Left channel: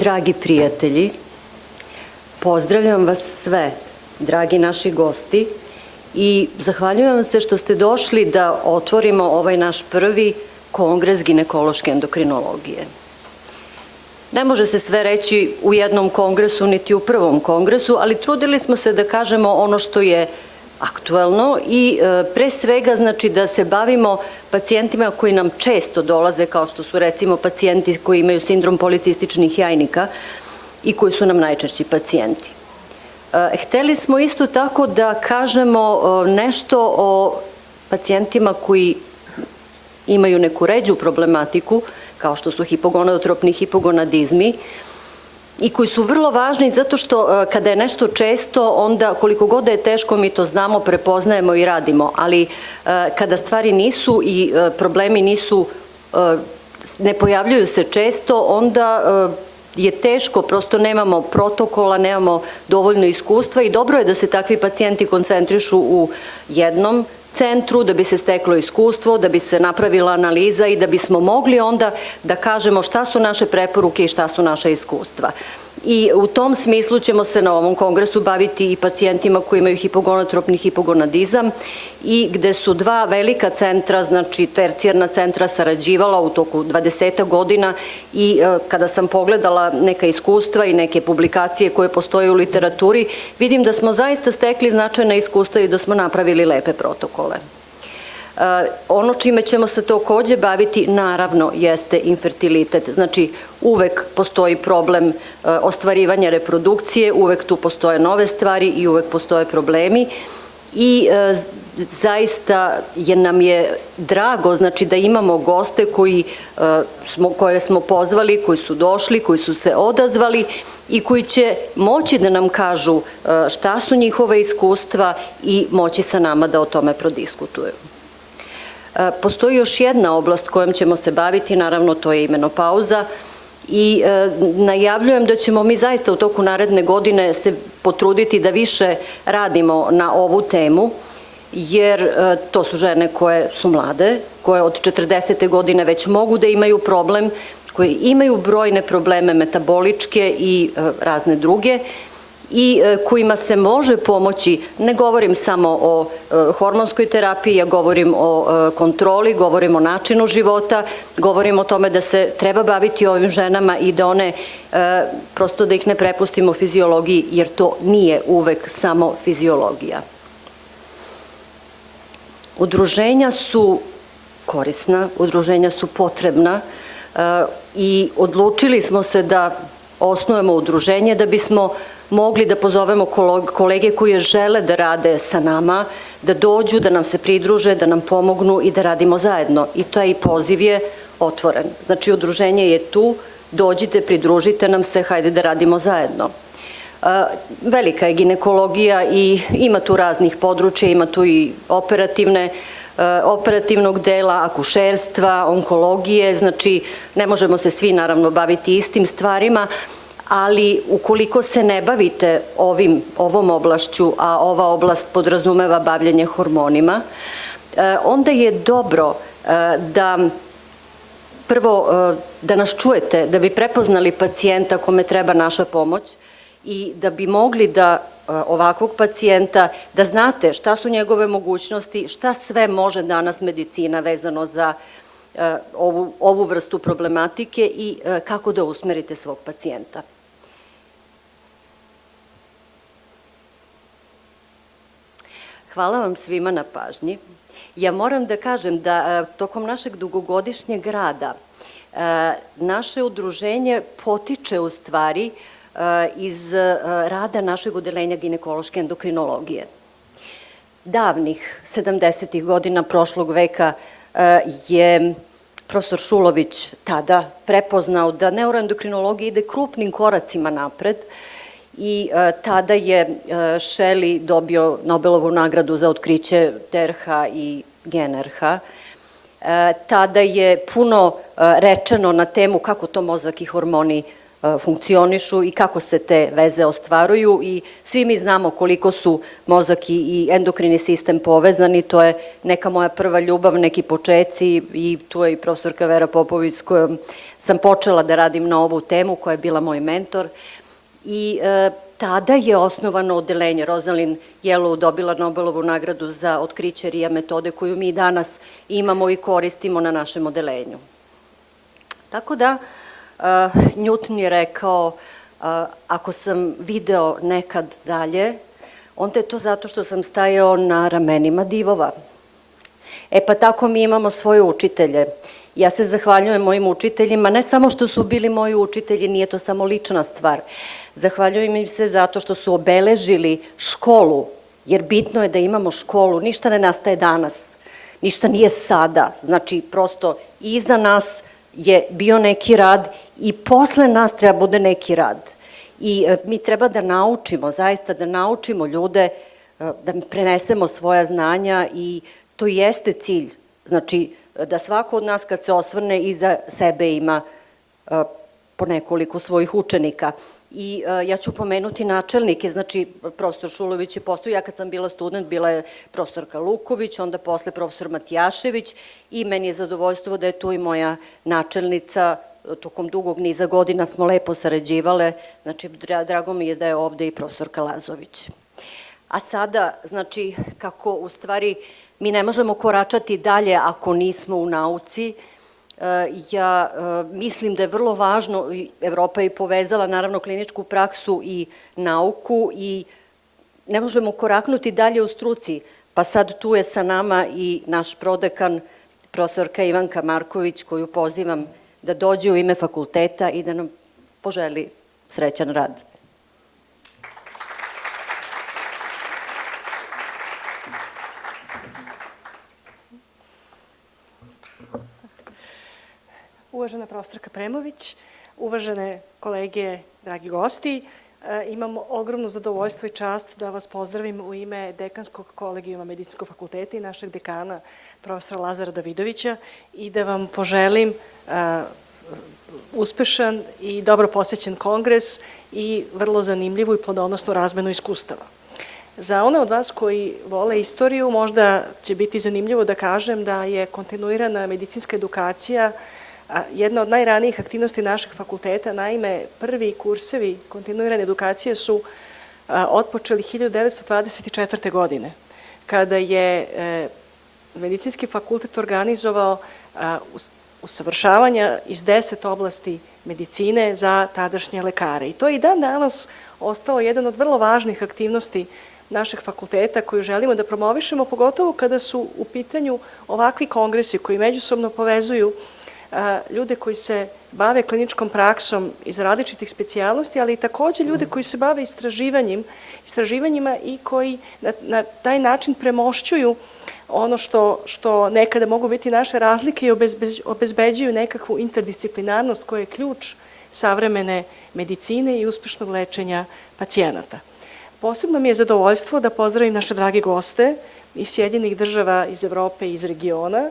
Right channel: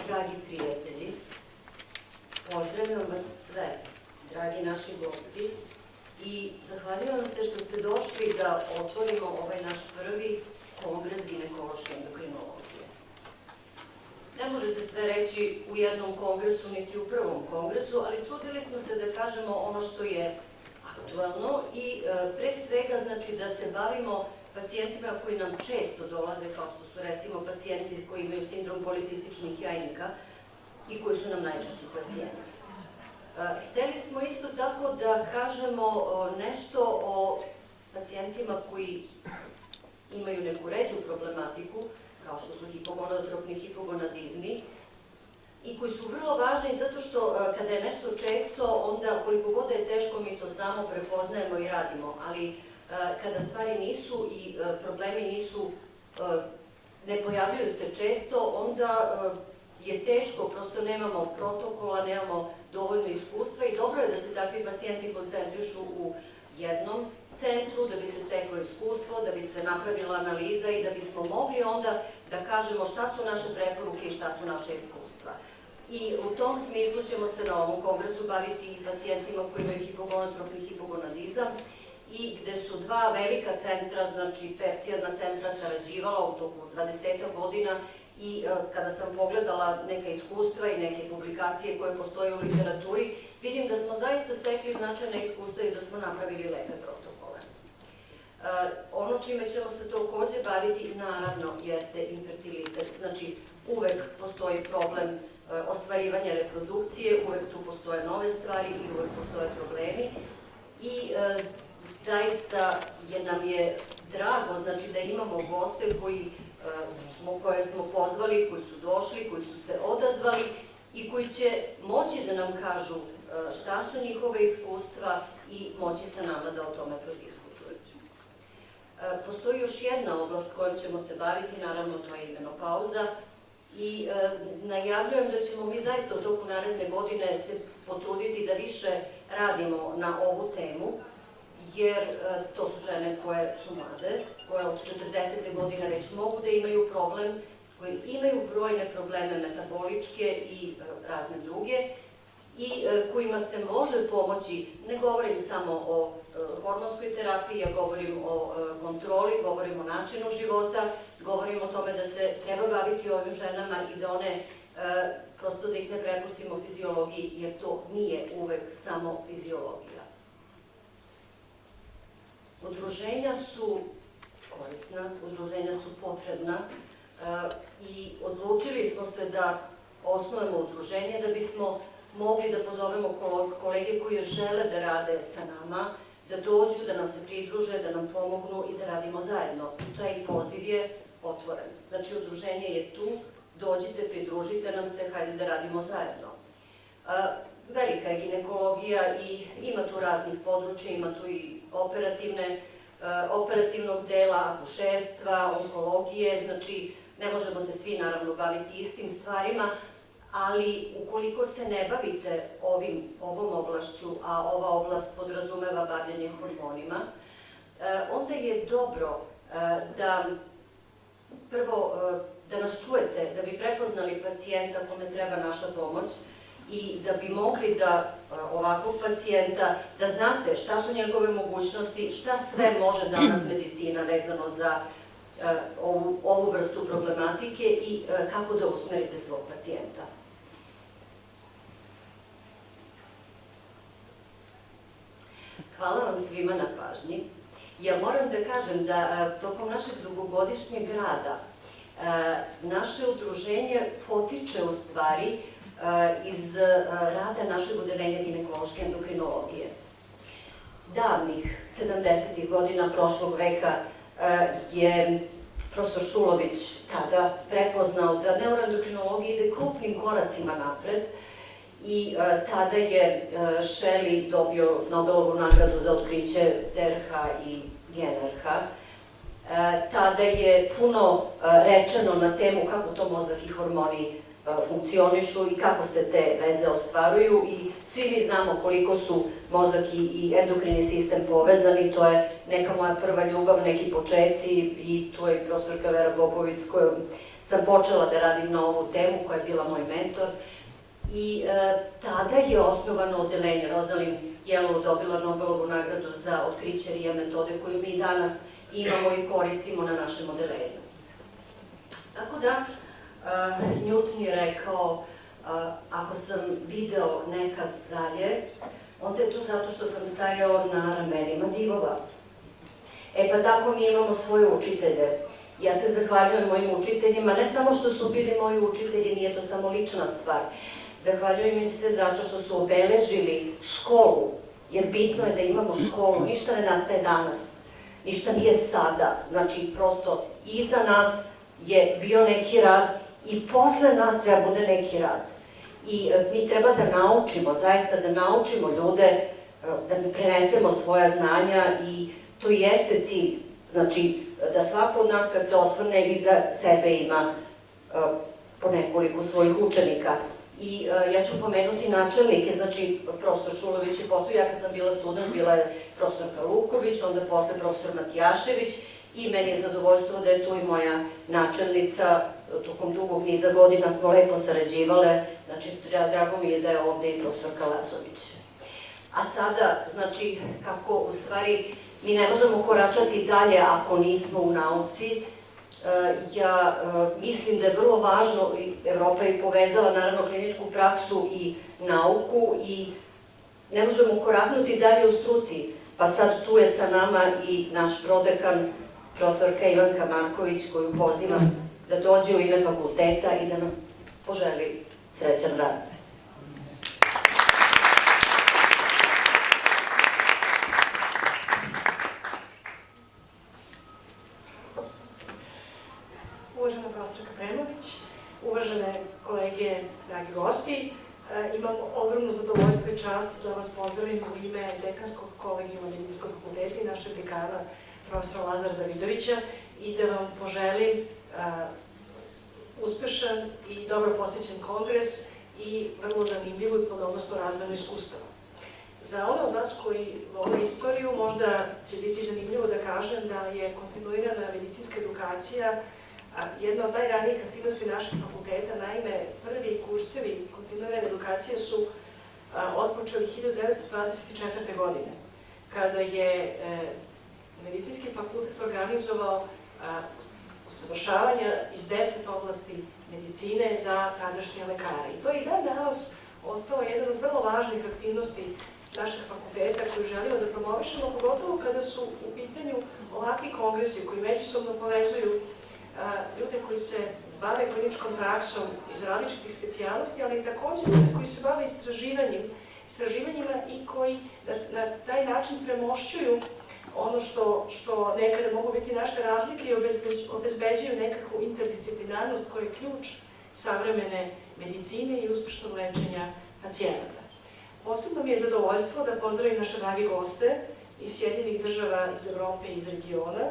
Dragi prijatelji, pozdravljam vas sve, dragi naši gosti, i zahvaljujem vam se što ste došli da otvorimo ovaj naš prvi Kongres ginekološke endokrinologije. Ne može se sve reći u jednom kongresu, niti u prvom kongresu, ali trudili smo se da kažemo ono što je aktuelno i pre svega znači da se bavimo pacijentima koji nam često dolaze, kao što su recimo pacijenti koji imaju sindrom policističnih jajnika i koji su nam najčešći pacijenti. Hteli smo isto tako da kažemo nešto o pacijentima koji imaju neku ređu problematiku, kao što su hipogonadotropni hipogonadizmi, i koji su vrlo važni zato što kada je nešto često, onda koliko god da je teško mi to znamo, prepoznajemo i radimo, ali kada stvari nisu i problemi nisu, ne pojavljuju se često, onda je teško, prosto nemamo protokola, nemamo dovoljno iskustva i dobro je da se takvi pacijenti koncentrišu u jednom centru, da bi se steklo iskustvo, da bi se napravila analiza i da bismo mogli onda da kažemo šta su naše preporuke i šta su naša iskustva. I u tom smislu ćemo se na ovom kongresu baviti i pacijentima koji imaju hipogonadotropni hipogonadizam i gde su dva velika centra, znači tercijarna centra, sarađivala u toku 20 godina i kada sam pogledala neka iskustva i neke publikacije koje postoje u literaturi, vidim da smo zaista stekli značajna iskustva i da smo napravili lepe protokole. Ono čime ćemo se takođe baviti, naravno, jeste infertilitet. Znači, uvek postoji problem ostvarivanja reprodukcije, uvek tu postoje nove stvari i uvek postoje problemi i zaista nam je drago, znači, da imamo goste koje smo pozvali, koji su došli, koji su se odazvali i koji će moći da nam kažu šta su njihove iskustva i moći sa nama da o tome prodiskutuju. Postoji još jedna oblast kojom ćemo se baviti, naravno to je i menopauza, i najavljujem da ćemo mi zaista u toku naredne godine se potruditi da više radimo na ovu temu, jer to su žene koje su mlade, koje od 40. godine već mogu da imaju problem, koje imaju brojne probleme metaboličke i razne druge, i kojima se može pomoći, ne govorim samo o hormonskoj terapiji, ja govorim o kontroli, govorim o načinu života, govorim o tome da se treba baviti ovim ženama i da one, prosto da ih ne prepustimo fiziologiji, jer to nije uvek samo fiziologija. Udruženja su korisna, udruženja su potrebna i odlučili smo se da osnujemo udruženje da bismo mogli da pozovemo kolege koji žele da rade sa nama, da dođu, da nam se pridruže, da nam pomognu i da radimo zajedno. I taj poziv je otvoren. Znači, udruženje je tu, dođite, pridružite nam se, hajde da radimo zajedno. Velika je ginekologija i ima tu raznih područja, ima tu i operativnog dela, akušerstva, onkologije, znači ne možemo se svi naravno baviti istim stvarima, ali ukoliko se ne bavite ovom oblašću, a ova oblast podrazumeva bavljenje hormonima, onda je dobro da prvo da nas čujete, da bi prepoznali pacijenta kome treba naša pomoć i da bi mogli da ovakvog pacijenta, da znate šta su njegove mogućnosti, šta sve može danas medicina vezano za ovu vrstu problematike i kako da usmerite svog pacijenta. Hvala vam svima na pažnji. Ja moram da kažem da tokom našeg dugogodišnjeg rada naše udruženje potiče u stvari iz rada našeg odeljenja ginekološke endokrinologije. Davnih 70. godina prošlog veka je profesor Šulović tada prepoznao da neuroendokrinologija ide krupnim koracima napred i tada je Shelley dobio Nobelovu nagradu za otkriće TRH i GnRH. Tada je puno rečeno na temu kako to mozak i hormoni funkcionišu i kako se te veze ostvaruju i svi mi znamo koliko su mozak i endokrini sistem povezani, to je neka moja prva ljubav, neki počeci i tu je i profesorka Vera Popović s kojom sam počela da radim na ovu temu, koja je bila moj mentor i tada je osnovano odeljenje. Rosalind Yellow dobila Nobelovu nagradu za otkriće RIA metode koju mi danas imamo i koristimo na našem odeljenju. Tako da, Newton je rekao, ako sam video nekad dalje, onda je to zato što sam stajao na ramenima divova. E pa tako mi imamo svoje učitelje. Ja se zahvaljujem mojim učiteljima, ne samo što su bili moji učitelji, nije to samo lična stvar. Zahvaljujem im se zato što su obeležili školu, jer bitno je da imamo školu, ništa ne nastaje danas, ništa nije sada. Znači, prosto, iza nas je bio neki rad i posle nas treba bude neki rad. I mi treba da naučimo, zaista da naučimo ljude, da prenesemo svoja znanja i to jeste cilj. Znači, da svako od nas kad se osvrne iza sebe ima po nekoliko svojih učenika. I ja ću pomenuti načelnike, znači profesor Šulović je postao, ja kad sam bila student, bila je profesorka Luković, onda posle profesor Matijašević i meni je zadovoljstvo da je tu i moja načelnica, tokom dugog niza godina smo lepo sarađivale, znači drago mi je da je ovde i profesorka Lazović. A sada, znači, kako u stvari mi ne možemo koračati dalje ako nismo u nauci, ja mislim da je vrlo važno, Evropa je povezala naravno kliničku praksu i nauku i ne možemo koraknuti dalje u struci, pa sad tu je sa nama i naš prodekan, profesorka Ivanka Marković, koju pozivam da dođe u ime fakulteta i da nam poželi srećan rad. Uvažena profesorka Premović, uvažene kolege, dragi gosti, imam ogromno zadovoljstvo i čast da vas pozdravim u ime dekanskog kolegijuma Medicinskog fakulteta i našeg dekana, profesora Lazara Davidovića, i da vam poželim uspešan i dobro posvećen kongres i vrlo zanimljivu i plodonosnu razmenu iskustava. Za one od vas koji vole istoriju, možda će biti zanimljivo da kažem da je kontinuirana medicinska edukacija jedna od najranijih aktivnosti našeg fakulteta. Naime, prvi kursevi kontinuirane edukacije su otpočeli 1924. godine, kada je Medicinski fakultet organizovao usavršavanja iz 10 oblasti medicine za tadašnje lekare. I to je i dan danas ostalo jedan od vrlo važnih aktivnosti našeg fakulteta koju želimo da promovišemo, pogotovo kada su u pitanju ovakvi kongresi koji međusobno povezuju ljude koji se bave kliničkom praksom iz različitih specijalnosti, ali i takođe ljude koji se bave istraživanjima i koji na taj način premošćuju ono što nekada mogu biti naše razlike i obezbeđuju nekakvu interdisciplinarnost koja je ključ savremene medicine i uspešnog lečenja pacijenata. Posebno mi je zadovoljstvo da pozdravim naše drage goste iz Sjedinjenih država, iz Evrope i iz regiona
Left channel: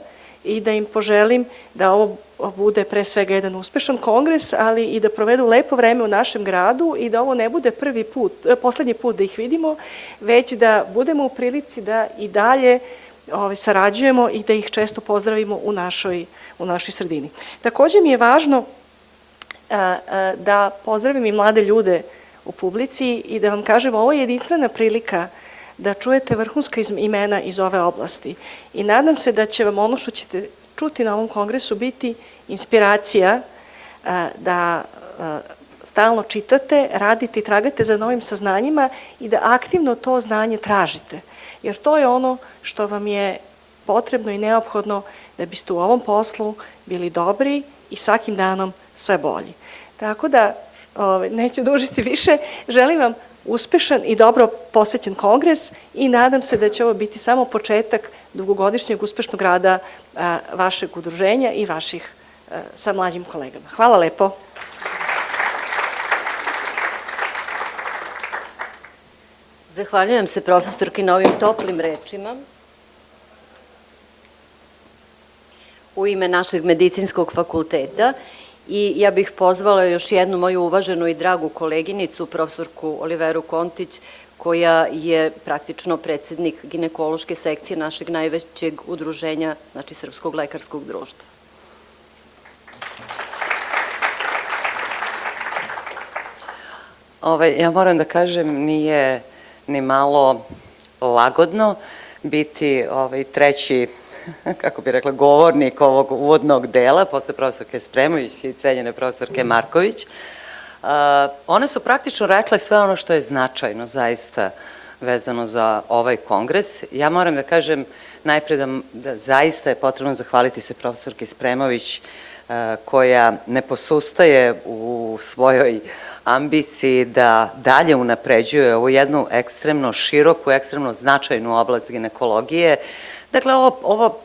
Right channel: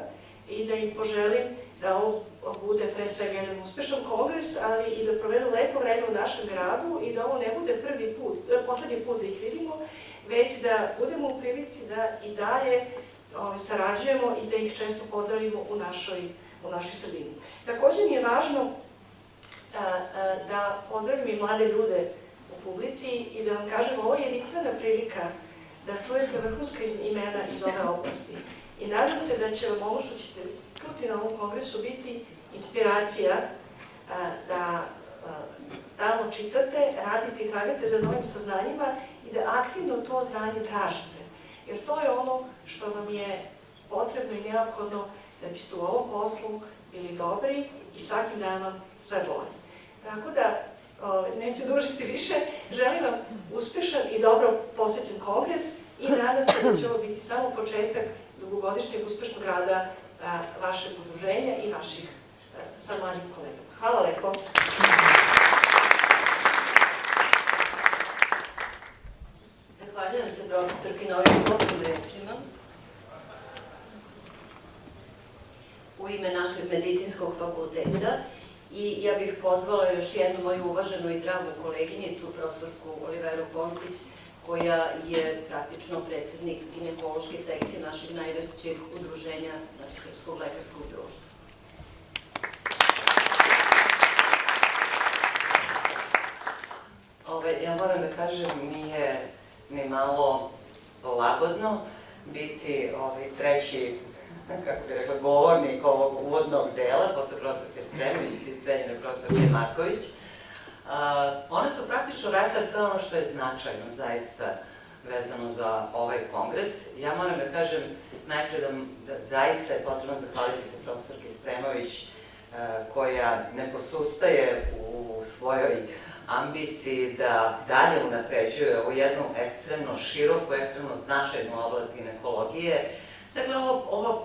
i da im poželim da ovo bude pre svega jedan uspešan kongres, ali i da provedu lepo vreme u našem gradu i da ovo ne bude poslednji put da ih vidimo, već da budemo u prilici da i dalje sarađujemo i da ih često pozdravimo u našoj sredini. Takođe mi je važno da pozdravim i mlade ljude u publici i da vam kažem, ovo je jedinstvena prilika da čujete vrhunska imena iz ove oblasti. I nadam se da će vam ono što ćete čuti na ovom kongresu biti inspiracija da stalno čitate, radite i tragate za novim saznanjima i da aktivno to znanje tražite. Jer to je ono što vam je potrebno i neophodno da biste u ovom poslu bili dobri i svakim danom sve bolji. Tako da, neću dužiti više, želim vam uspešan i dobro posvećen kongres i nadam se da će ovo biti samo početak dugogodišnjeg uspešnog rada vašeg udruženja i vaših sa mlađim kolegama. Hvala lepo. Zahvaljujem se profesorki na ovim toplim rečima. U ime našeg medicinskog fakulteta i ja bih pozvala još jednu moju uvaženu i dragu koleginicu, profesorku Oliveru Kontić, koja je praktično predsednik ginekološke sekcije našeg najvećeg udruženja, znači Srpskog lekarskog društva. Ja moram da kažem, nije ni malo lagodno biti treći, kako bih rekla, govornik ovog uvodnog dela, posle profesorke Spremović i cenjene profesorke Marković. One su praktično rekle sve ono što je značajno, zaista, vezano za ovaj kongres. Ja moram da kažem najpre da zaista je potrebno zahvaliti se profesorke Spremović, koja ne posustaje u svojoj ambiciji da dalje unapređuje ovu jednu ekstremno široku, ekstremno značajnu oblast ginekologije. Dakle,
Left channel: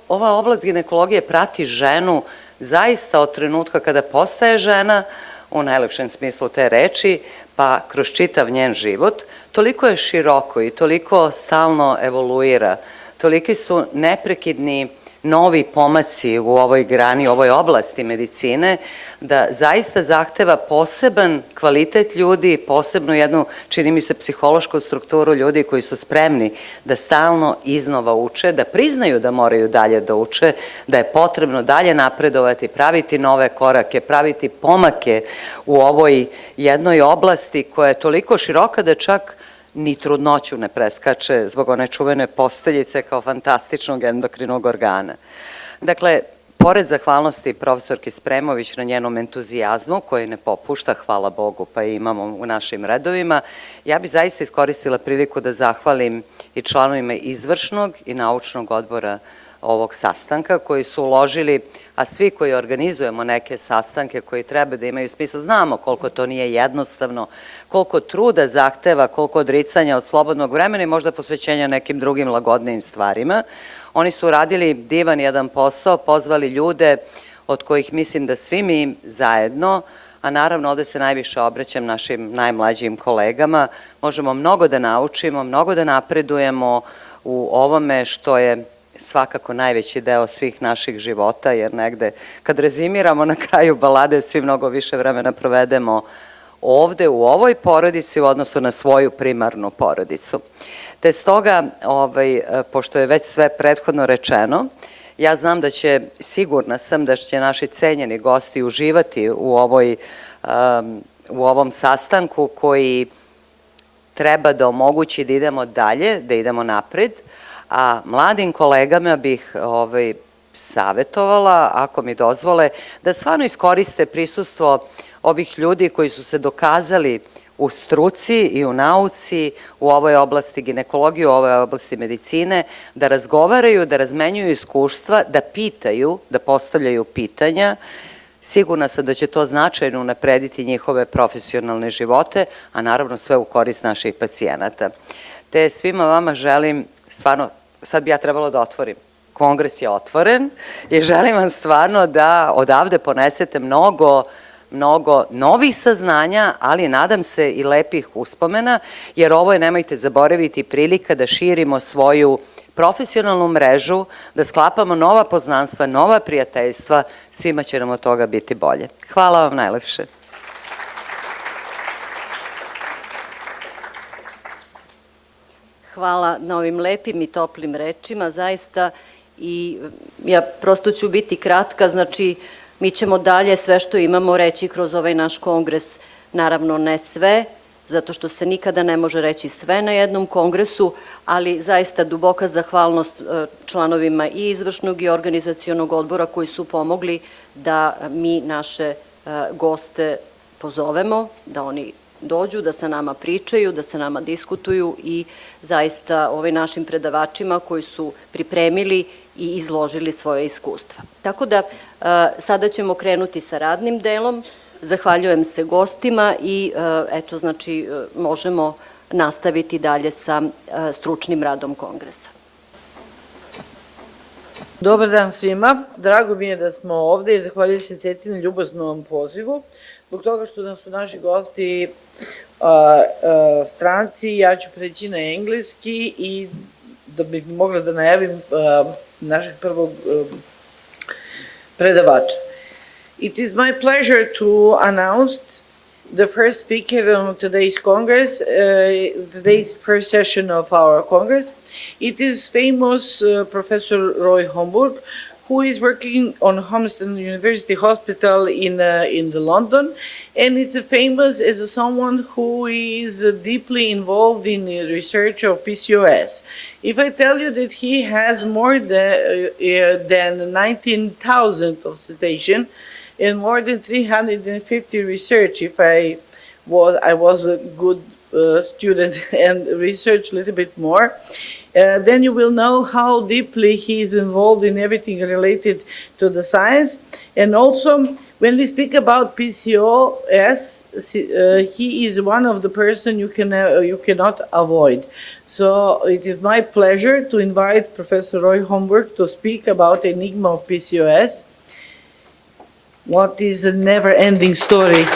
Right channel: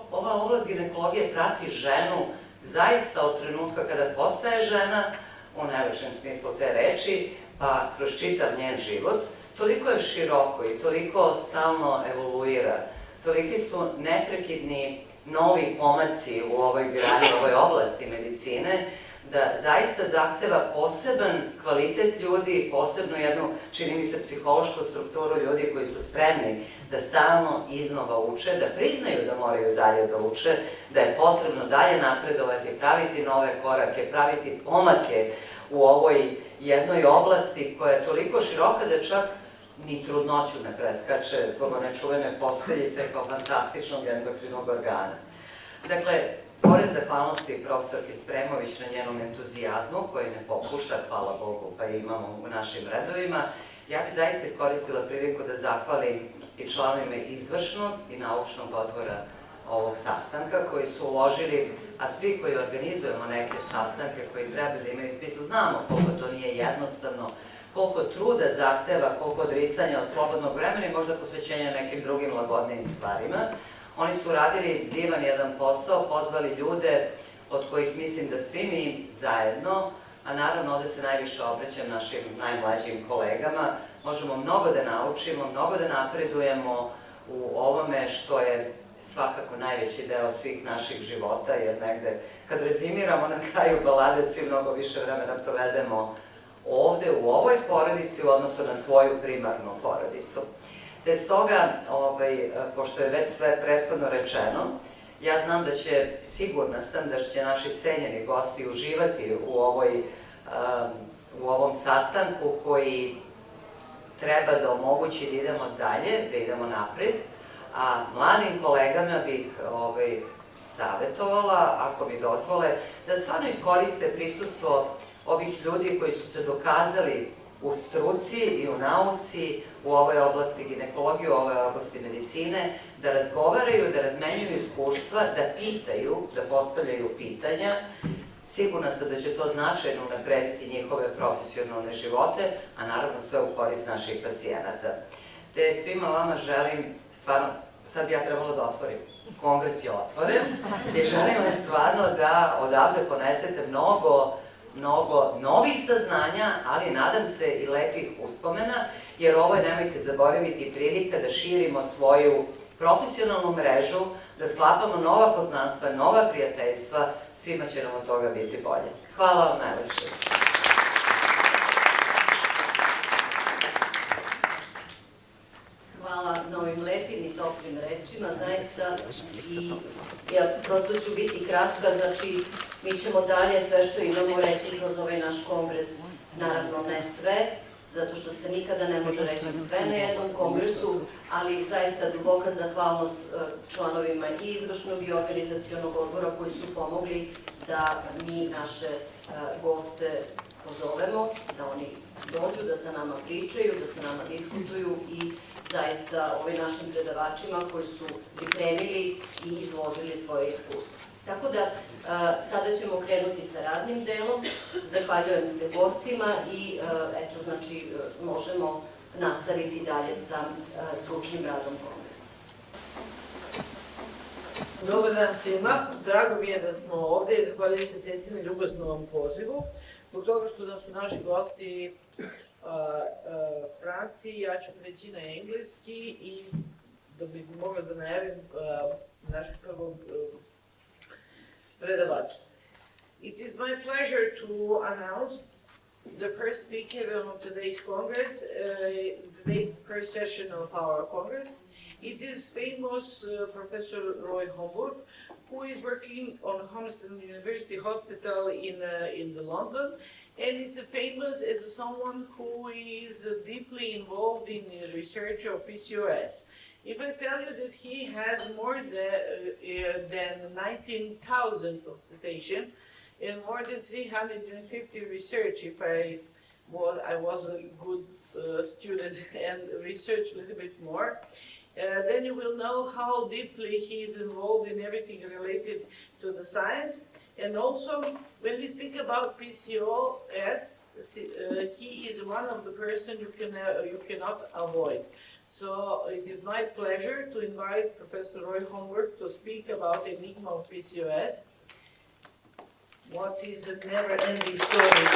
ova oblast ginekologije prati ženu zaista od trenutka kada postaje žena, u najlepšem smislu te reči, pa kroz čitav njen život. Toliko je široko i toliko stalno evoluira, toliki su neprekidni novi pomaci u ovoj grani, u ovoj oblasti medicine, da zaista zahteva poseban kvalitet ljudi, posebno jednu, čini mi se, psihološku strukturu ljudi koji su spremni da stalno iznova uče, da priznaju da moraju dalje da uče, da je potrebno dalje napredovati, praviti nove korake, praviti pomake u ovoj jednoj oblasti koja je toliko široka da čak ni trudnoću ne preskače zbog one čuvene posteljice kao fantastičnog endokrinog organa. Dakle, pored zahvalnosti profesorki Spremović na njenom entuzijazmu, koji ne popušta, hvala Bogu, pa i imamo u našim redovima, ja bi zaista iskoristila priliku da zahvalim i članovima izvršnog i naučnog odbora ovog sastanka, koji su uložili, a svi koji organizujemo neke sastanke koji treba da imaju smisla, znamo koliko to nije jednostavno, koliko truda zahteva, koliko odricanja od slobodnog vremena i možda posvećenja nekim drugim lagodnijim stvarima. Oni su uradili divan jedan posao, pozvali ljude od kojih mislim da svi mi zajedno, a naravno ovde se najviše obraćam našim najmlađim kolegama, možemo mnogo da naučimo, mnogo da napredujemo u ovome što je svakako najveći deo svih naših života, jer negde kad rezimiramo na kraju balade svi mnogo više vremena provedemo ovde u ovoj porodici u odnosu na svoju primarnu porodicu. Te stoga, pošto je već sve prethodno rečeno, ja znam da će, sigurna sam da će naši cenjeni gosti uživati u ovom sastanku koji treba da omogući da idemo dalje, da idemo napred, a mladim kolegama bih savjetovala, ako mi dozvole, da stvarno iskoriste prisustvo ovih ljudi koji su se dokazali u struci i u nauci, u ovoj oblasti ginekologije, u ovoj oblasti medicine, da razgovaraju, da razmenjuju iskustva, da pitaju, da postavljaju pitanja. Sigurna sam da će to značajno unaprediti njihove profesionalne živote, a naravno sve u korist naših pacijenata. Te svima vama želim, stvarno, sad bi ja trebalo da otvorim. Kongres je otvoren i želim vam stvarno da odavde ponesete mnogo novih saznanja, ali nadam se i lepih uspomena, jer ovo je, nemojte zaboraviti, prilika da širimo svoju profesionalnu mrežu, da sklapamo nova poznanstva, nova prijateljstva, svima će nam od toga biti bolje. Hvala vam najlepše. Hvala na ovim lepim i toplim rečima, zaista, i ja prosto ću biti kratka, znači mi ćemo dalje sve što imamo reći kroz ovaj naš kongres, naravno ne sve, zato što se nikada ne može reći sve na jednom kongresu, ali zaista duboka zahvalnost članovima i izvršnog i organizacionog odbora koji su pomogli da mi naše goste pozovemo, da oni dođu, da sa nama pričaju, da sa nama diskutuju i zaista našim predavačima koji su pripremili i izložili svoje iskustva. Tako da sada ćemo krenuti sa radnim delom. Zahvaljujem se gostima i eto, znači, možemo nastaviti dalje sa stručnim radom kongresa. Dobar dan svima. Drago mi je da smo ovde i zahvaljujem se Cetini ljubaznom pozivu. Zbog toga što su naši gosti stranci, ja ću preći na engleski i da bih mogla da najavim našeg prvog predavača. It is my pleasure to announce the first speaker on today's Congress, today's first session of our Congress. It is famous Professor Roy Homburg, who is working on Homestead University Hospital in London, and it's famous as someone who is deeply involved in the research of PCOS. If I tell you that he has more than 19,000 of citation and more than 350 research, if I was a good student and researched a little bit more, then you will know how deeply he is involved in everything related to the science. And also, when we speak about PCOS, he is one of the person you cannot avoid. So it is my pleasure to invite Professor Roy Homburg to speak about enigma of PCOS. What is a never-ending story?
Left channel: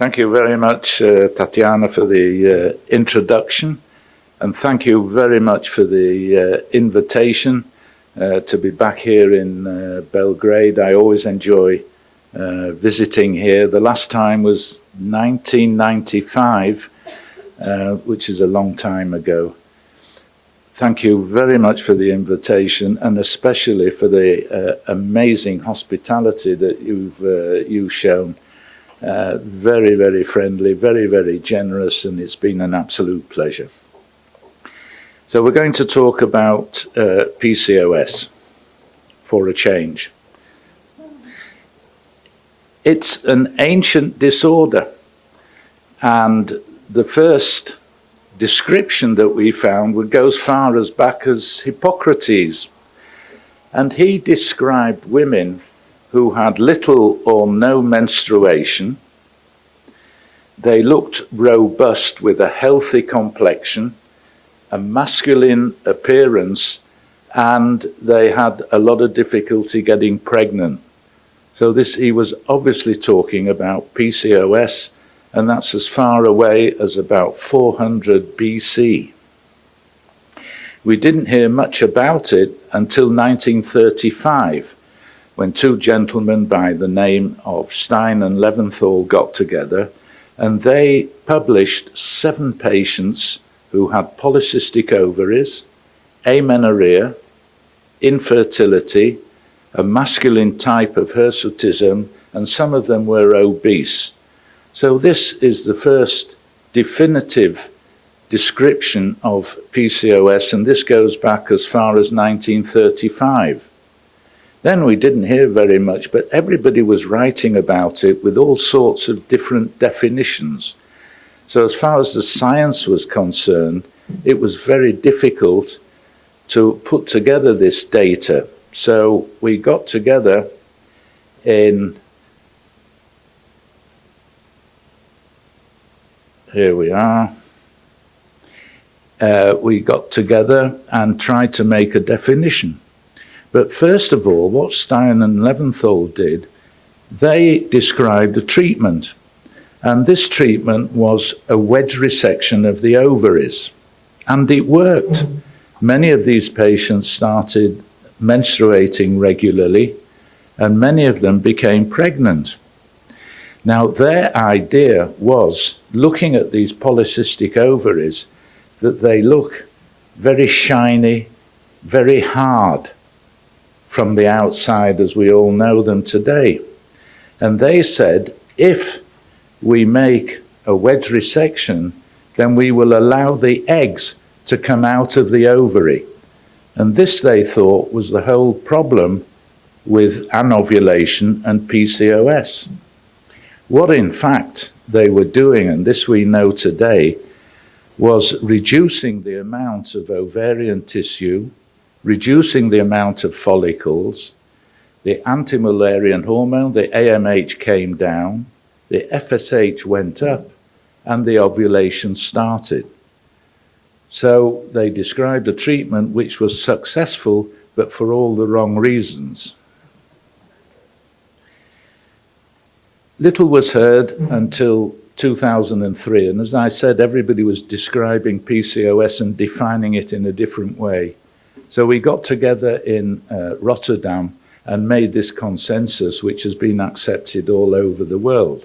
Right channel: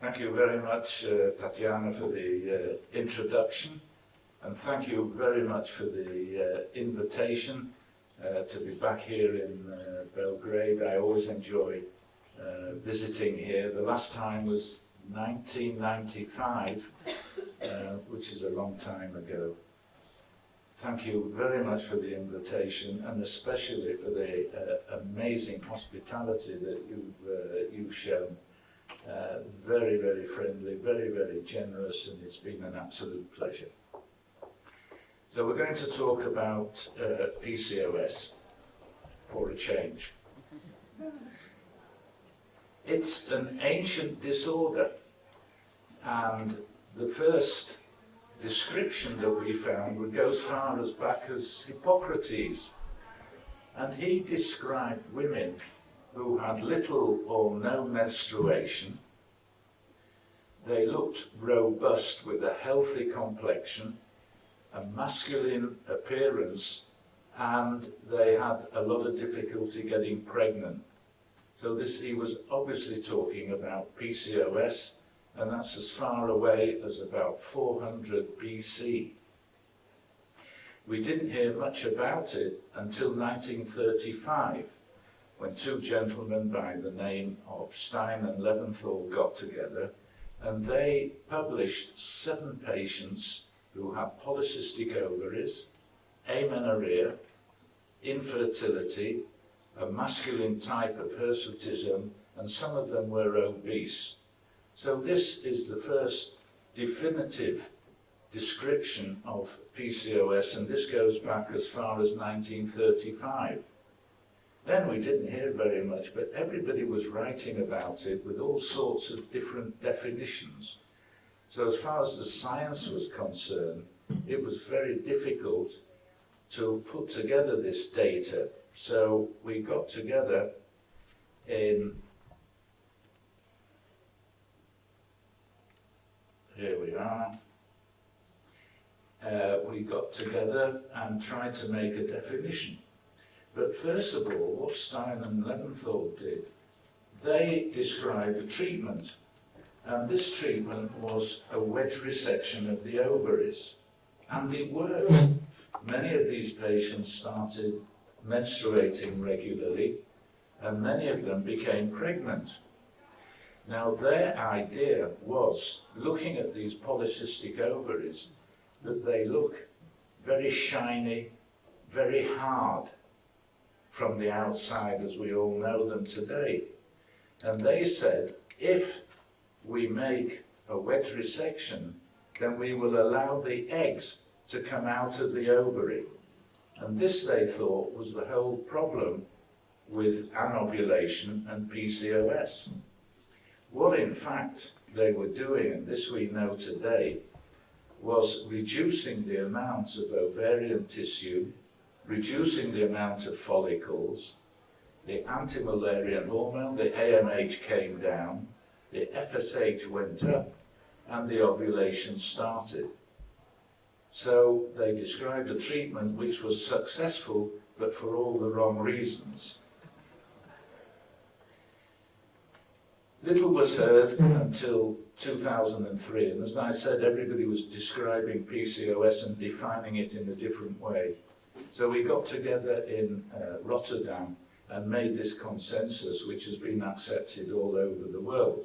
Thank you very much, Tatiana, for the introduction, and thank you very much for the invitation to be back here in Belgrade. I always enjoy visiting here. The last time was 1995, which is a long time ago. Thank you very much for the invitation, and especially for the amazing hospitality that you've shown. Very, very friendly, very, very generous, and it's been an absolute pleasure. So we're going to talk about PCOS for a change. It's an ancient disorder, and the first description that we found would go as far as back as Hippocrates, and he described women who had little or no menstruation. They looked robust with a healthy complexion, a masculine appearance, and they had a lot of difficulty getting pregnant. So he was obviously talking about PCOS, and that's as far away as about 400 BC. We didn't hear much about it until 1935, when two gentlemen by the name of Stein and Leventhal got together, and they published 7 patients who had polycystic ovaries, amenorrhea, infertility, a masculine type of hirsutism, and some of them were obese. So this is the first definitive description of PCOS, and this goes back as far as 1935. Then we didn't hear very much, but everybody was writing about it with all sorts of different definitions. So as far as the science was concerned, it was very difficult to put together this data. So we got together here we are. We got together and tried to make a definition. But first of all, what Stein and Leventhal did, they described a treatment. And this treatment was a wedge resection of the ovaries. And it worked. Many of these patients started menstruating regularly, and many of them became pregnant. Now, their idea was, looking at these polycystic ovaries, that they look very shiny, very hard from the outside as we all know them today. And they said, if we make a wedge resection, then we will allow the eggs to come out of the ovary. And this, they thought, was the whole problem with anovulation and PCOS. What in fact they were doing, and this we know today, was reducing the amount of ovarian tissue, reducing the amount of follicles. The anti-Mullerian hormone, the AMH, came down, the FSH went up, and the ovulation started. So they described a treatment which was successful, but for all the wrong reasons. Little was heard until 2003, and as I said, everybody was describing PCOS and defining it in a different way. So we got together in Rotterdam and made this consensus, which has been accepted all over the world.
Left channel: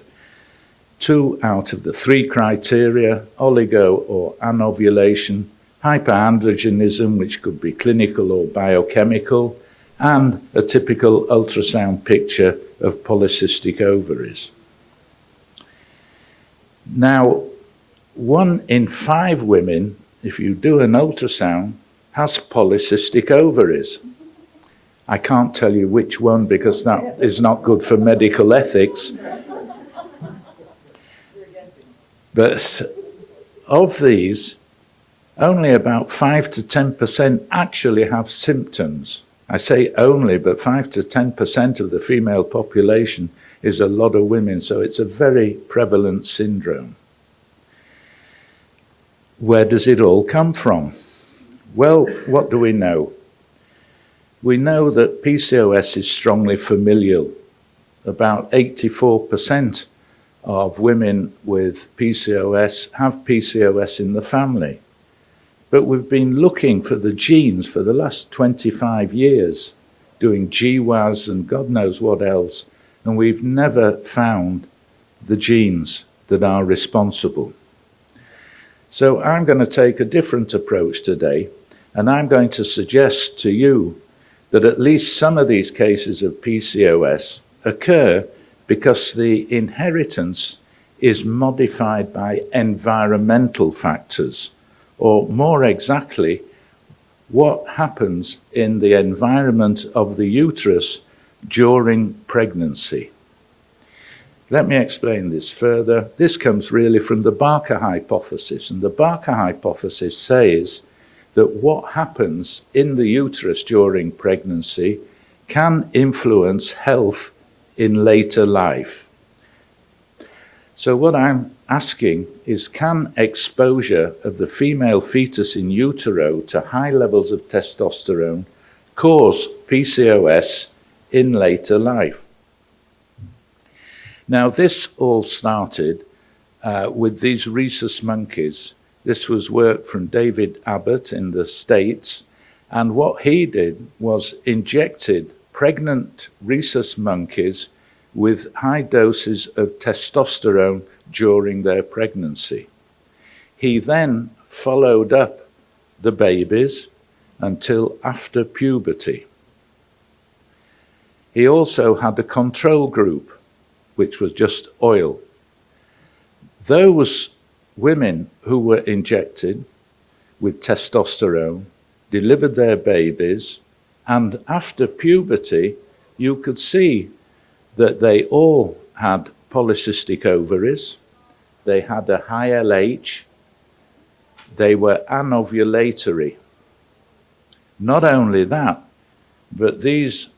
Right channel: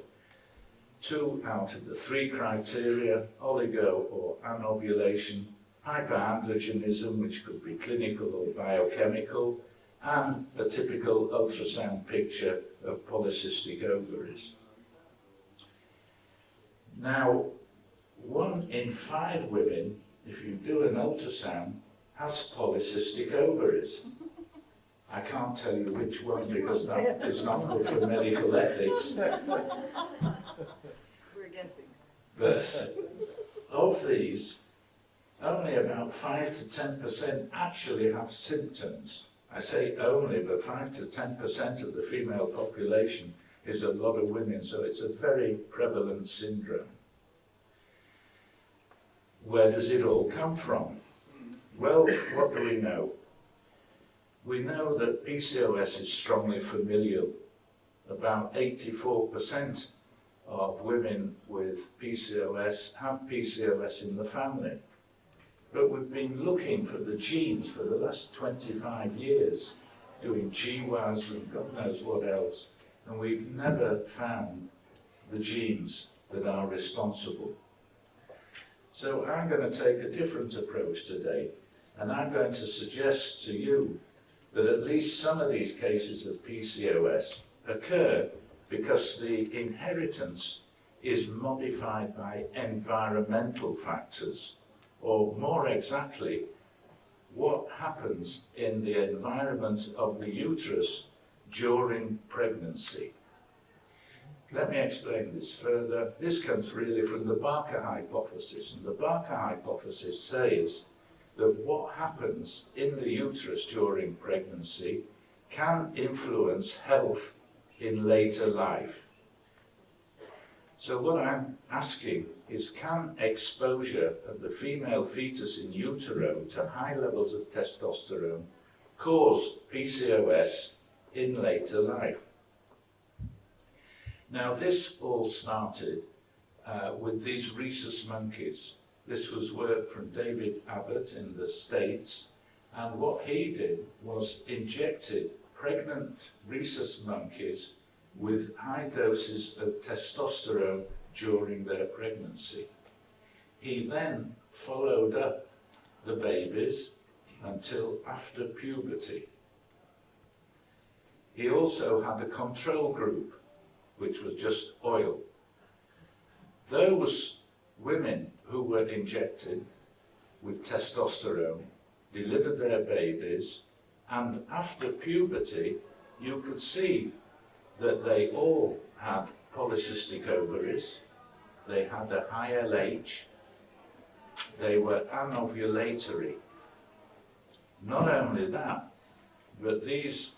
2 out of the 3 criteria, oligo or anovulation, hyperandrogenism, which could be clinical or biochemical, and a typical ultrasound picture of polycystic ovaries. Now, 1 in 5 women, if you do an ultrasound, has polycystic ovaries. I can't tell you which one because that is not good for medical ethics. But of these, only about 5 to 10% actually have symptoms. I say only, but 5 to 10% of the female population is a lot of women, so it's a very prevalent syndrome. Where does it all come from? Well, what do we know? We know that PCOS is strongly familial. About 84% of women with PCOS have PCOS in the family. But we've been looking for the genes for the last 25 years, doing GWAS and God knows what else, and we've never found the genes that are responsible. So I'm going to take a different approach today, and I'm going to suggest to you that at least some of these cases of PCOS occur because the inheritance is modified by environmental factors, or more exactly, what happens in the environment of the uterus during pregnancy. Let me explain this further. This comes really from the Barker hypothesis, and the Barker hypothesis says that what happens in the uterus during pregnancy can influence health in later life. So what I'm asking is, can exposure of the female fetus in utero to high levels of testosterone cause PCOS in later life? Now, this all started with these rhesus monkeys. This was work from David Abbott in the States, and what he did was injected pregnant rhesus monkeys with high doses of testosterone during their pregnancy. He then followed up the babies until after puberty. He also had a control group, which was just oil. Those women who were injected with testosterone delivered their babies, and after puberty, you could see that they all had polycystic ovaries, they had a high LH, they were anovulatory. Not only that, but these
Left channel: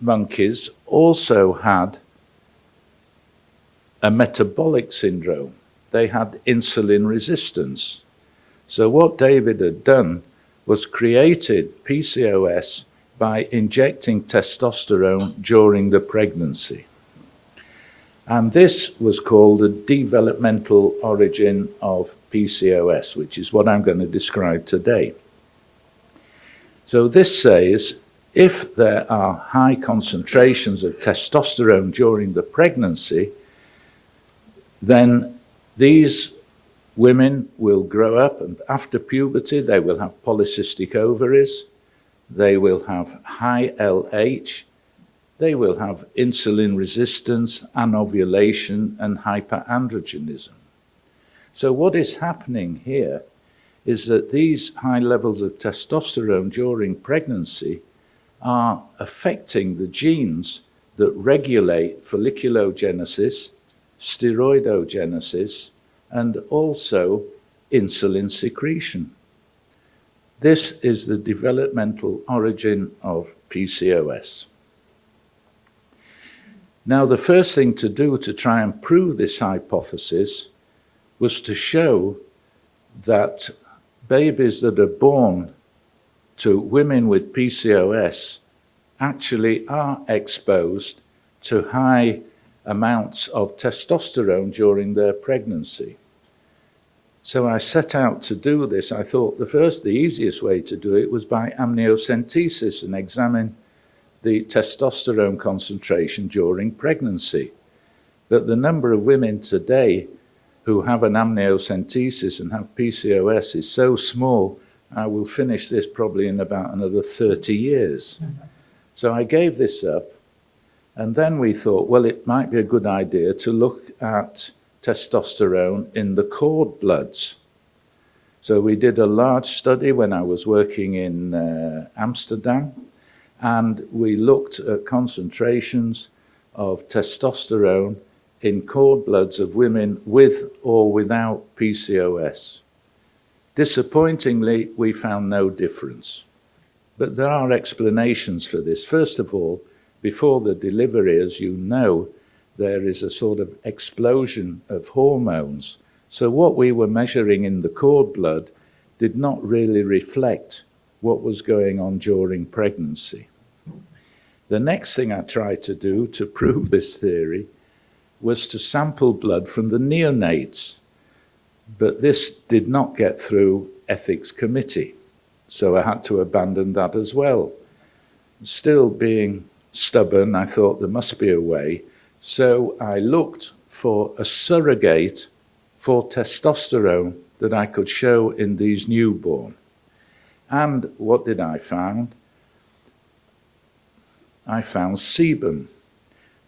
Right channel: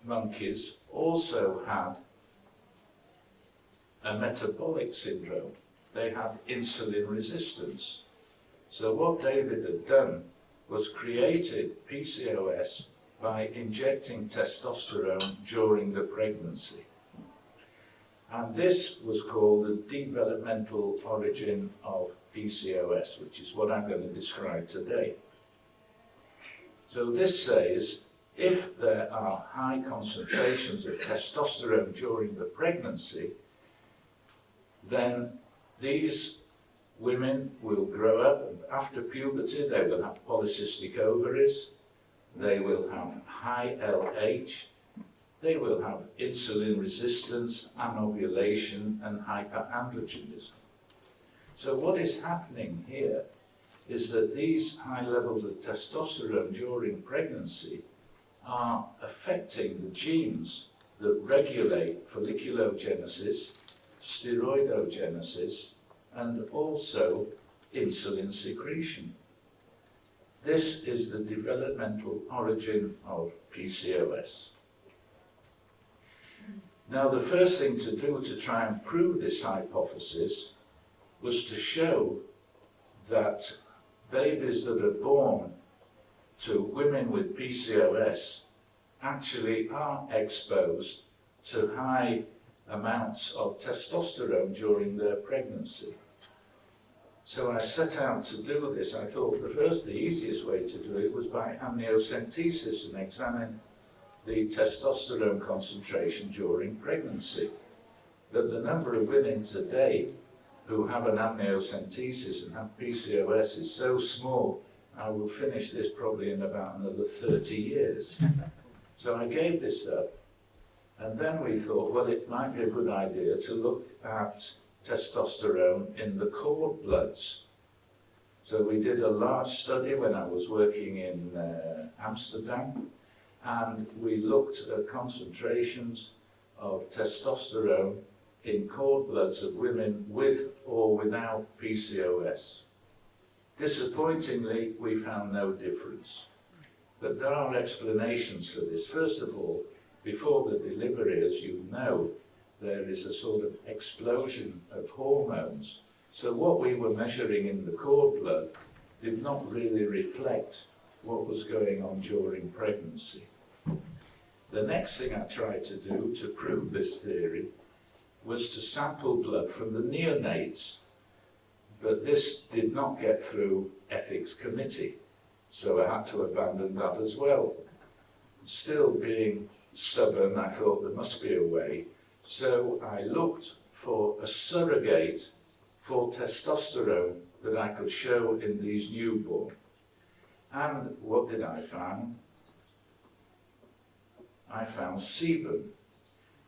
monkeys also had a metabolic syndrome. They had insulin resistance. So what David had done was created PCOS by injecting testosterone during the pregnancy. And this was called the developmental origin of PCOS, which is what I'm going to describe today. So this says, if there are high concentrations of testosterone during the pregnancy, then these women will grow up, and after puberty they will have polycystic ovaries, they will have high LH, they will have insulin resistance, anovulation, and hyperandrogenism. So what is happening here is that these high levels of testosterone during pregnancy are affecting the genes that regulate folliculogenesis, steroidogenesis, and also insulin secretion. This is the developmental origin of PCOS. Now, the first thing to do to try and prove this hypothesis was to show that babies that are born to women with PCOS actually are exposed to high amounts of testosterone during their pregnancy. So I set out to do this. I thought the easiest way to do it was by amniocentesis and examine the testosterone concentration during pregnancy. But the number of women today who have an amniocentesis and have PCOS is so small, I will finish this probably in about another 30 years. So I gave this up, and then we thought, well, it might be a good idea to look at testosterone in the cord bloods. So we did a large study when I was working in Amsterdam, and we looked at concentrations of testosterone in cord bloods of women with or without PCOS. Disappointingly, we found no difference. But there are explanations for this. First of all, before the delivery, as you know, there is a sort of explosion of hormones. So what we were measuring in the cord blood did not really reflect what was going on during pregnancy. The next thing I tried to do to prove this theory was to sample blood from the neonates. But this did not get through ethics committee, so I had to abandon that as well. Still being stubborn, I thought there must be a way, so I looked for a surrogate for testosterone that I could show in these newborn. And what did I find? I found sebum.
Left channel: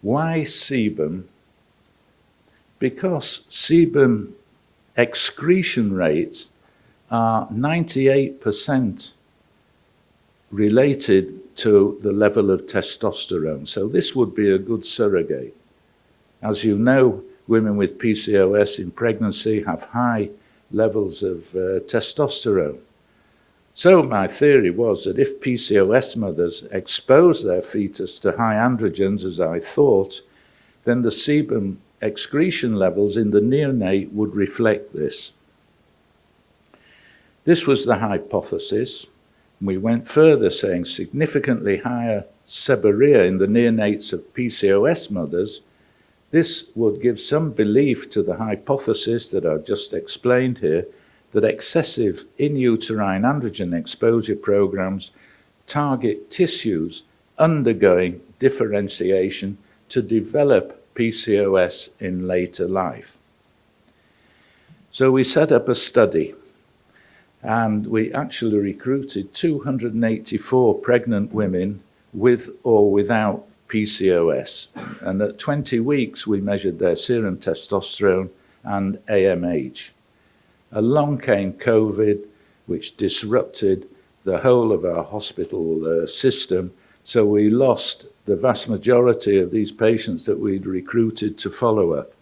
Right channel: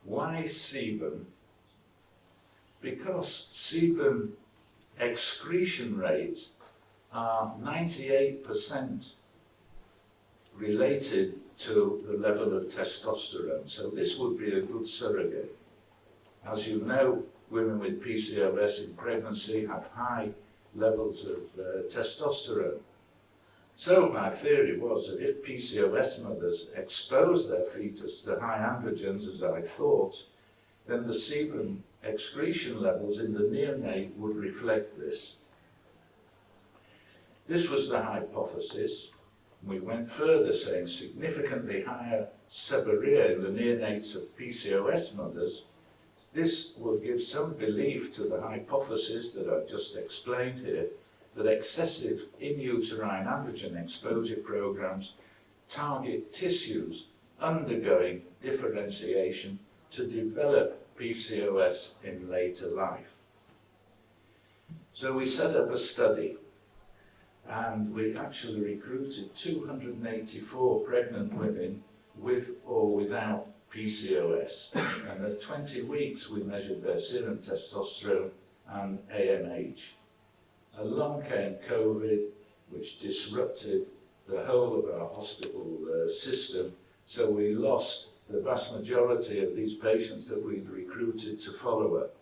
Why sebum? Because sebum excretion rates are 98% related to the level of testosterone. So this would be a good surrogate. As you know, women with PCOS in pregnancy have high levels of testosterone. So my theory was that if PCOS mothers expose their fetus to high androgens, as I thought, then the sebum excretion levels in the neonate would reflect this. This was the hypothesis. We went further, saying significantly higher seborrhea in the neonates of PCOS mothers. This would give some belief to the hypothesis that I've just explained here, that excessive in-uterine androgen exposure programs target tissues undergoing differentiation to develop PCOS in later life. So we set up a study, and we actually recruited 284 pregnant women with or without PCOS. And at 20 weeks, we measured their serum testosterone and AMH. Along came COVID, which disrupted the whole of our hospital system, so we lost the vast majority of these patients that we'd recruited to follow up.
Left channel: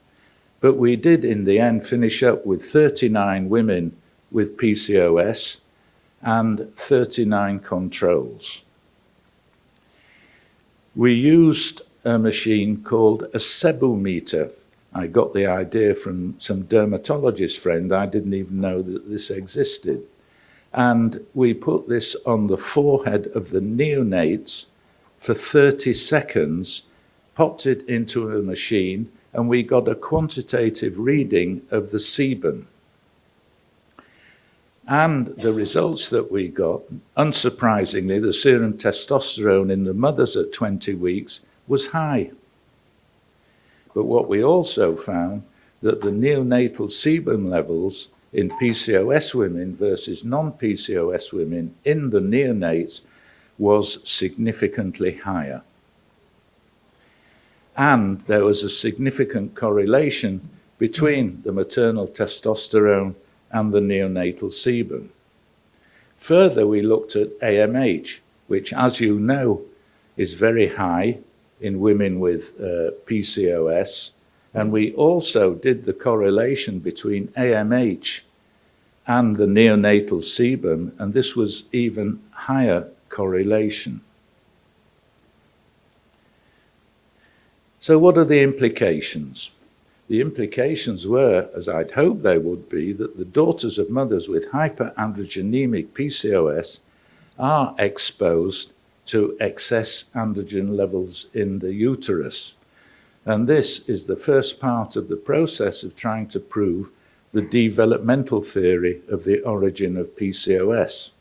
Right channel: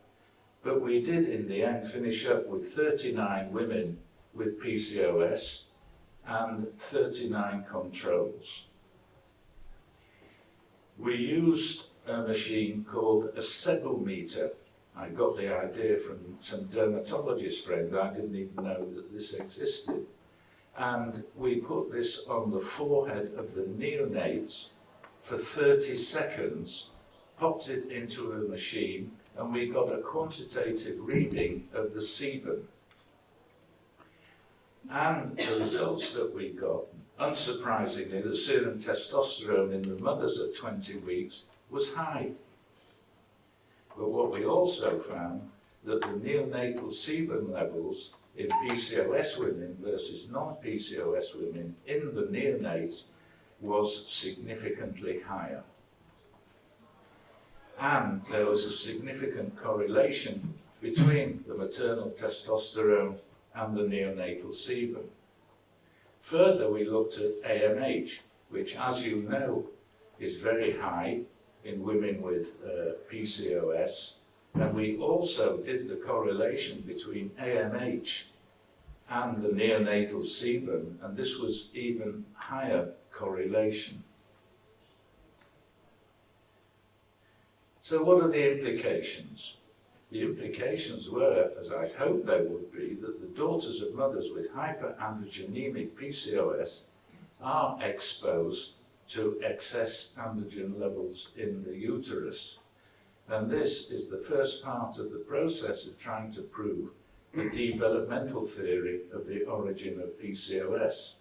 But we did, in the end, finish up with 39 women with PCOS and 39 controls. We used a machine called a sebometer. I got the idea from some dermatologist friend. I didn't even know that this existed. And we put this on the forehead of the neonates for 30 seconds, popped it into a machine, and we got a quantitative reading of the sebum. And the results that we got, unsurprisingly, the serum testosterone in the mothers at 20 weeks was high. But what we also found, that the neonatal sebum levels in PCOS women versus non-PCOS women in the neonates was significantly higher. And there was a significant correlation between the maternal testosterone and the neonatal sebum. Further, we looked at AMH, which, as you know, is very high in women with PCOS, and we also did the correlation between AMH and the neonatal sebum, and this was even higher correlation. So what are the implications? The implications were, as I'd hoped they would be, that the daughters of mothers with hyperandrogenemic PCOS are exposed to excess androgen levels in the uterus. And this is the first part of the process of trying to prove the developmental theory of the origin of PCOS.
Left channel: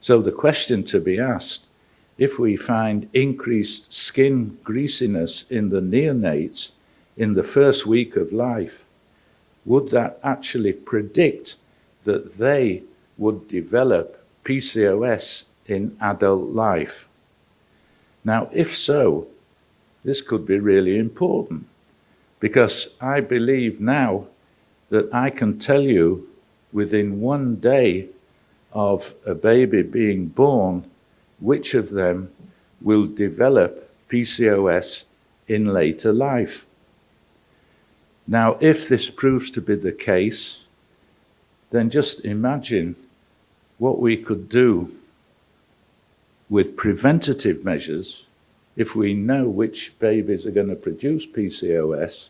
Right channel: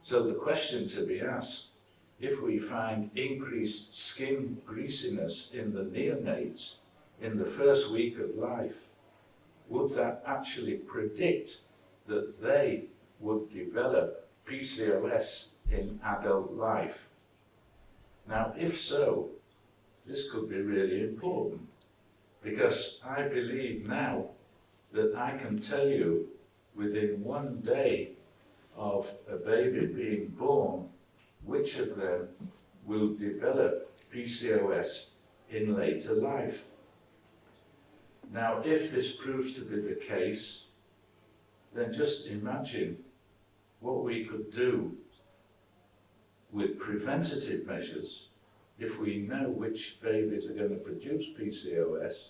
So the question to be asked, if we find increased skin greasiness in the neonates in the first week of life, would that actually predict that they would develop PCOS in adult life? Now, if so, this could be really important, because I believe now that I can tell you within 1 day of a baby being born which of them will develop PCOS in later life. Now, if this proves to be the case, then just imagine what we could do with preventative measures if we know which babies are going to produce PCOS.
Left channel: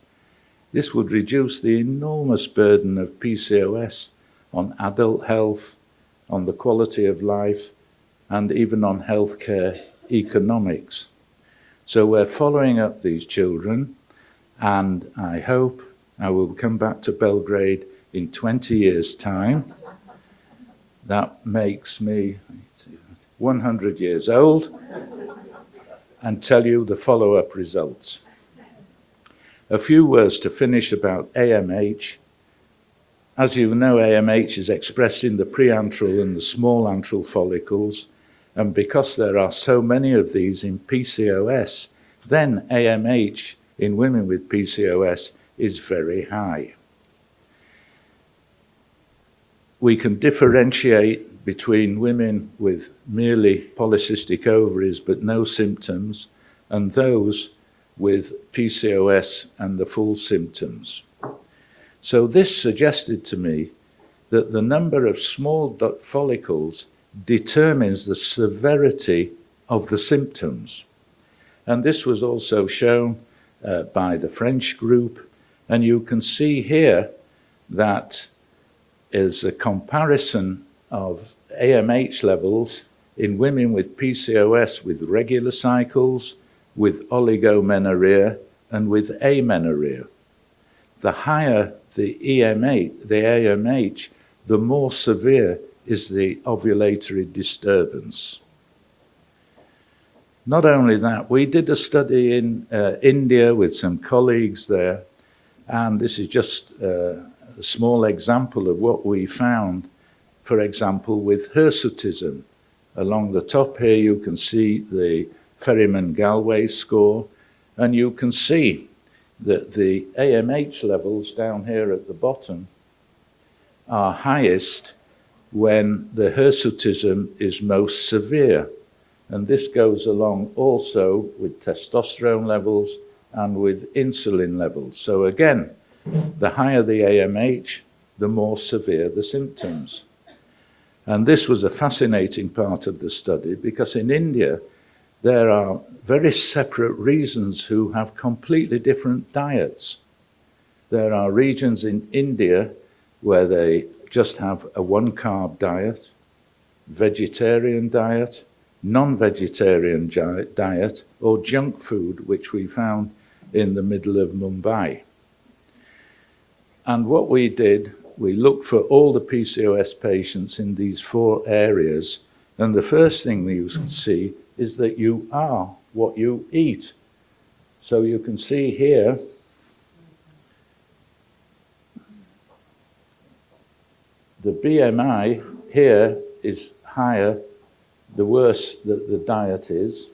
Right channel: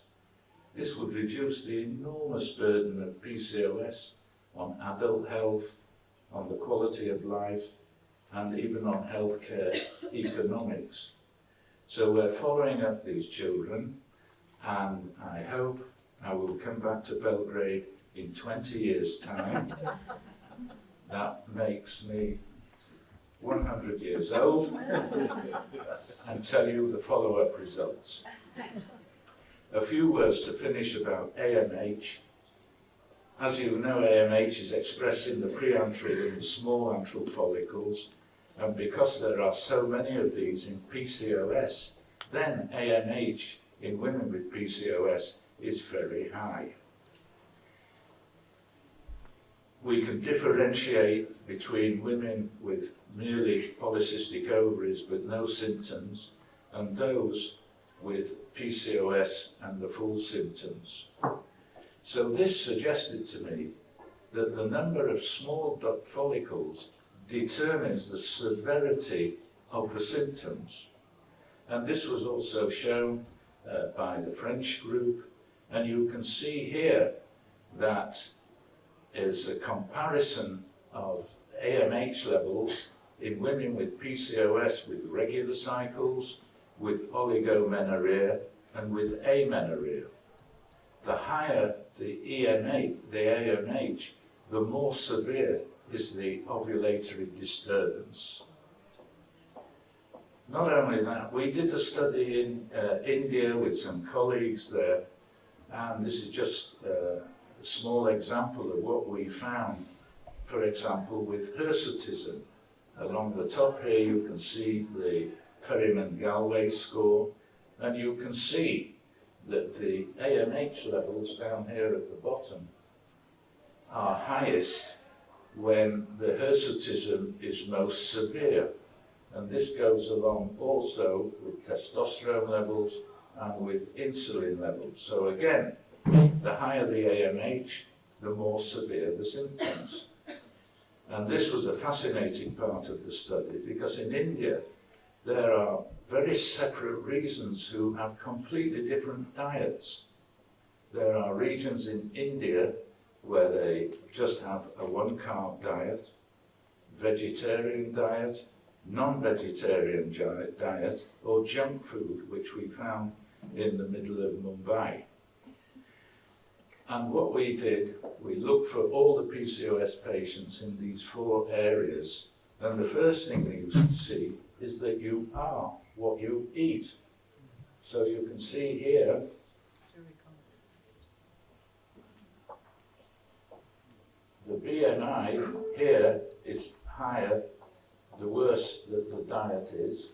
This would reduce the enormous burden of PCOS on adult health, on the quality of life, and even on healthcare economics. So we're following up these children, and I hope I will come back to Belgrade in 20 years' time. That makes me 100 years old, and tell you the follow-up results. A few words to finish about AMH. As you know, AMH is expressed in the preantral and the small antral follicles, and because there are so many of these in PCOS, then AMH in women with PCOS is very high. We can differentiate between women with merely polycystic ovaries but no symptoms and those with PCOS and the full symptoms. So this suggested to me that the number of small follicles determines the severity of the symptoms. And this was also shown by the French group. And you can see here that is a comparison of AMH levels in women with PCOS with regular cycles, with oligomenorrhea, and with amenorrhea. The higher the AMH, the more severe is the ovulatory disturbance. Not only that, we did a study in India with some colleagues there, and this is just a small example of what we found, for example, with hirsutism. Along the top here, you can see the Ferryman-Galway score, and you can see that the AMH levels down here at the bottom are highest when the hirsutism is most severe. And this goes along also with testosterone levels and with insulin levels. So again, the higher the AMH, the more severe the symptoms. And this was a fascinating part of the study because in India, there are very separate regions who have completely different diets. There are regions in India where they just have a one-carb diet, vegetarian diet, non-vegetarian diet, or junk food, which we found in the middle of Mumbai. And what we did, we looked for all the PCOS patients in these 4 areas, and the first thing that you can see is that you are what you eat. So you can see here, the BMI here is higher the worse the diet is.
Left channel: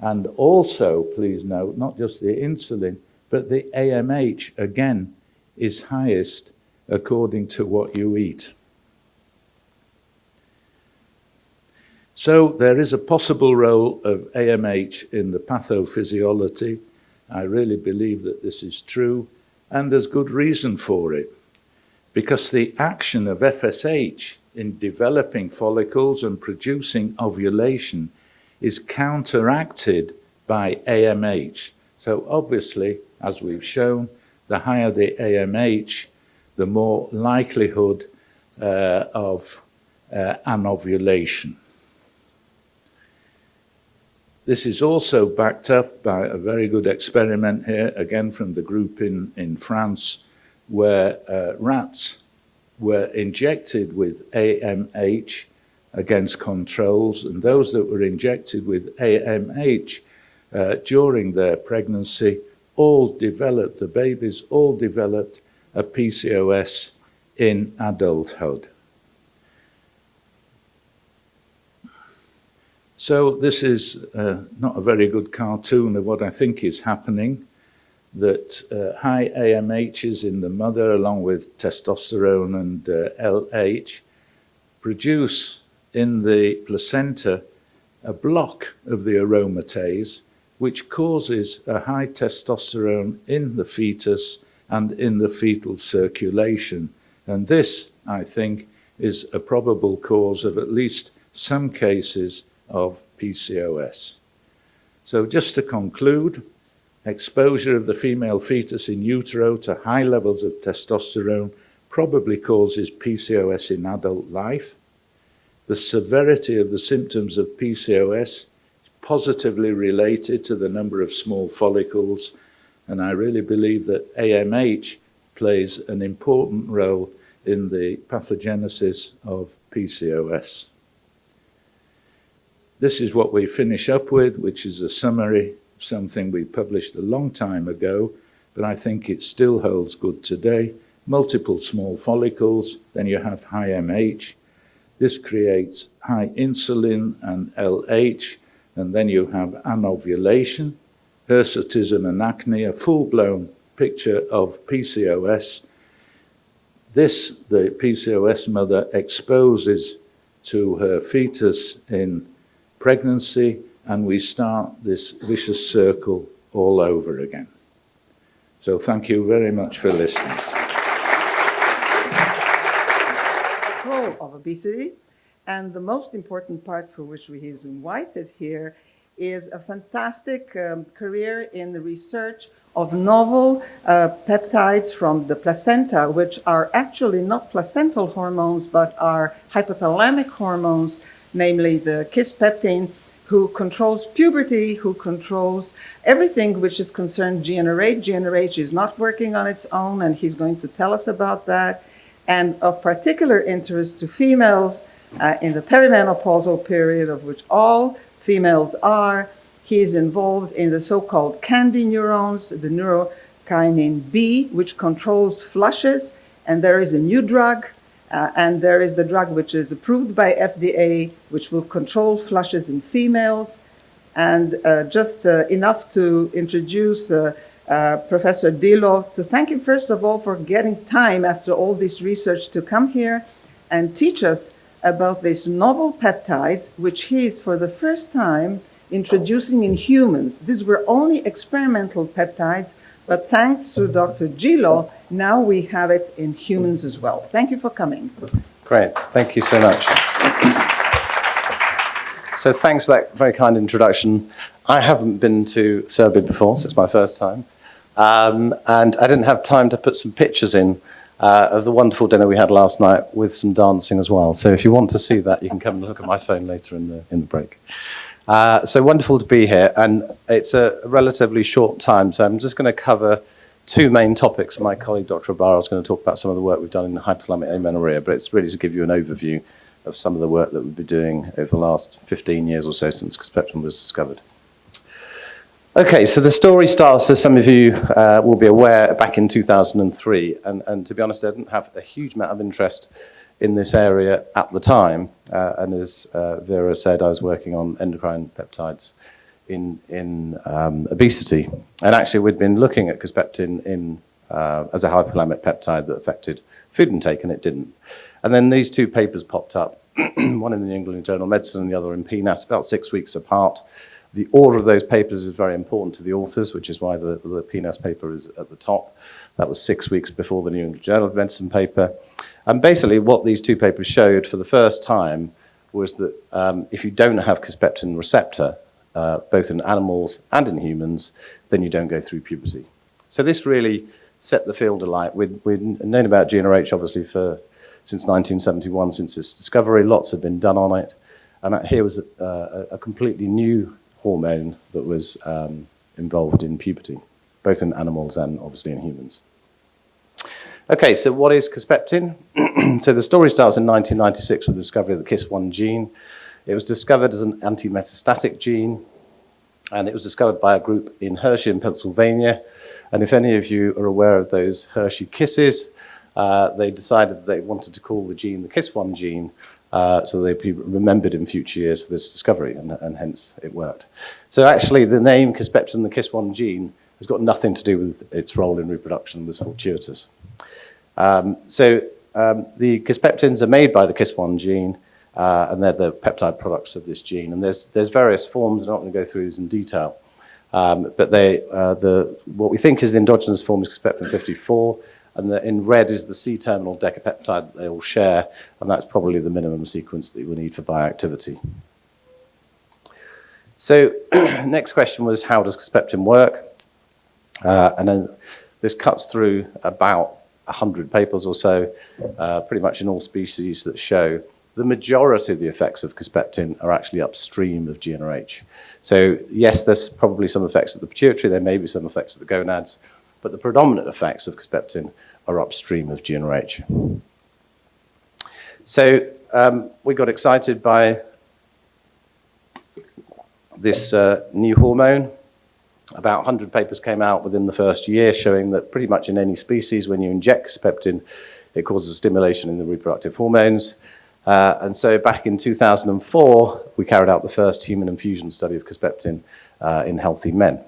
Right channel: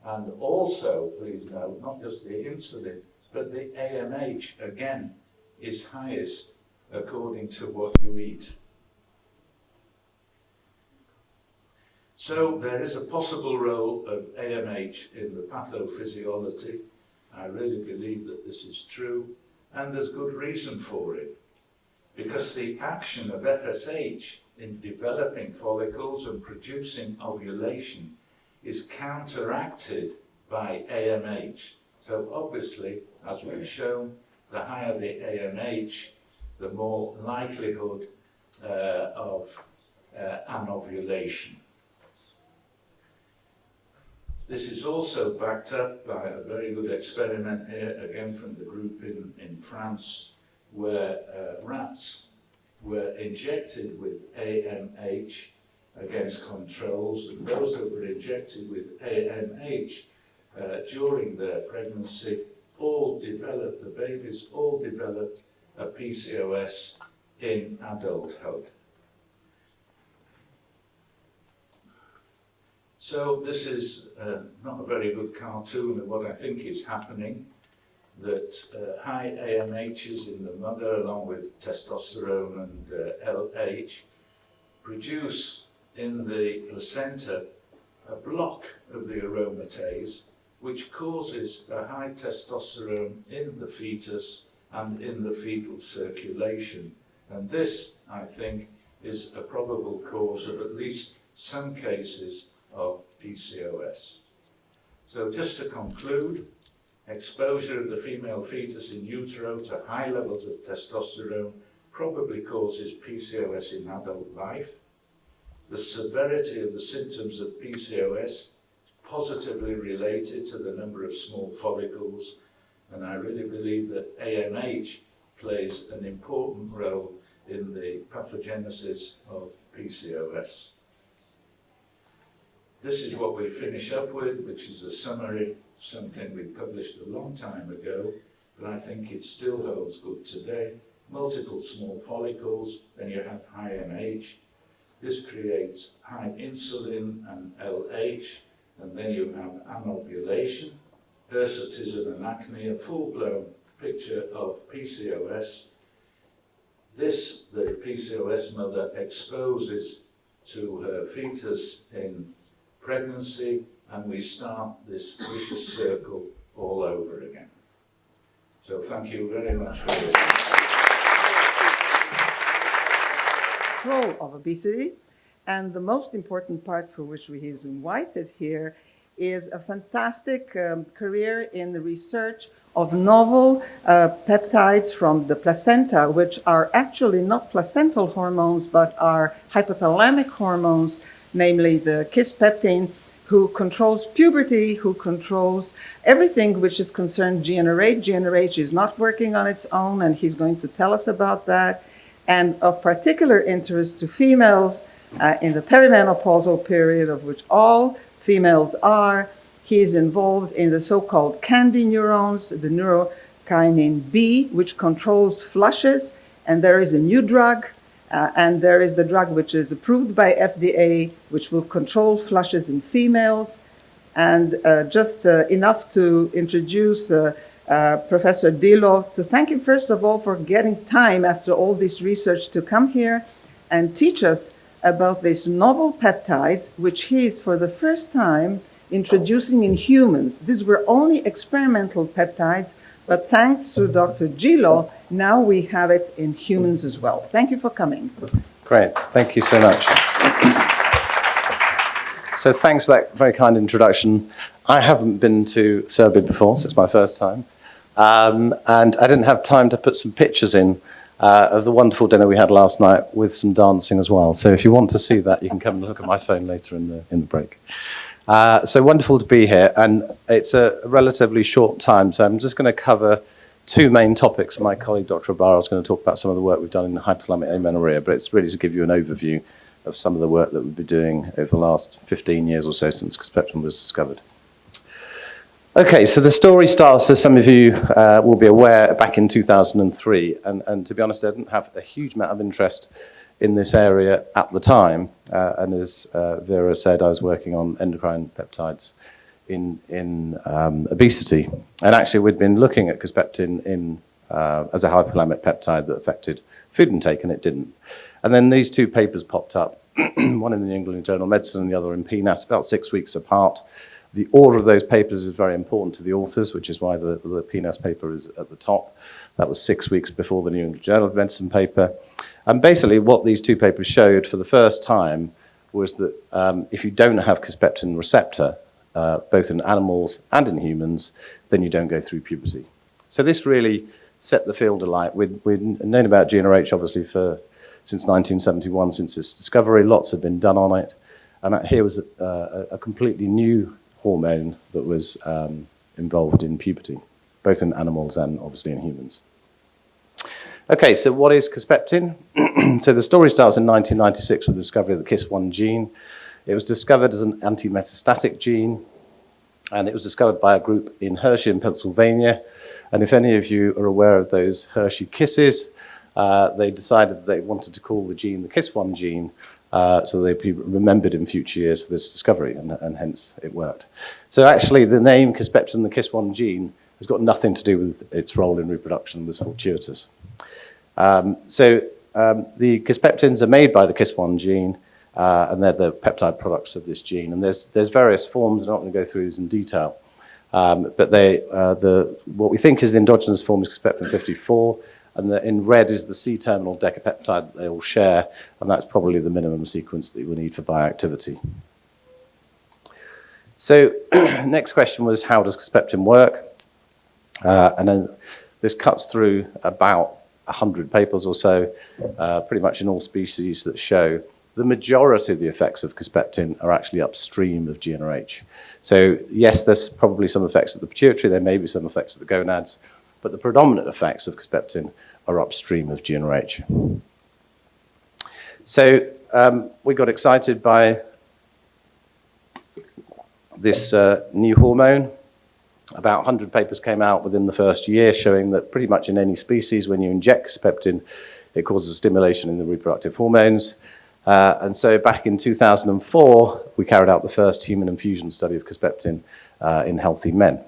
And also, please note, not just the insulin, but the AMH, again, is highest according to what you eat. So there is a possible role of AMH in the pathophysiology. I really believe that this is true, and there's good reason for it, because the action of FSH in developing follicles and producing ovulation is counteracted by AMH. So obviously, as we've shown, the higher the AMH, the more likelihood of anovulation. This is also backed up by a very good experiment here, again from the group in France, where rats were injected with AMH against controls, and those that were injected with AMH during their pregnancy all developed, the babies all developed a PCOS in adulthood. So this is not a very good cartoon of what I think is happening, that high AMHs in the mother, along with testosterone and LH, produce in the placenta a block of the aromatase, which causes a high testosterone in the fetus and in the fetal circulation. And this, I think, is a probable cause of at least some cases of PCOS. So just to conclude, exposure of the female fetus in utero to high levels of testosterone probably causes PCOS in adult life. The severity of the symptoms of PCOS is positively related to the number of small follicles, and I really believe that AMH plays an important role in the pathogenesis of PCOS. This is what we finish up with, which is a summary of something we published a long time ago, but I think it still holds good today. Multiple small follicles, then you have high MH. This creates high insulin and LH, and then you have anovulation, hirsutism and acne, a full-blown picture of PCOS. This, the PCOS mother exposes to her fetus in pregnancy, and we start this vicious circle all over again. So thank you very much for listening. Control of obesity, and the most important part for which he is invited here is a fantastic career in the research of novel peptides from the placenta, which are actually not placental hormones, but are hypothalamic hormones, namely the kisspeptin, who controls puberty, who controls everything which is concerned GnRH. GnRH is not working on its own, and he's going to tell us about that. And of particular interest to females in the perimenopausal period, of which all females are, he is involved in the so-called candy neurons, the neurokinin B, which controls flushes, and there is a new drug, and there is the drug which is approved by FDA, which will control flushes in females. And just enough to introduce Professor Dilo, to thank him first of all for getting time after all this research to come here and teach us about these novel peptides, which he is for the first time introducing in humans. These were only experimental peptides, but thanks to Dr. Gilo, now we have it in humans as well. Thank you for coming. Great, thank you so much. So thanks for that very kind introduction. I haven't been to Serbia before, so it's my first time. And I didn't have time to put some pictures in of the wonderful dinner we had last night with some dancing as well. So if you want to see that, you can come and look at my phone later in the break. So wonderful to be here, and it's a relatively short time, so I'm just going to cover two main topics. My colleague, Dr. Ibarra, is going to talk about some of the work we've done in hypothalamic amenorrhea, but it's really to give you an overview of some of the work that we've been doing over the last 15 years or so since kisspeptin was discovered. Okay, so the story starts, as some of you will be aware, back in 2003, and to be honest, I didn't have a huge amount of interest in this area at the time, and as Vera said, I was working on endocrine peptides in obesity, and actually we'd been looking at kisspeptin as a hypothalamic peptide that affected food intake, and it didn't. And then these two papers popped up, one in the New England Journal of Medicine and the other in PNAS, about 6 weeks apart. The order of those papers is very important to the authors, which is why the PNAS paper is at the top. That was 6 weeks before the New England Journal of Medicine paper. And basically what these two papers showed for the first time was that if you don't have kisspeptin receptor, both in animals and in humans, then you don't go through puberty. So this really set the field alight. We'd known about GnRH obviously since 1971, since its discovery. Lots had been done on it. And here was a completely new hormone that was involved in puberty, both in animals and obviously in humans. Okay, so what is Kisspeptin? So the story starts in 1996 with the discovery of the KIS1 gene. It was discovered as an anti-metastatic gene, and it was discovered by a group in Hershey in Pennsylvania. And if any of you are aware of those Hershey kisses, they decided that they wanted to call the gene the KIS1 gene, so they'd be remembered in future years for this discovery, and hence it worked. So actually the name Kisspeptin, the KIS1 gene, has got nothing to do with its role in reproduction, it was fortuitous. The Kisspeptins are made by the KIS1 gene, and they're the peptide products of this gene. And there's various forms, I'm not going to go through these in detail, but what we think is the endogenous form is Kisspeptin 54, and in red is the C-terminal decapeptide that they all share, and that's probably the minimum sequence that you will need for bioactivity. So next question was, how does Kisspeptin work? And then this cuts through about 100 papers or so, pretty much in all species, that show the majority of the effects of Kisspeptin are actually upstream of GnRH. So yes, there's probably some effects at the pituitary, there may be some effects at the gonads, but the predominant effects of Kisspeptin are upstream of GnRH. So we got excited by this new hormone. About 100 papers came out within the first year showing that pretty much in any species, when you inject Kisspeptin, it causes stimulation in the reproductive hormones. And so back in 2004, we carried out the first human infusion study of Kisspeptin in healthy men.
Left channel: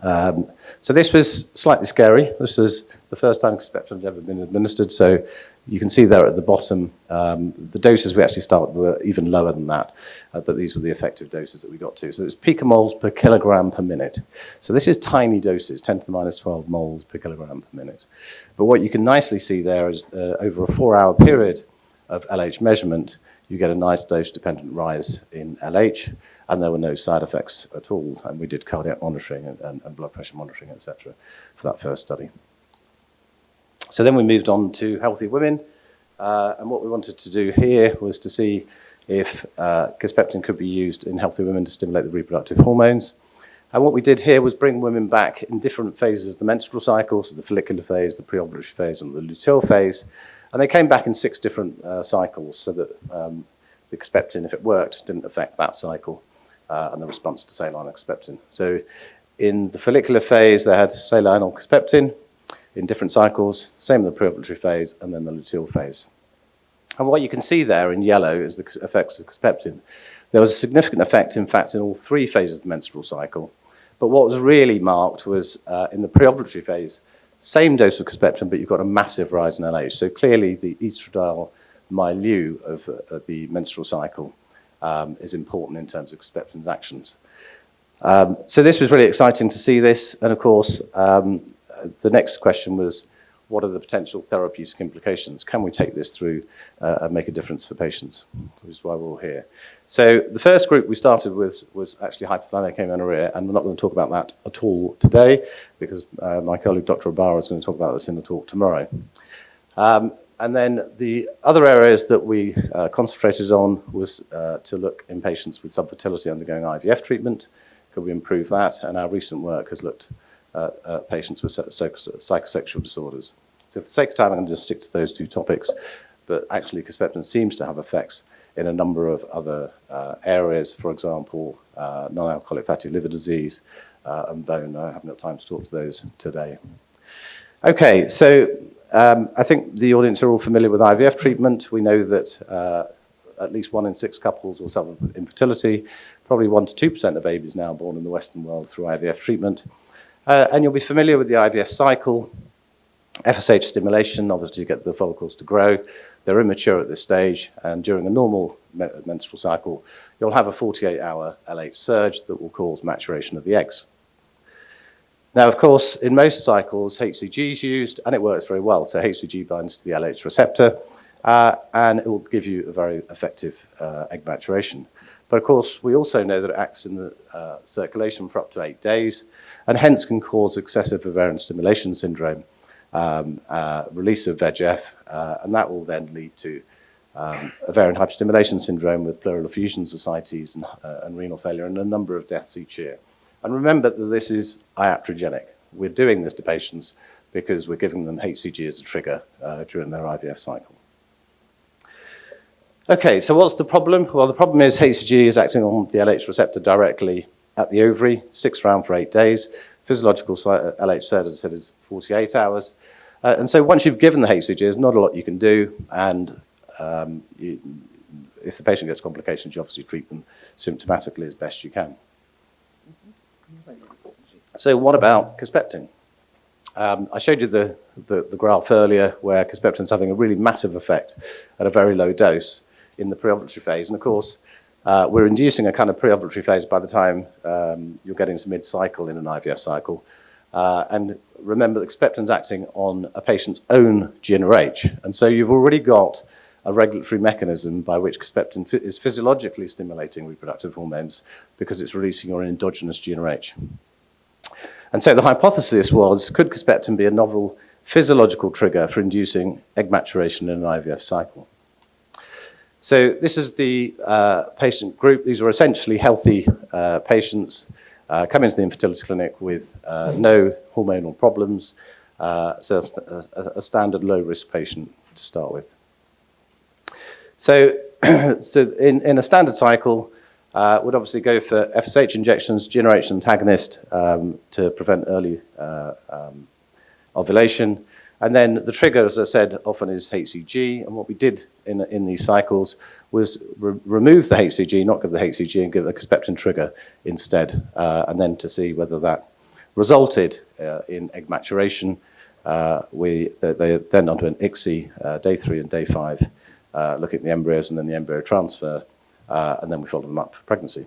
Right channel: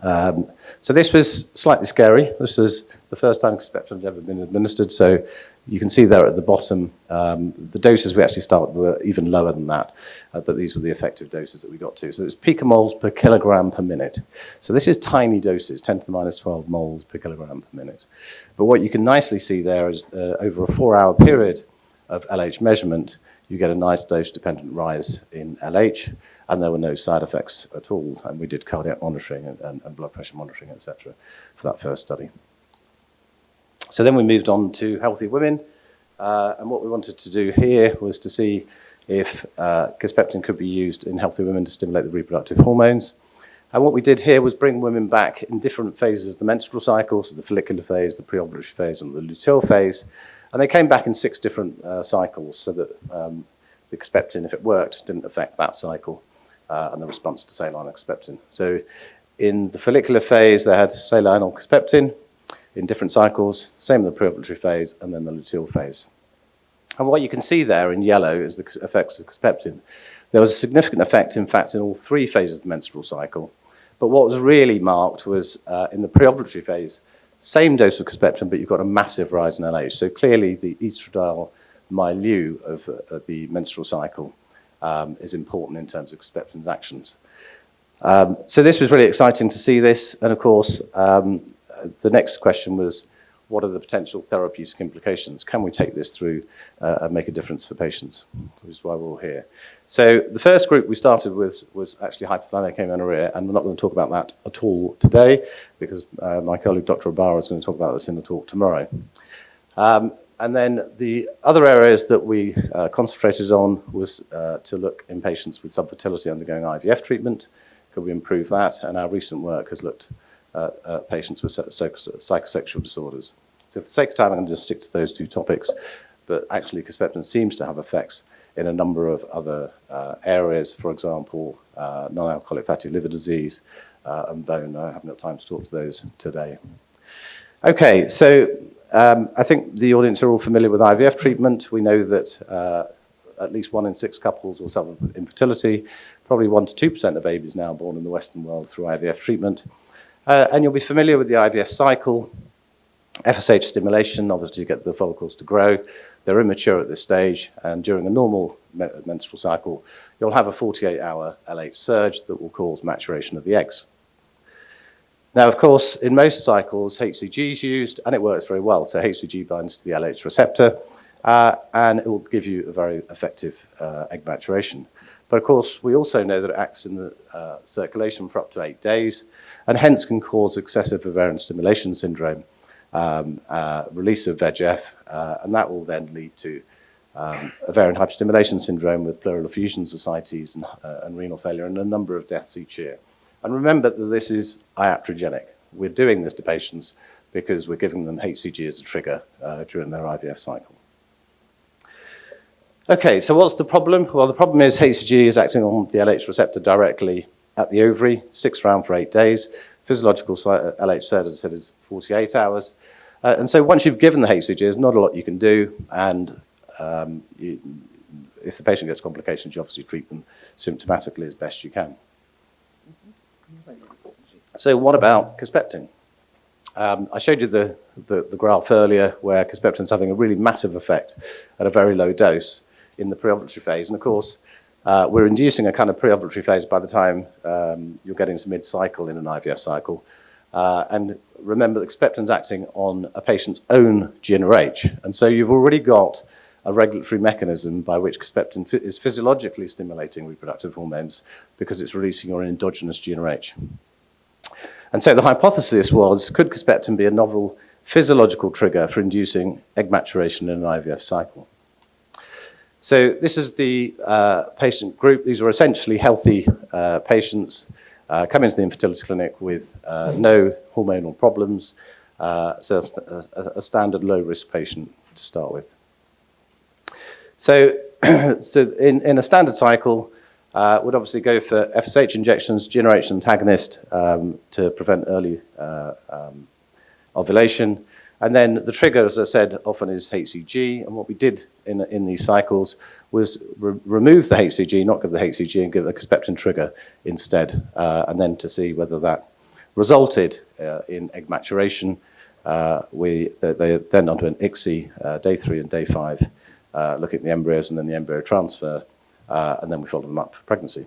So this was slightly scary. This was the first time Kisspeptin had ever been administered. So you can see there at the bottom, the doses we actually started were even lower than that, but these were the effective doses that we got to. So it's picomoles per kilogram per minute. So this is tiny doses, 10 to the minus 12 moles per kilogram per minute. But what you can nicely see there is over a 4-hour period of LH measurement, you get a nice dose-dependent rise in LH, and there were no side effects at all. And we did cardiac monitoring and blood pressure monitoring, etc., for that first study. So then we moved on to healthy women, and what we wanted to do here was to see if Kisspeptin could be used in healthy women to stimulate the reproductive hormones. And what we did here was bring women back in different phases of the menstrual cycle, so the follicular phase, the preovulatory phase, and the luteal phase. And they came back in 6 different cycles, so that the Kisspeptin, if it worked, didn't affect that cycle and the response to saline or Kisspeptin. So in the follicular phase, they had saline or Kisspeptin in different cycles, same in the preovulatory phase, and then the luteal phase. And what you can see there in yellow is the effects of Kisspeptin. There was a significant effect, in fact, in all 3 phases of the menstrual cycle. But what was really marked was in the preovulatory phase, same dose of Kisspeptin, but you've got a massive rise in LH. So clearly the estradiol milieu of the menstrual cycle is important in terms of Kisspeptin's actions. So this was really exciting to see this. And of course, the next question was, what are the potential therapeutic implications? Can we take this through and make a difference for patients? Which is why we're all here. So the first group we started with was actually hypothalamic amenorrhea, and we're not going to talk about that at all today because my colleague Dr. Ibarra is going to talk about this in the talk tomorrow. And then the other areas that we concentrated on was to look in patients with subfertility undergoing IVF treatment. Could we improve that? And our recent work has looked at patients with psychosexual disorders. So for the sake of time, I'm going to just stick to those 2 topics. But actually, Kisspeptin seems to have effects in a number of other areas, for example, non-alcoholic fatty liver disease and bone. I haven't got time to talk to those today. Okay, so I think the audience are all familiar with IVF treatment. We know that at least 1 in 6 couples will suffer with infertility. Probably 1 to 2% of babies now born in the Western world through IVF treatment. And you'll be familiar with the IVF cycle. FSH stimulation, obviously, to get the follicles to grow. They're immature at this stage, and during a normal menstrual cycle, you'll have a 48-hour LH surge that will cause maturation of the eggs. Now, of course, in most cycles, HCG is used, and it works very well. So HCG binds to the LH receptor, and it will give you a very effective egg maturation. But of course, we also know that it acts in the circulation for up to 8 days, and hence can cause excessive ovarian stimulation syndrome, release of VEGF, and that will then lead to ovarian hyperstimulation syndrome with pleural effusion societies and renal failure, and a number of deaths each year. And remember that this is iatrogenic. We're doing this to patients because we're giving them HCG as a trigger during their IVF cycle. Okay, so what's the problem? Well, the problem is HCG is acting on the LH receptor directly at the ovary, 6 round for 8 days. Physiological LH SERD, as I said, is 48 hours. And so once you've given the HCG, there's not a lot you can do, and if the patient gets complications, you obviously treat them symptomatically as best you can. So what about Kisspeptin? I showed you the graph earlier where Kisspeptin is having a really massive effect at a very low dose in the preovulatory phase. And of course, we're inducing a kind of preovulatory phase by the time you're getting to mid-cycle in an IVF cycle. And remember that Kisspeptin's acting on a patient's own GnRH. And so you've already got a regulatory mechanism by which Kisspeptin is physiologically stimulating reproductive hormones because it's releasing your endogenous GnRH. And so the hypothesis was, could Kisspeptin be a novel physiological trigger for inducing egg maturation in an IVF cycle? So this is the patient group. These were essentially healthy patients coming into the infertility clinic with no hormonal problems, so a standard low-risk patient to start with. So, in a standard cycle, would obviously go for FSH injections, GnRH antagonist to prevent early ovulation. And then the trigger, as I said, often is HCG. And what we did in these cycles was remove the HCG, not give the HCG, and give a Kisspeptin trigger instead, and then to see whether that resulted in egg maturation. They then onto an ICSI, day 3 and day 5, looking at the embryos and then the embryo transfer, and then we followed them up for pregnancy.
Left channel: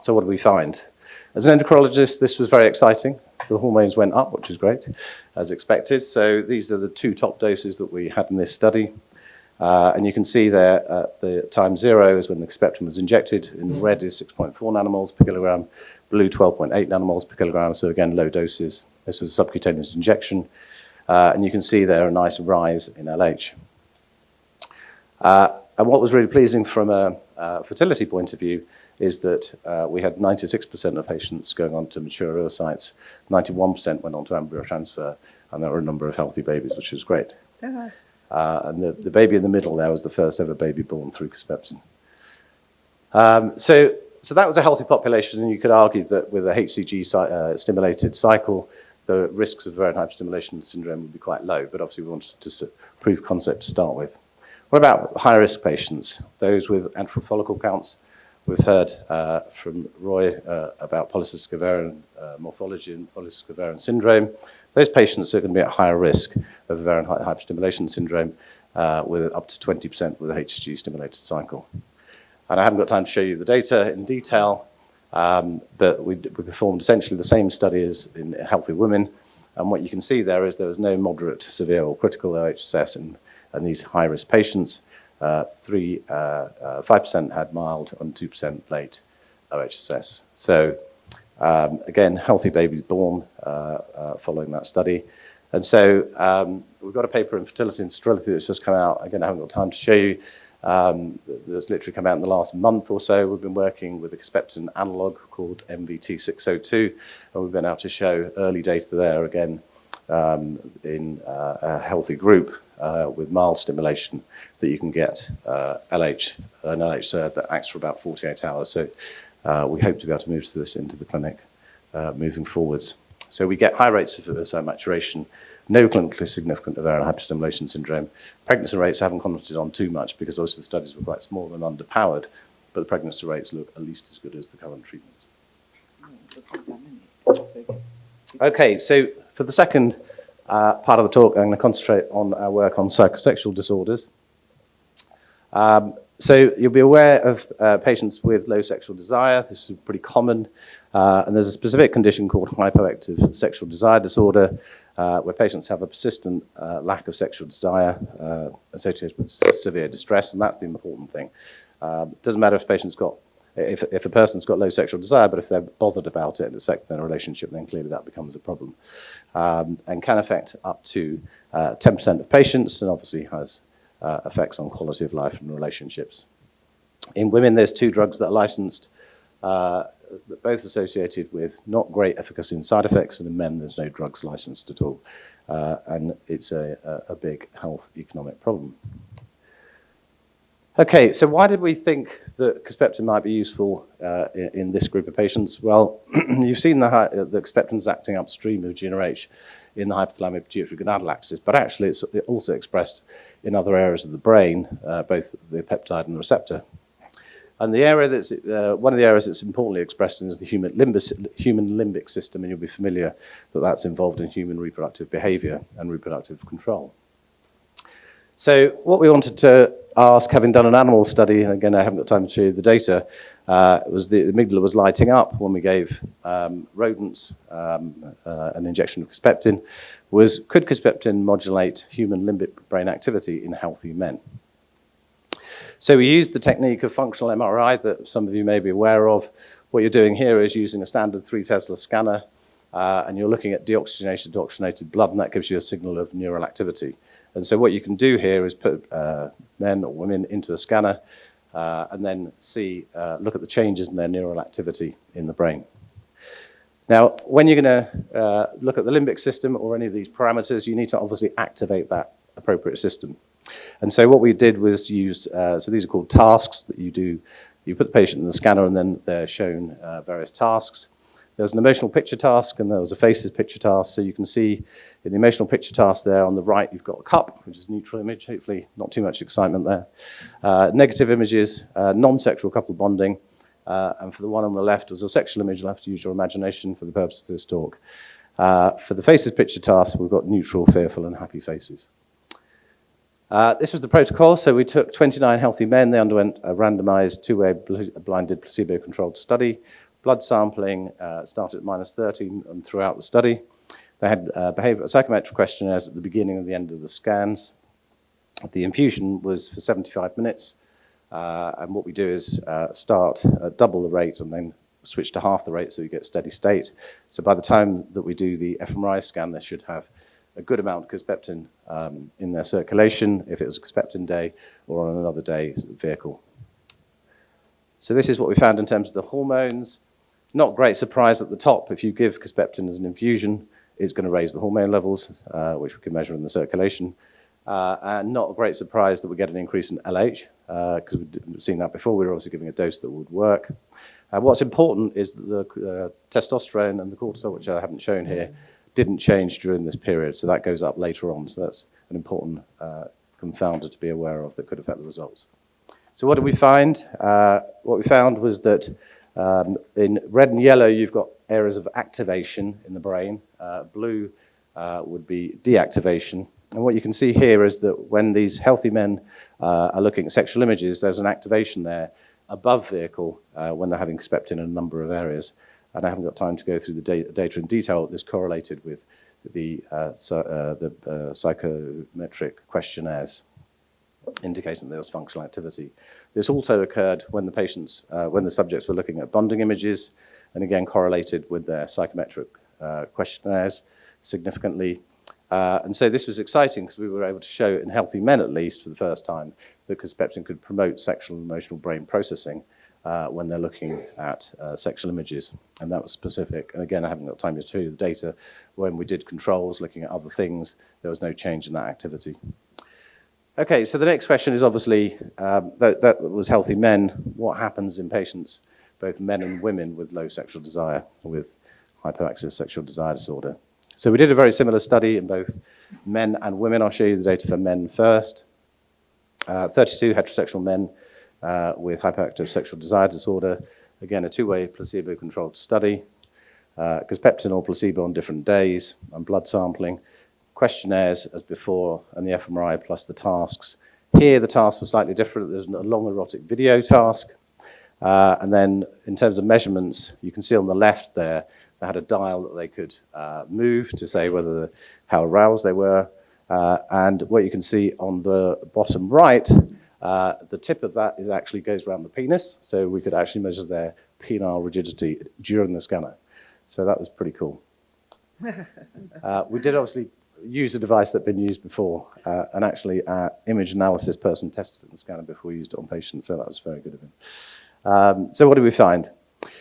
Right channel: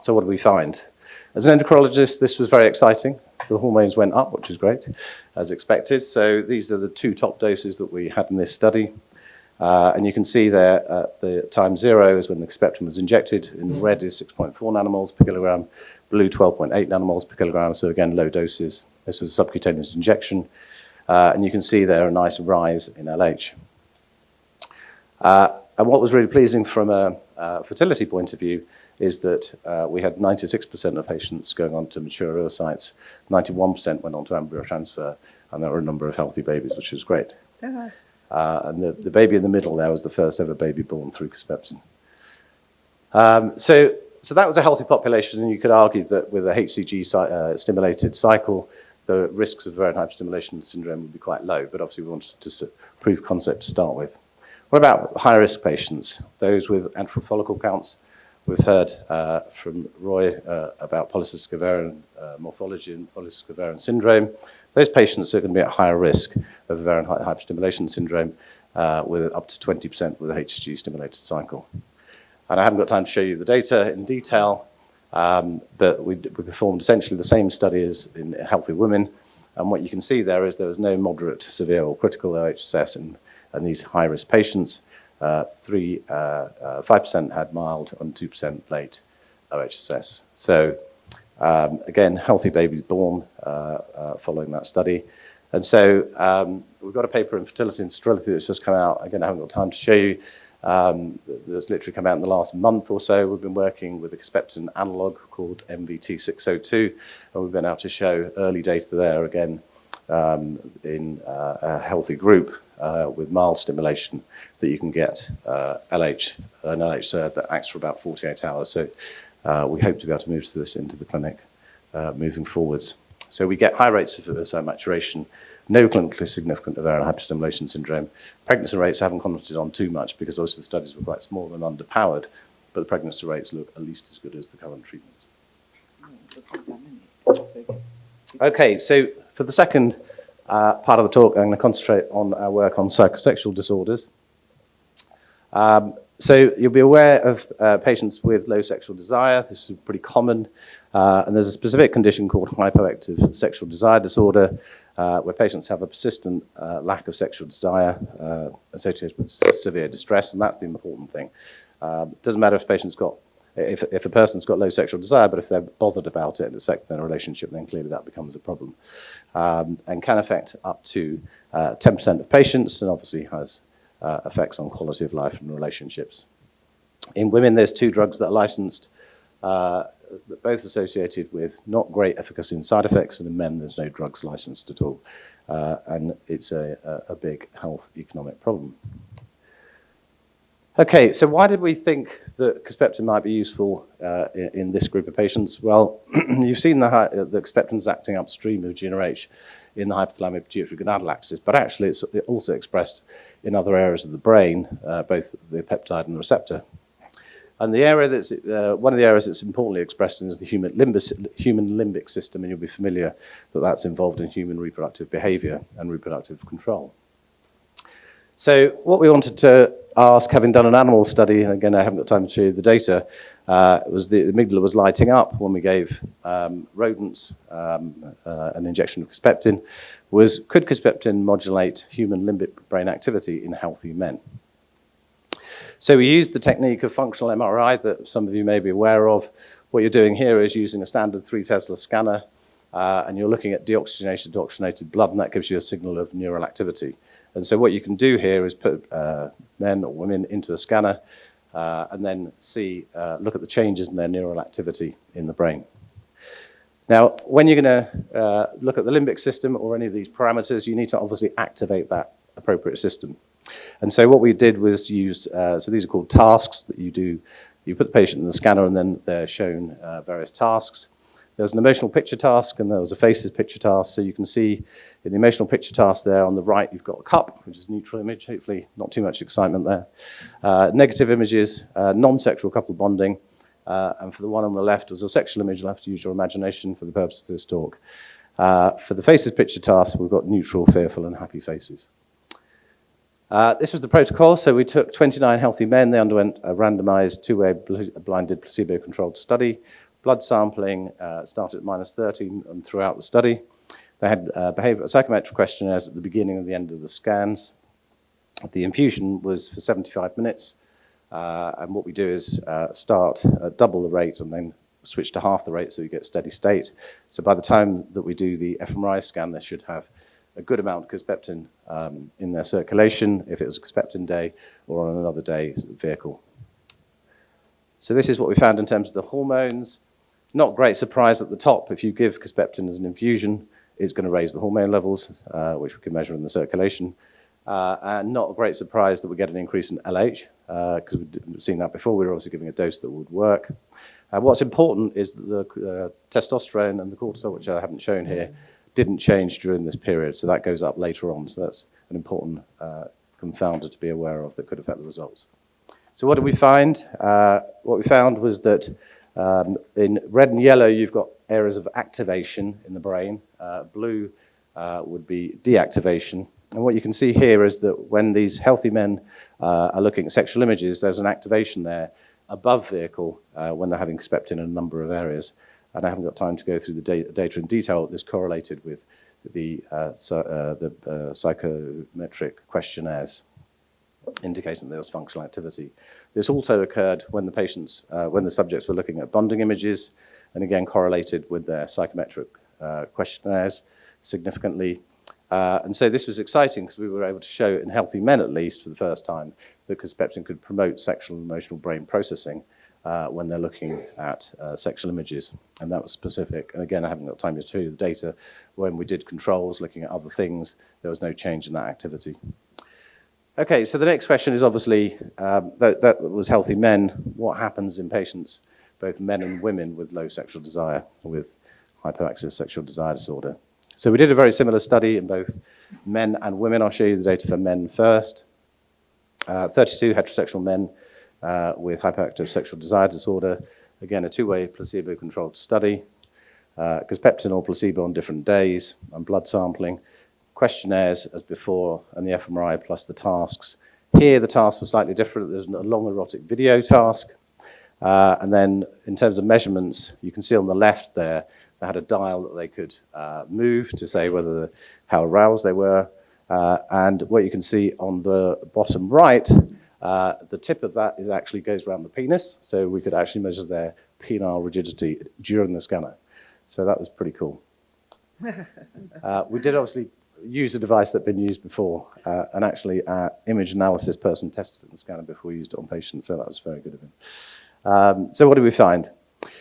So what did we find? As an endocrinologist, this was very exciting. The hormones went up, which is great, as expected. So these are the 2 top doses that we had in this study. And you can see there at the time 0 is when the Kisspeptin was injected. In red is 6.4 nanomoles per kilogram, blue 12.8 nanomoles per kilogram. So again, low doses. This was a subcutaneous injection. And you can see there a nice rise in LH. And what was really pleasing from a fertility point of view is that we had 96% of patients going on to mature oocytes, 91% went on to embryo transfer, and there were a number of healthy babies, which was great. And the baby in the middle there was the first ever baby born through Kisspeptin. So that was a healthy population, and you could argue that with a HCG stimulated cycle, the risks of ovarian hyperstimulation syndrome would be quite low, but obviously we wanted to prove concept to start with. What about high-risk patients, those with antral follicle counts? We've heard from Roy about polycystic ovarian morphology and polycystic ovarian syndrome. Those patients are going to be at higher risk of ovarian hyperstimulation syndrome with up to 20% with a HCG-stimulated cycle. And I haven't got time to show you the data in detail, but we performed essentially the same study as in healthy women. And what you can see there is there was no moderate, severe, or critical OHSS in these high-risk patients. 5% had mild and 2% late OHSS. So again, healthy babies born following that study. And so we've got a paper in Fertility and Sterility that's just come out. Again, I haven't got time to show you. That's literally come out in the last month or so. We've been working with a Kisspeptin analog called MVT602, and we've been able to show early data there again in a healthy group with mild stimulation that you can get an LH SERD that acts for about 48 hours. So we hope to be able to move this into the clinic moving forwards. So we get high rates of oocyte maturation, no clinically significant ovarian hyperstimulation syndrome. Pregnancy rates I haven't commented on too much because obviously the studies were quite small and underpowered, but the pregnancy rates look at least as good as the current treatments. Okay, so for the second part of the talk, I'm going to concentrate on our work on psychosexual disorders. So you'll be aware of patients with low sexual desire. This is pretty common. And there's a specific condition called hypoactive sexual desire disorder, where patients have a persistent lack of sexual desire associated with severe distress, and that's the important thing. It doesn't matter if a person's got low sexual desire, but if they're bothered about it and it's affecting their relationship, then clearly that becomes a problem. And can affect up to 10% of patients, and obviously has effects on quality of life and relationships. In women, there's 2 drugs that are licensed, both associated with not great efficacy and side effects, and in men, there's no drugs licensed at all. And it's a big health economic problem. Okay, so why did we think that Kisspeptin might be useful in this group of patients? Well, you've seen the Kisspeptin's acting upstream of GnRH in the hypothalamic pituitary gonadal axis, but actually it's also expressed in other areas of the brain, both the peptide and the receptor. And the area that's, one of the areas that's importantly expressed in is the human limbic system, and you'll be familiar that that's involved in human reproductive behavior and reproductive control. So what we wanted to ask, having done an animal study, and again I haven't got time to show you the data, was the amygdala was lighting up when we gave rodents an injection of Kisspeptin, could Kisspeptin modulate human limbic brain activity in healthy men? So we used the technique of functional MRI that some of you may be aware of. What you're doing here is using a standard 3 Tesla scanner, and you're looking at deoxygenated to oxygenated blood, and that gives you a signal of neural activity. And so what you can do here is put men or women into a scanner and then look at the changes in their neural activity in the brain. Now, when you're going to look at the limbic system or any of these parameters, you need to obviously activate that appropriate system. And so what we did was use, so these are called tasks that you do. You put the patient in the scanner and then they're shown various tasks. There's an emotional picture task and there was a faces picture task. So you can see in the emotional picture task there on the right, you've got a cup, which is a neutral image, hopefully not too much excitement there. Negative images, non-sexual couple bonding. And for the one on the left was a sexual image. You'll have to use your imagination for the purpose of this talk. For the faces picture task, we've got neutral, fearful, and happy faces. This was the protocol. So we took 29 healthy men. They underwent a randomized 2-way blinded placebo-controlled study. Blood sampling started at -30 and throughout the study. They had psychometric questionnaires at the beginning and the end of the scans. The infusion was for 75 minutes. And what we do is start at double the rate and then switch to half the rate so you get steady state. So by the time that we do the fMRI scan, they should have a good amount of Kisspeptin in their circulation, if it was a Kisspeptin day, or on another day vehicle. So this is what we found in terms of the hormones. Not great surprise at the top. If you give Kisspeptin as an infusion, it's going to raise the hormone levels, which we can measure in the circulation. And not a great surprise that we get an increase in LH, because we've seen that before. We were obviously giving a dose that would work. What's important is that the testosterone and the cortisol, which I haven't shown here, didn't change during this period, so that goes up later on. So that's an important confounder to be aware of that could affect the results. So what did we find? What we found was that in red and yellow, you've got areas of activation in the brain. Blue would be deactivation. And what you can see here is that when these healthy men are looking at sexual images, there's an activation there above vehicle when they're having Kisspeptin in a number of areas. And I haven't got time to go through the data in detail. This correlated with the psychometric questionnaires, indicating there was functional activity. This also occurred when the subjects were looking at bonding images, and again correlated with their psychometric questionnaires significantly. And so this was exciting because we were able to show in healthy men, at least for the first time, that Kisspeptin could promote sexual and emotional brain processing when they're looking at sexual images. And that was specific. And again, I haven't got time to show you the data. When we did controls, looking at other things, there was no change in that activity. Okay, so the next question is obviously, that was healthy men. What happens in patients, both men and women, with low sexual desire, with hyperactive sexual desire disorder? So we did a very similar study in both men and women. I'll show you the data for men first. 32 heterosexual men with hyperactive sexual desire disorder. Again, a 2-way placebo-controlled study. Kisspeptin or placebo on different days, and blood sampling. Questionnaires as before, and the fMRI plus the tasks. Here, the tasks were slightly different. There's a long erotic video task. And then in terms of measurements, you can see on the left there, they had a dial that they could move to say how aroused they were. And what you can see on the bottom right, the tip of that actually goes around the penis. So we could actually measure their penile rigidity during the scanner. So that was pretty cool. We did obviously use a device that had been used before, and actually our image analysis person tested it in the scanner before we used it on patients, so that was very good of him. So what did we find?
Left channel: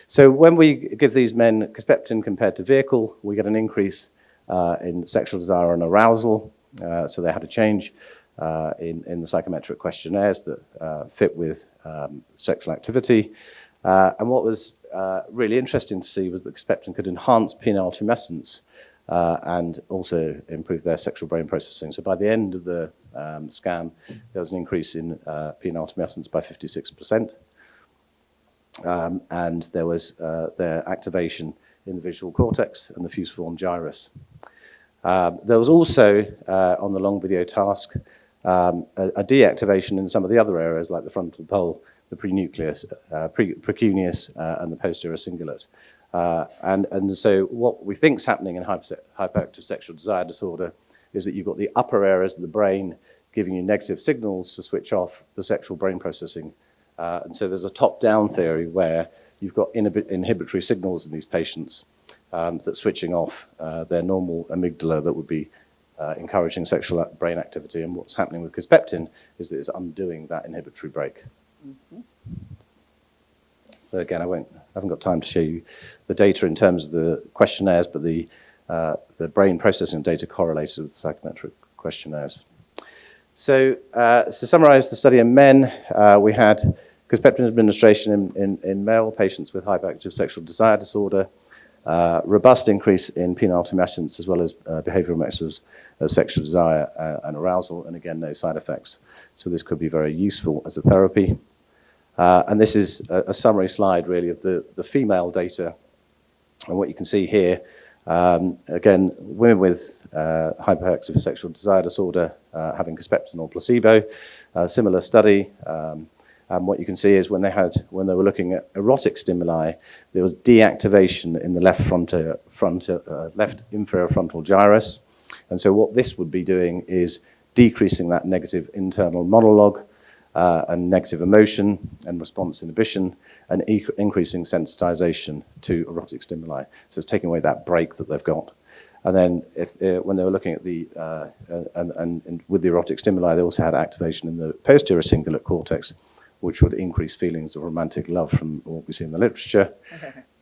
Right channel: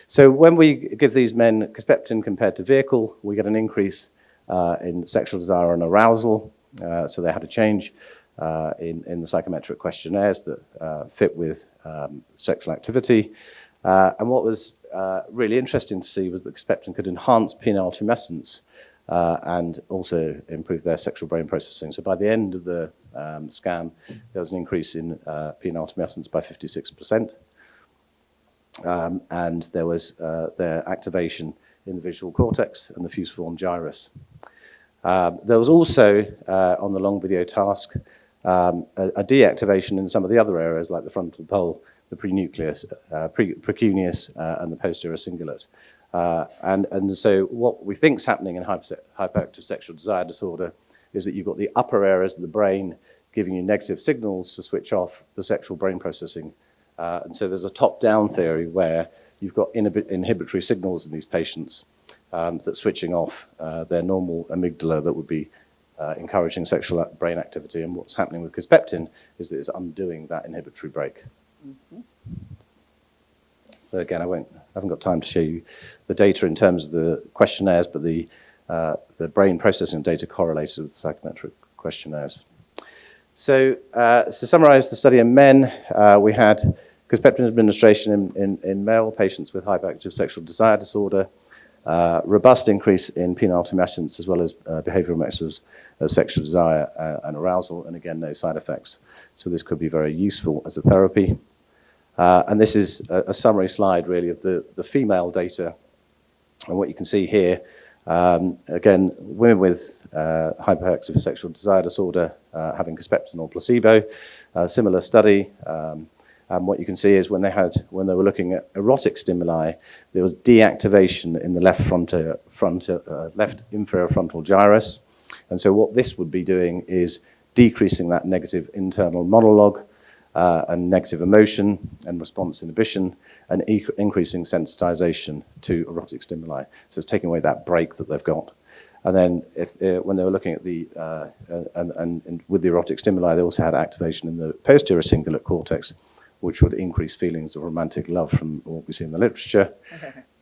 So when we give these men Kisspeptin compared to vehicle, we get an increase in sexual desire and arousal, so they had a change in the psychometric questionnaires that fit with sexual activity. And what was really interesting to see was that Kisspeptin could enhance penile tumescence and also improve their sexual brain processing. So by the end of the scan, there was an increase in penile tumescence by 56%. And there was their activation in the visual cortex and the fusiform gyrus. There was also, on the long video task, a deactivation in some of the other areas like the frontal pole, the prenucleus, precuneus, and the posterior cingulate. And so what we think is happening in hyperactive sexual desire disorder is that you've got the upper areas of the brain giving you negative signals to switch off the sexual brain processing. And so there's a top-down theory where you've got inhibitory signals in these patients that's switching off their normal amygdala that would be encouraging sexual brain activity. And what's happening with Kisspeptin is that it's undoing that inhibitory break. Mm-hmm. So again, I haven't got time to show you the data in terms of the questionnaires, but the brain processing data correlated with psychometric questionnaires. So to summarize the study in men, we had Kisspeptin administration in male patients with hyperactive sexual desire disorder, robust increase in penile tumescence as well as behavioral measures of sexual desire and arousal, and again, no side effects. So this could be very useful as a therapy. And this is a summary slide, really, of the female data. And what you can see here, again, women with hyperactive sexual desire disorder having Kisspeptin or placebo, similar study. And what you can see is when they were looking at erotic stimuli, there was deactivation in the left inferior frontal gyrus. And so what this would be doing is decreasing that negative internal monologue and negative emotion and response inhibition, and increasing sensitization to erotic stimuli. So it's taking away that break that they've got. And then when they were looking at and with the erotic stimuli, they also had activation in the posterior cingulate cortex, which would increase feelings of romantic love from what we see in the literature.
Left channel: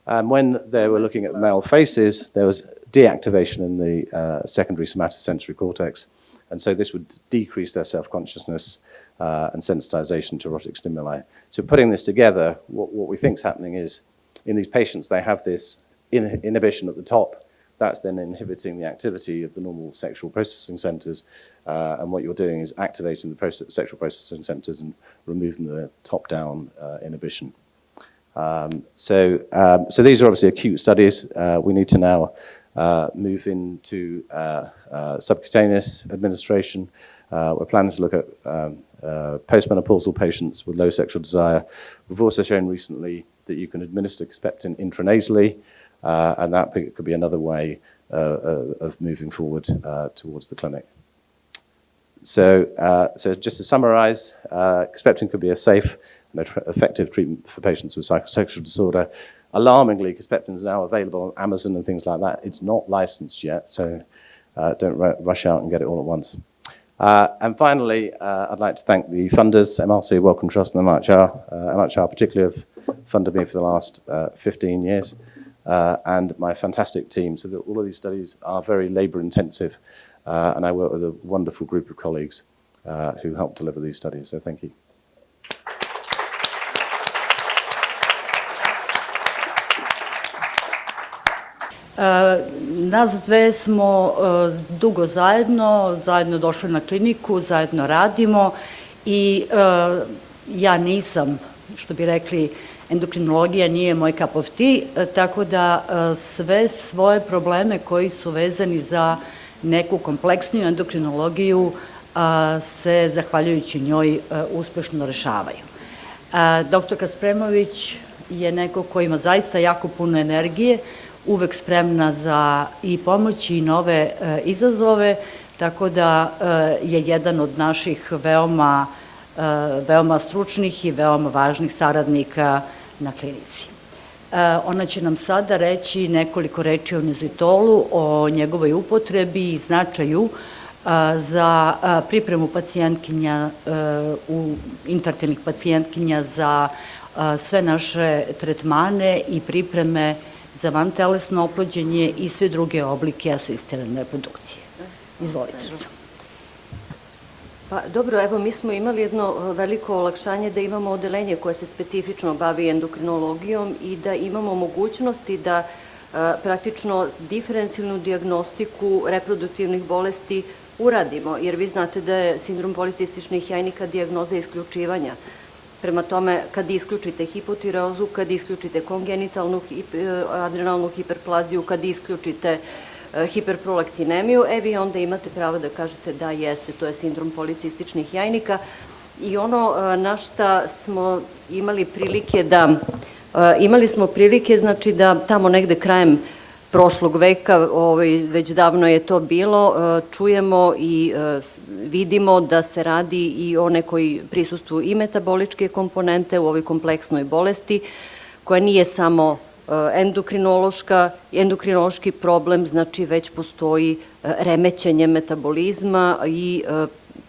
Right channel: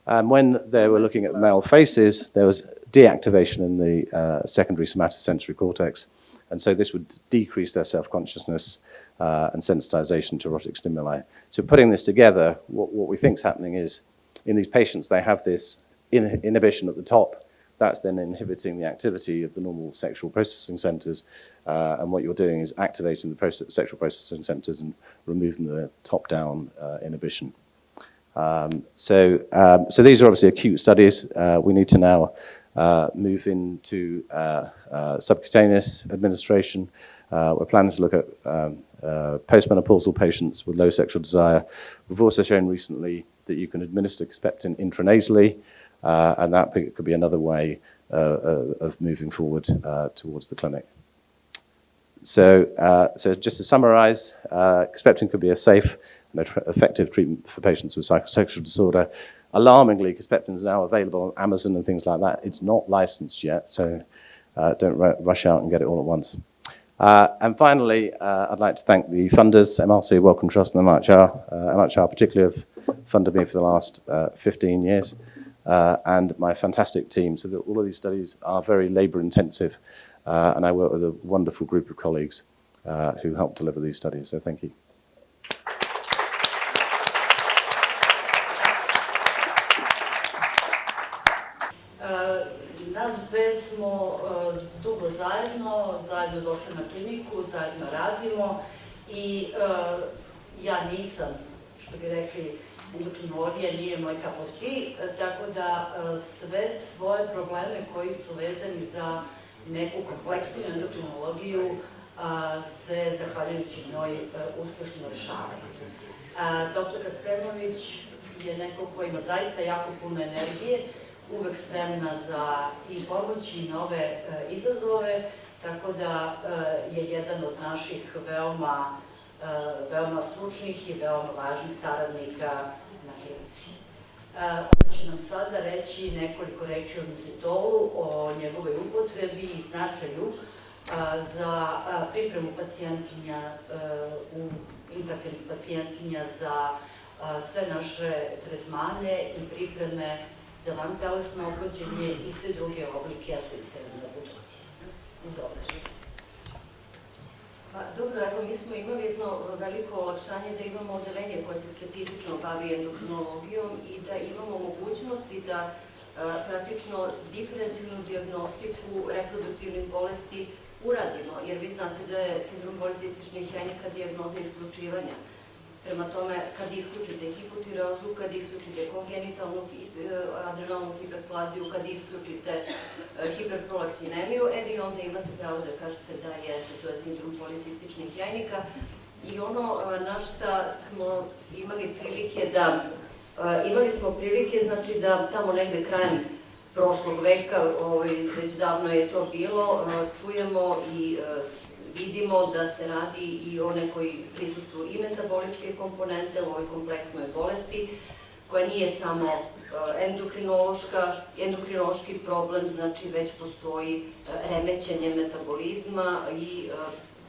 And when they were looking at male faces, there was deactivation in the secondary somatosensory cortex. And so this would decrease their self-consciousness and sensitization to erotic stimuli. So putting this together, what we think is happening is in these patients, they have this inhibition at the top. That's then inhibiting the activity of the normal sexual processing centers. And what you're doing is activating the sexual processing centers and removing the top-down inhibition. So these are obviously acute studies. We need to now move into subcutaneous administration. We're planning to look at postmenopausal patients with low sexual desire. We've also shown recently that you can administer Kisspeptin intranasally, and that could be another way of moving forward towards the clinic. So just to summarize, Kisspeptin could be a safe and effective treatment for patients with psychosexual disorder. Alarmingly, Kisspeptin is now available on Amazon and things like that. It's not licensed yet, so don't rush out and get it all at once. And finally, I'd like to thank the funders, MRC, Wellcome Trust, and MHR. MHR particularly have funded me for the last 15 years, and my fantastic team. So that all of these studies are very labor-intensive, and I work with a wonderful group of colleagues who help deliver these studies. So thank you. Nas dve smo dugo zajedno došli na kliniku, zajedno radimo i ja nisam, što bi rekli, endokrinologija nije moj cup of tea, tako da sve svoje probleme koji su vezani za neku kompleksniju endokrinologiju se, zahvaljujući njoj, uspešno rešavaju. Doktorka Spremović je neko ko ima zaista jako puno energije, uvek spremna za i pomoć i nove izazove, tako da je jedan od naših veoma stručnih i veoma važnih saradnika na klinici. Ona će nam sada reći nekoliko reči o inozitolu, o njegovoj upotrebi i značaju za pripremu pacijentkinja, infertilnih pacijentkinja za sve naše tretmane i pripreme za vantelesno oplođenje i sve druge oblike asistirane reprodukcije. Izvolite. Pa dobro, evo mi smo imali jedno veliko olakšanje da imamo odelenje koje se specifično bavi endokrinologijom i da imamo mogućnosti da praktično diferencijalnu dijagnostiku reproduktivnih bolesti uradimo, jer vi znate da je sindrom policističnih jajnika dijagnoza isključivanja. Prema tome, kad isključite hipotireozu, kad isključite kongenitalnu adrenalnu hiperplaziju, kad isključite hiperprolaktinemiju, vi onda imate pravo da kažete da jeste, to je sindrom policističnih jajnika. I ono na šta smo imali prilike znači da tamo negde krajem prošlog veka, već davno je to bilo, čujemo i vidimo da se radi i o nekoj prisustvu i metaboličke komponente u ovoj kompleksnoj bolesti, koja nije samo endokrinološki problem, znači već postoji remećenje metabolizma i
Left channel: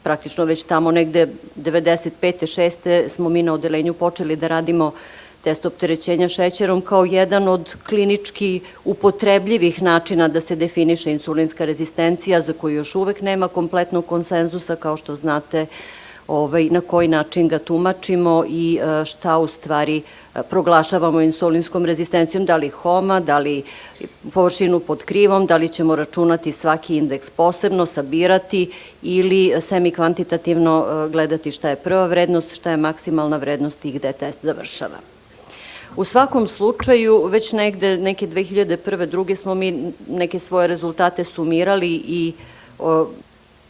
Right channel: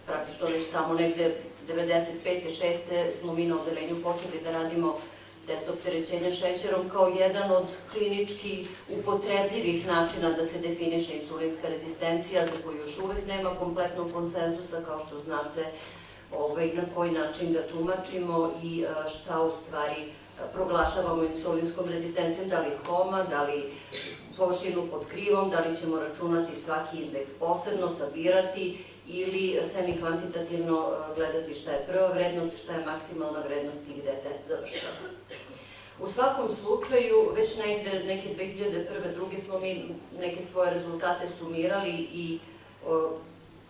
praktično već tamo negde 95. 6. smo mi na odelenju počeli da radimo test opterećenja šećerom kao jedan od klinički upotrebljivih načina da se definiše insulinska rezistencija, za koju još uvek nema kompletnog konsenzusa, kao što znate, na koji način ga tumačimo i šta u stvari proglašavamo insulinskom rezistencijom, da li HOMA, da li površinu pod krivom, da li ćemo računati svaki indeks posebno, sabirati ili semi-kvantitativno gledati šta je prva vrednost, šta je maksimalna vrednost i gde test završava. U svakom slučaju, već negde, neke 2001. druge smo mi neke svoje rezultate sumirali i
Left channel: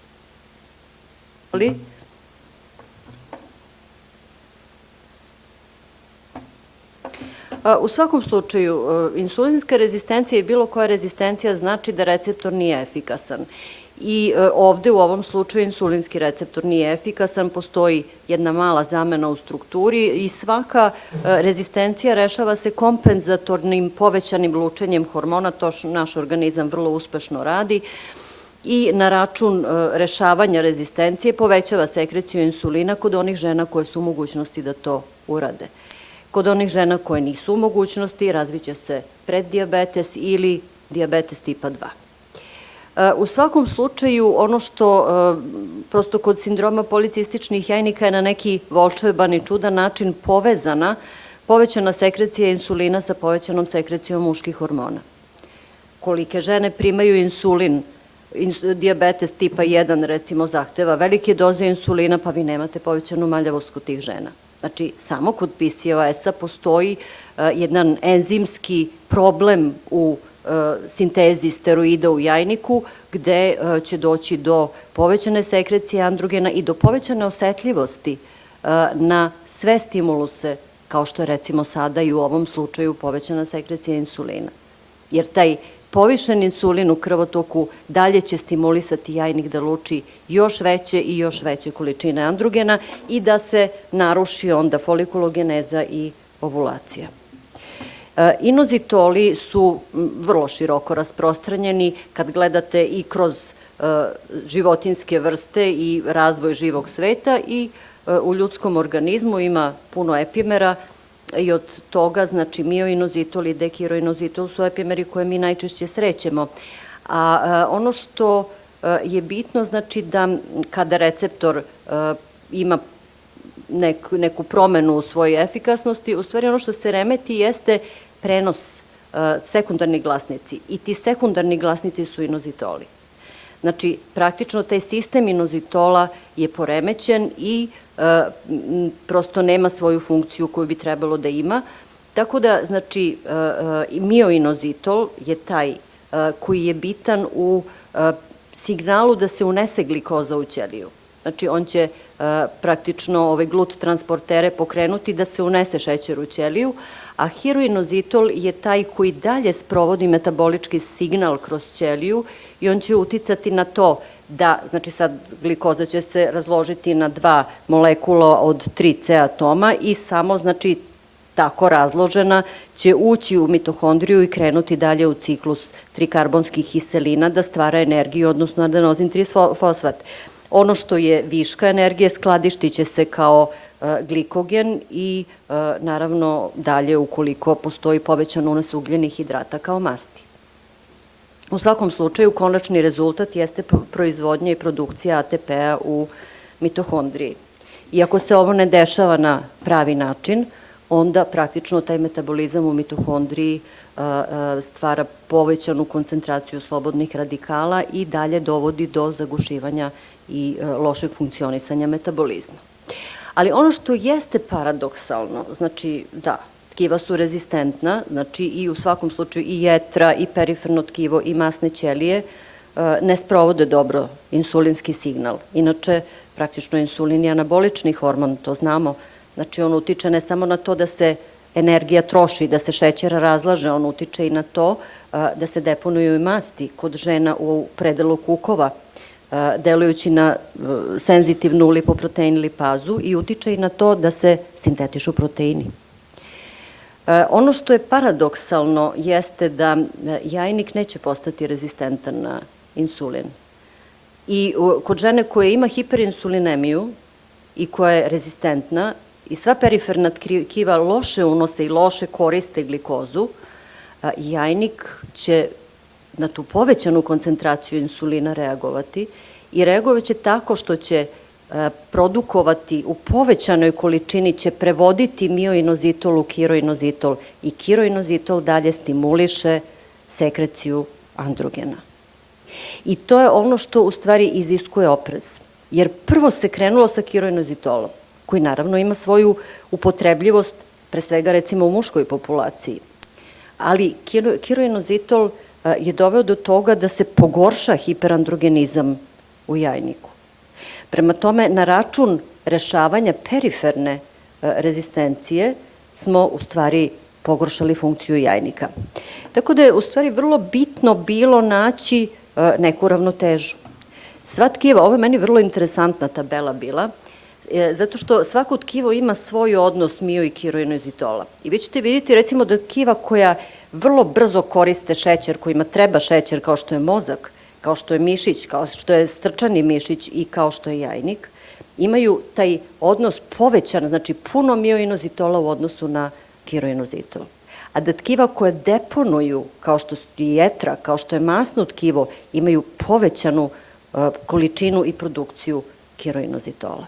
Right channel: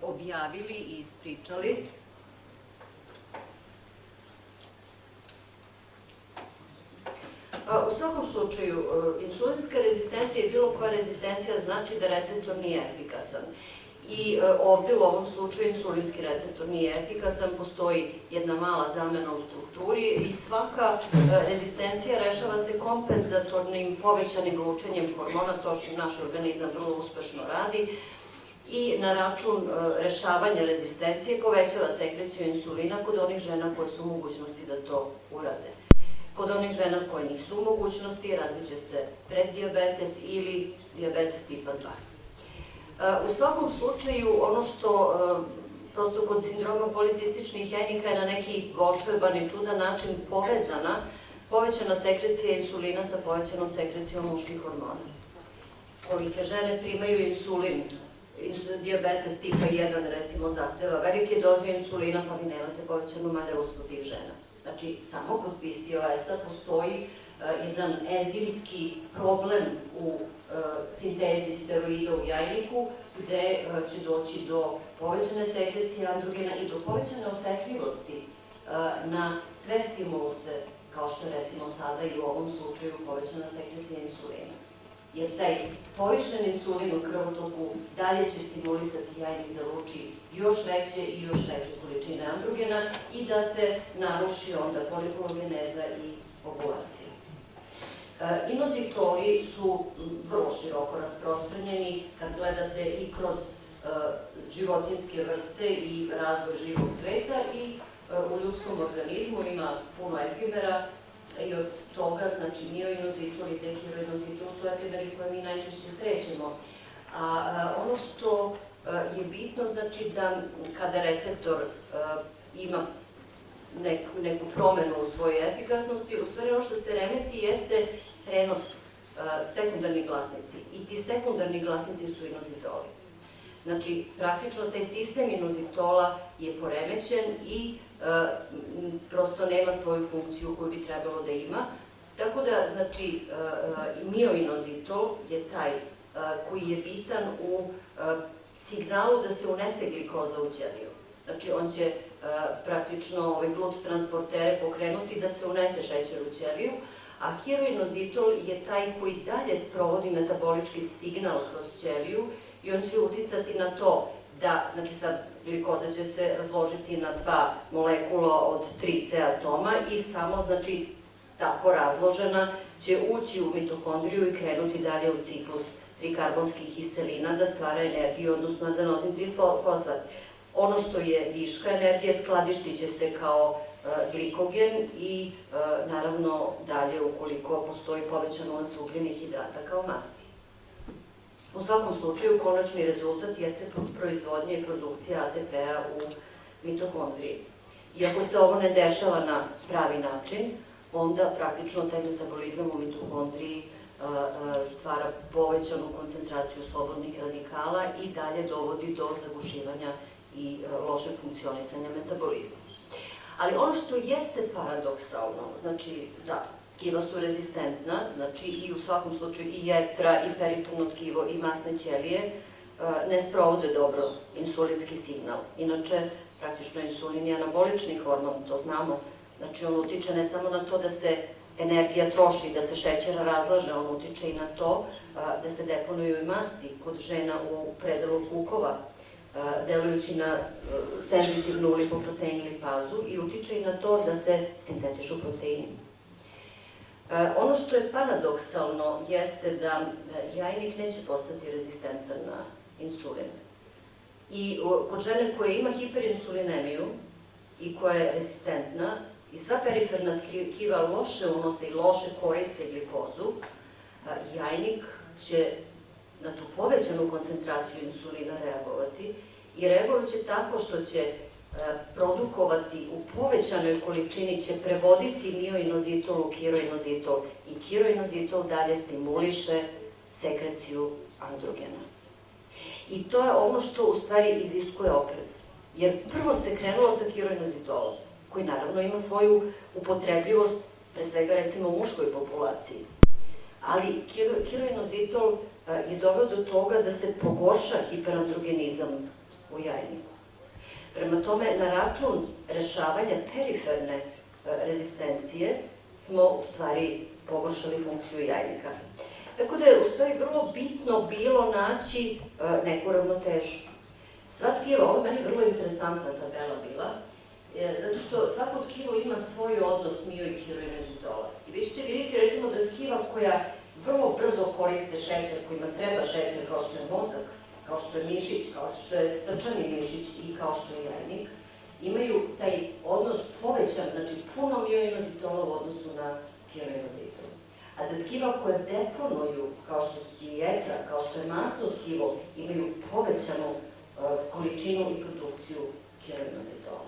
objavili i ispričali. U svakom slučaju, insulinska rezistencija i bilo koja rezistencija znači da receptor nije efikasan. I ovde u ovom slučaju insulinski receptor nije efikasan, postoji jedna mala zamena u strukturi i svaka rezistencija rešava se kompenzatornim povećanim lučenjem hormona, to naš organizam vrlo uspešno radi, i na račun rešavanja rezistencije povećava sekreciju insulina kod onih žena koje su u mogućnosti da to urade. Kod onih žena koje nisu u mogućnosti razviće se preddijabetes ili dijabetes tipa 2. U svakom slučaju, ono što prosto kod sindroma policističnih jajnika je na neki volšeban i čudan način povećana sekrecija insulina sa povećanom sekrecijom muških hormona. Kolike žene primaju insulin, dijabetes tipa 1 recimo zahteva velike doze insulina, pa vi nemate povećanu maljavost kod tih žena. Znači, samo kod PCOS-a postoji jedan enzimski problem u sintezi steroida u jajniku, gde će doći do povećane sekrecije androgena i do povećane osetljivosti na sve stimuluse, kao što je recimo sada i u ovom slučaju povećana sekrecija insulina. Jer taj povišen insulin u krvotoku dalje će stimulisati jajnik da luči još veće i još veće količine androgena i da se naruši onda folikulogeneza i ovulacija. Inozitoli su vrlo široko rasprostranjeni kad gledate i kroz životinjske vrste i razvoj živog sveta i u ljudskom organizmu ima puno epimera i od toga, znači, mioinozitol i dekiroinozitol su epimeri koje mi najčešće srećemo. A ono što je bitno, znači da kada receptor ima neku promenu u svojoj efikasnosti, u stvari ono što se remeti jeste prenos sekundarnih glasnici i ti sekundarni glasnici su inozitoli. Znači, praktično taj sistem inozitola je poremećen i prosto nema svoju funkciju koju bi trebalo da ima. Tako da, znači, mioinozitol je taj koji je bitan u signalu da se unese glikoza u ćeliju. Znači, on će praktično ove glut transportere pokrenuti da se unese šećer u ćeliju, a heroinozitol je taj koji dalje sprovodi metabolički signal kroz ćeliju i on će uticati na to da, znači sad glikoza će se razložiti na 2 molekula od 3 C atoma i samo, znači, tako razložena će ući u mitohondriju i krenuti dalje u ciklus trikarbonskih kiselina da stvara energiju, odnosno adenozin 3-fosfat. Ono što je viška energije skladištit će se kao glikogen i naravno dalje ukoliko postoji povećan unos ugljenih hidrata kao masti. U svakom slučaju, konačni rezultat jeste proizvodnja i produkcija ATP-a u mitohondriji. I ako se ovo ne dešava na pravi način, onda praktično taj metabolizam u mitohondriji stvara povećanu koncentraciju slobodnih radikala i dalje dovodi do zagušivanja i lošeg funkcionisanja metabolizma. Ali ono što jeste paradoksalno, znači da, tkiva su rezistentna, znači i u svakom slučaju i jetra, i periferno tkivo, i masne ćelije ne sprovode dobro insulinski signal. Inače, praktično insulin je anabolični hormon, to znamo. Znači, on utiče ne samo na to da se energija troši, da se šećer razlaže, on utiče i na to da se deponuju i masti kod žena u predelu kukova, delujući na senzitivnu lipoprotein lipazu i utiče i na to da se sintetišu proteini. Ono što je paradoksalno jeste da jajnik neće postati rezistentan na insulin. I kod žene koja ima hiperinsulinemiju i koja je rezistentna i sva periferna tkiva loše unose i loše koriste glikozu, jajnik će na tu povećanu koncentraciju insulina reagovati i reagovat će tako što će produkovati u povećanoj količini, će prevoditi mioinozitol u kiroinozitol i kiroinozitol dalje stimuliše sekreciju androgena. I to je ono što u stvari iziskuje oprez. Jer prvo se krenulo sa kiroinozitolom, koji naravno ima svoju upotrebljivost, pre svega recimo u muškoj populaciji. Ali kiroinozitol je doveo do toga da se pogorša hiperandrogenizam u jajniku. Prema tome, na račun rešavanja periferne rezistencije smo u stvari pogoršali funkciju jajnika. Tako da je u stvari vrlo bitno bilo naći neku ravnotežu. Sva tkiva, ovo je meni vrlo interesantna tabela bila, zato što svako tkivo ima svoj odnos mio i kiroinozitola. I vi ćete vidjeti recimo da tkiva koja vrlo brzo koriste šećer, kojima treba šećer kao što je mozak, kao što je mišić, kao što je strčani mišić i kao što je jajnik, imaju taj odnos povećan, znači puno mioinozitola u odnosu na kiroinozitol. A da tkiva koje deponuju, kao što je jetra, kao što je masno tkivo, imaju povećanu količinu i produkciju kiroinozitola.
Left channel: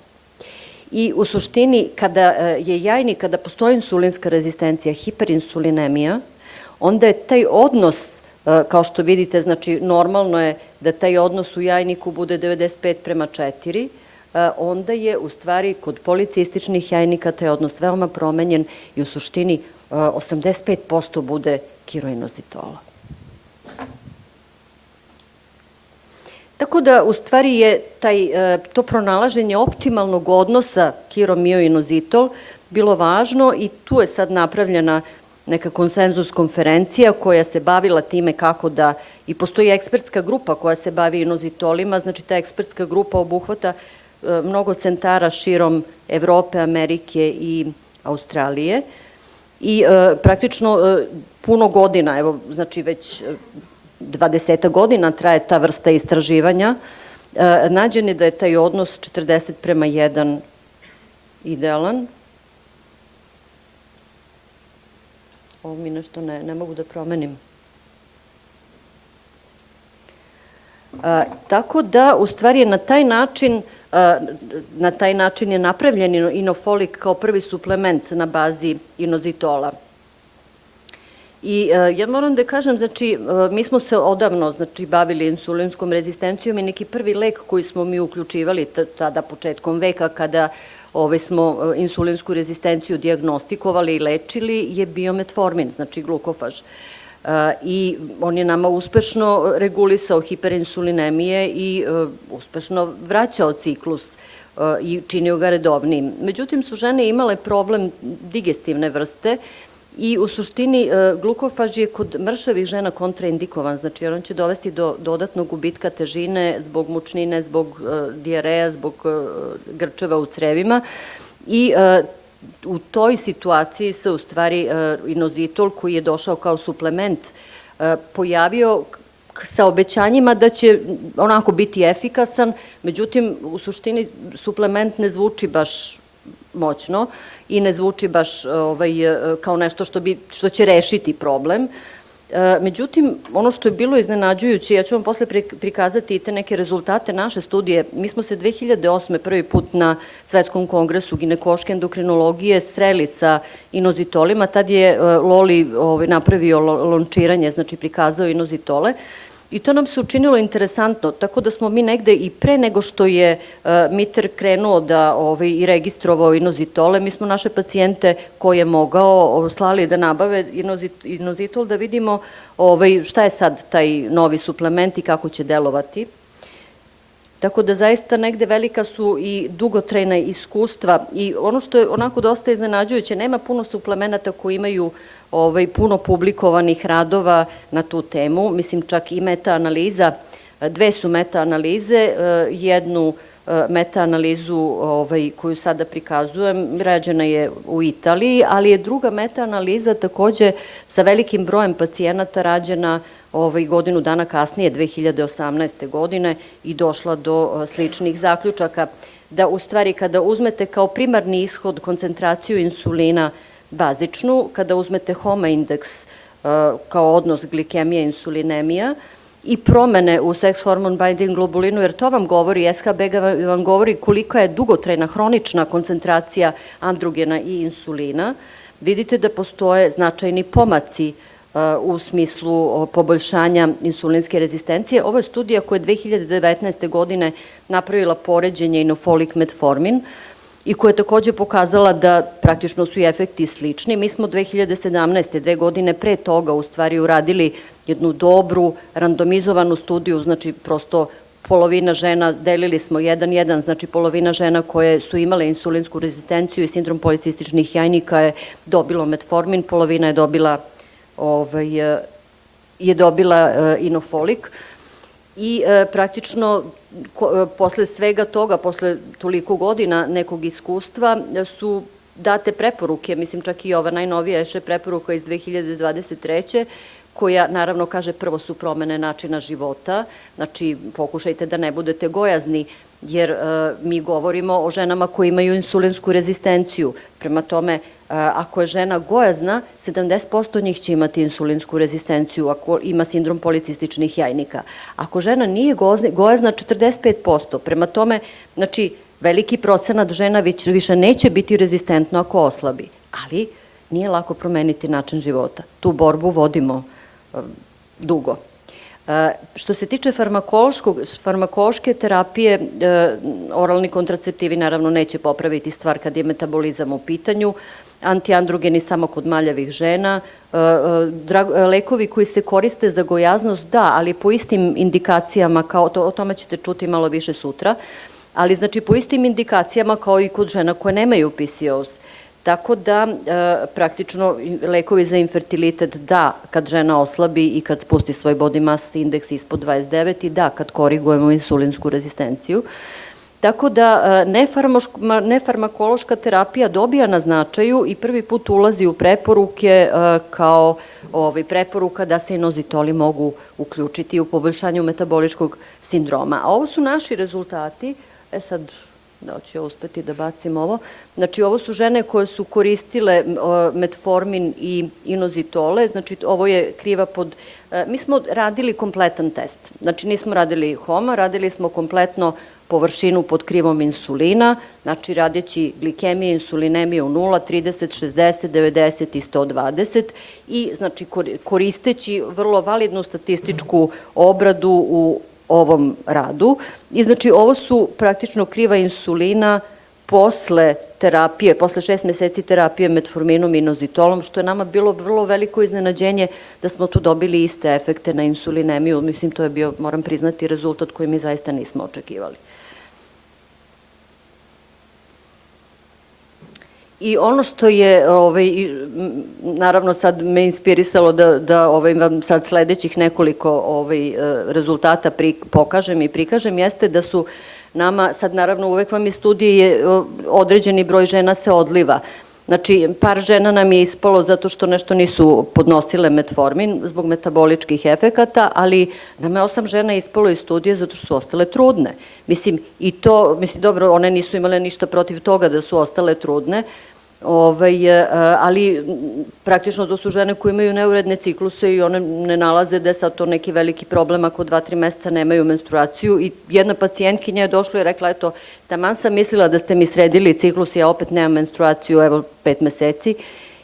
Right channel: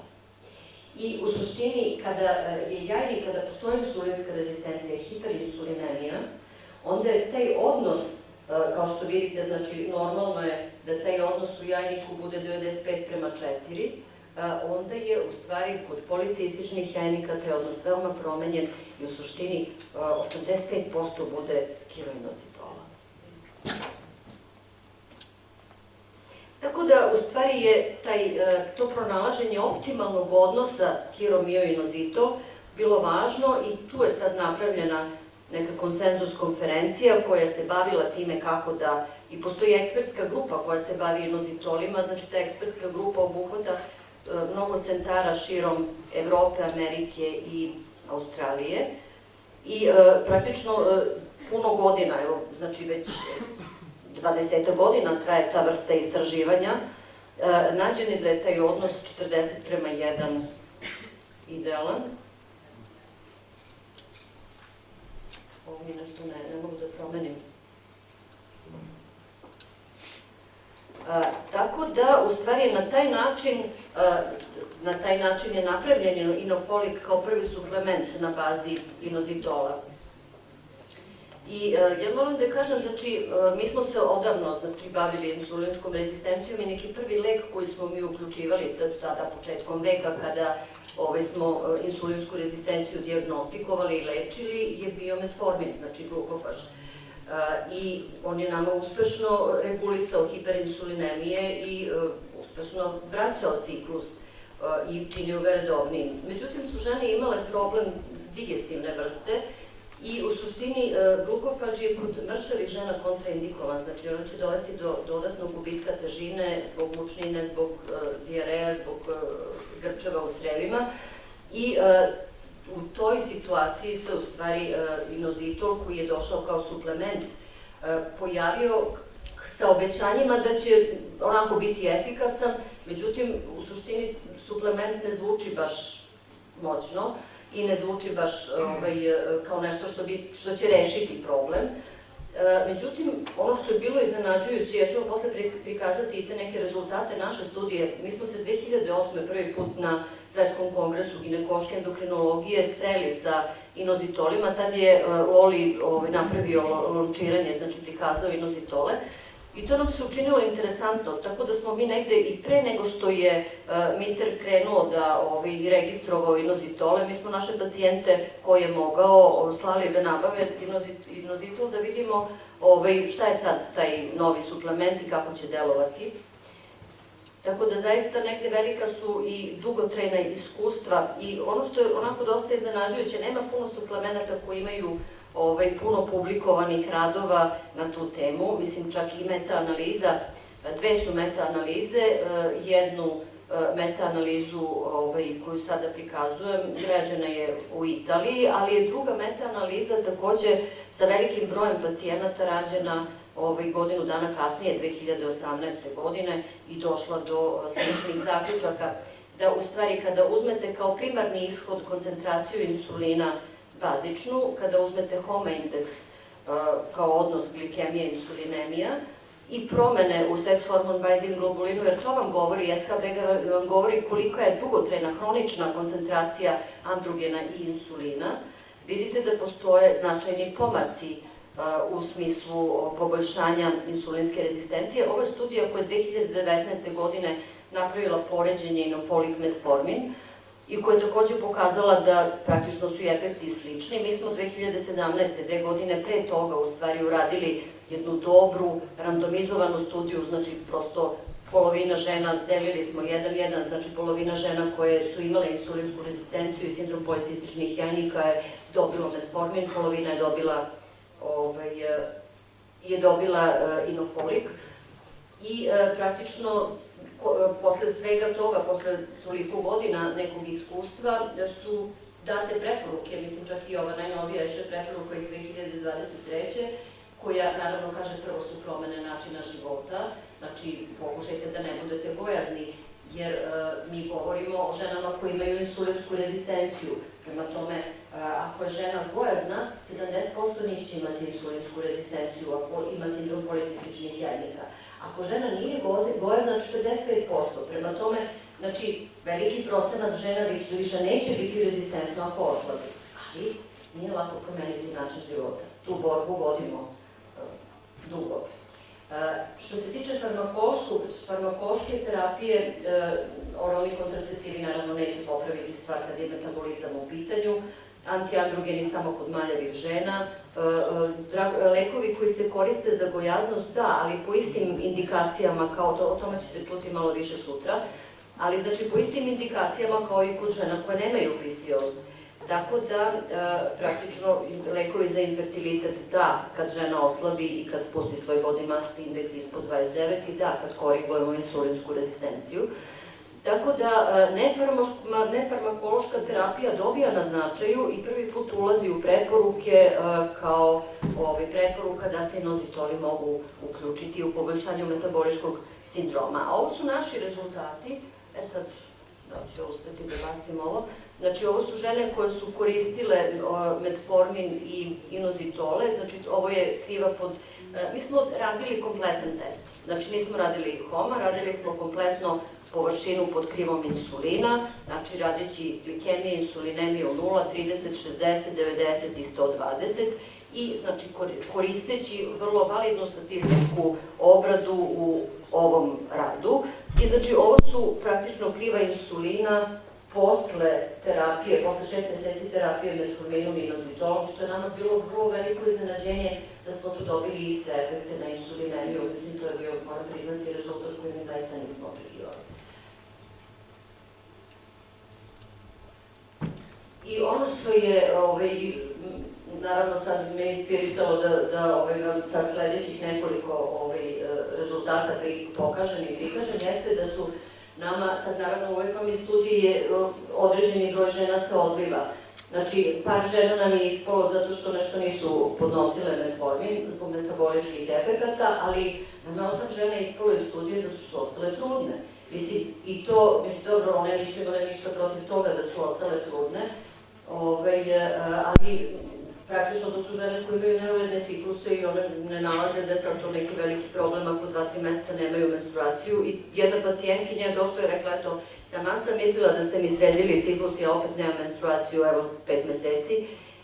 I u suštini, kada je jajnik, kada postoji insulinska rezistencija, hiperinsulinemija, onda je taj odnos, kao što vidite, znači normalno je da taj odnos u jajniku bude 95:4, onda je u stvari kod policističnih jajnika taj odnos veoma promenjen i u suštini 85% bude kiroinozitola. Tako da, u stvari je to pronalaženje optimalnog odnosa kiro-mioinozitol bilo važno i tu je sad napravljena neka konsenzus konferencija koja se bavila time kako da, i postoji ekspertska grupa koja se bavi inozitolima, znači ta ekspertska grupa obuhvata mnogo centara širom Evrope, Amerike i Australije i praktično puno godina, evo, znači već 20 godina traje ta vrsta istraživanja, nađen je da je taj odnos 40:1 idealan. Ovo mi nešto ne mogu da promenim. Tako da, u stvari je na taj način je napravljen inofolik kao prvi suplement na bazi inozitola. I ja moram da kažem, znači, mi smo se odavno bavili insulinskom rezistencijom i neki prvi lek koji smo mi uključivali tada početkom veka kada smo insulinsku rezistenciju dijagnostikovali i lečili je bio metformin, znači glukofaž. I on je nama uspešno regulisao hiperinsulinemije i uspešno vraćao ciklus i činio ga redovnim. Međutim, su žene imale problem digestivne vrste i u suštini glukofaž je kod mršavih žena kontraindikovan, znači jer on će dovesti do dodatnog gubitka težine zbog mučnine, zbog dijareja, zbog grčeva u crevima i u toj situaciji se u stvari inozitol koji je došao kao suplement pojavio sa obećanjima da će onako biti efikasan, međutim u suštini suplement ne zvuči baš moćno i ne zvuči baš kao nešto što će rešiti problem. Međutim, ono što je bilo iznenađujuće, ja ću vam posle prikazati i te neke rezultate naše studije. Mi smo se 2008. prvi put na Svetskom kongresu ginekološke endokrinologije sreli sa inozitolima. Tad je Loli napravio lončiranje, znači prikazao inozitole. I to nam se učinilo interesantno, tako da smo mi negde i pre nego što je MITER krenuo i registrovao inozitole, mi smo naše pacijente koje je mogao slali da nabave inozitol, da vidimo šta je sad taj novi suplement i kako će delovati. Tako da zaista negde velika su i dugotrajna iskustva i ono što je onako dosta iznenađujuće, nema puno suplemenata koji imaju puno publikovanih radova na tu temu, mislim čak i meta-analiza, dve su meta-analize, jednu meta-analizu koju sada prikazujem, rađena je u Italiji, ali je druga meta-analiza takođe sa velikim brojem pacijenata rađena godinu dana kasnije, 2018. godine, i došla do sličnih zaključaka, da u stvari kada uzmete kao primarni ishod koncentraciju insulina bazičnu, kada uzmete HOMA indeks kao odnos glikemija-insulinemija i promene u sex hormone binding globulinu, jer to vam govori, SHBG vam govori kolika je dugotrajna hronična koncentracija androgena i insulina, vidite da postoje značajni pomaci u smislu poboljšanja insulinske rezistencije. Ovo je studija koja je 2019. godine napravila poređenje inofolik metformin i koja je takođe pokazala da praktično su i efekti slični. Mi smo 2017. 2 godine pre toga u stvari uradili jednu dobru randomizovanu studiju, znači prosto polovina žena, delili smo 1:1, znači polovina žena koje su imale insulinsku rezistenciju i sindrom policističnih jajnika je dobilo metformin, polovina je dobila inofolik i praktično posle svega toga, posle toliko godina nekog iskustva su date preporuke, mislim čak i ova najnovija je preporuka iz 2023. koja naravno kaže prvo su promene načina života, znači pokušajte da ne budete gojazni, jer mi govorimo o ženama koje imaju insulinsku rezistenciju. Prema tome, ako je žena gojazna, 70% njih će imati insulinsku rezistenciju ako ima sindrom policističnih jajnika. Ako žena nije gojazna, 45%. Prema tome, znači, veliki procenat žena više neće biti rezistentno ako oslabi. Ali nije lako promeniti način života. Tu borbu vodimo dugo. Što se tiče farmakološke terapije, oralni kontraceptivi naravno neće popraviti stvar kad je metabolizam u pitanju, antiandrogeni samo kod maljavih žena, lekovi koji se koriste za gojaznost, da, ali po istim indikacijama, o tome ćete čuti malo više sutra, ali znači po istim indikacijama kao i kod žena koje nemaju PCOS. Tako da, praktično, lekovi za infertilitet, da, kad žena oslabi i kad spusti svoj body mass indeks ispod 29 i da, kad korigujemo insulinsku rezistenciju. Tako da, nefarmakološka terapija dobija na značaju i prvi put ulazi u preporuke kao preporuka da se inozitoli mogu uključiti u poboljšanju metaboličkog sindroma. A ovo su naši rezultati, sad, da ću ja uspeti da bacim ovo, znači ovo su žene koje su koristile metformin i inozitole, znači ovo je kriva pod, mi smo radili kompletan test, znači nismo radili HOMA, radili smo kompletno površinu pod krivom insulina, znači radeći glikemije, insulinemije u 0, 30, 60, 90 i 120 i znači koristeći vrlo validnu statističku obradu u ovom radu. I znači ovo su praktično kriva insulina posle terapije, posle 6 meseci terapije metforminom i inozitolom, što je nama bilo vrlo veliko iznenađenje da smo tu dobili iste efekte na insulinemiju. Mislim, to je bio, moram priznati, rezultat koji mi zaista nismo očekivali. I ono što je, naravno sad me inspirisalo da vam sad sledećih nekoliko rezultata pokažem i prikažem, jeste da su nama, sad naravno uvek vam iz studije određeni broj žena se odliva, Znači, par žena nam je ispalo zato što nešto nisu podnosile metformin zbog metaboličkih efekata, ali nam je 8 žena ispalo iz studije zato što su ostale trudne. Mislim, i to, dobro, one nisu imale ništa protiv toga da su ostale trudne, ali praktično to su žene koje imaju neuredne cikluse i one ne nalaze da je sad to neki veliki problem ako 2-3 meseca nemaju menstruaciju. I jedna pacijentkinja je došla i rekla, eto, taman sam mislila da ste mi sredili ciklus, ja opet nemam menstruaciju, evo 5 meseci.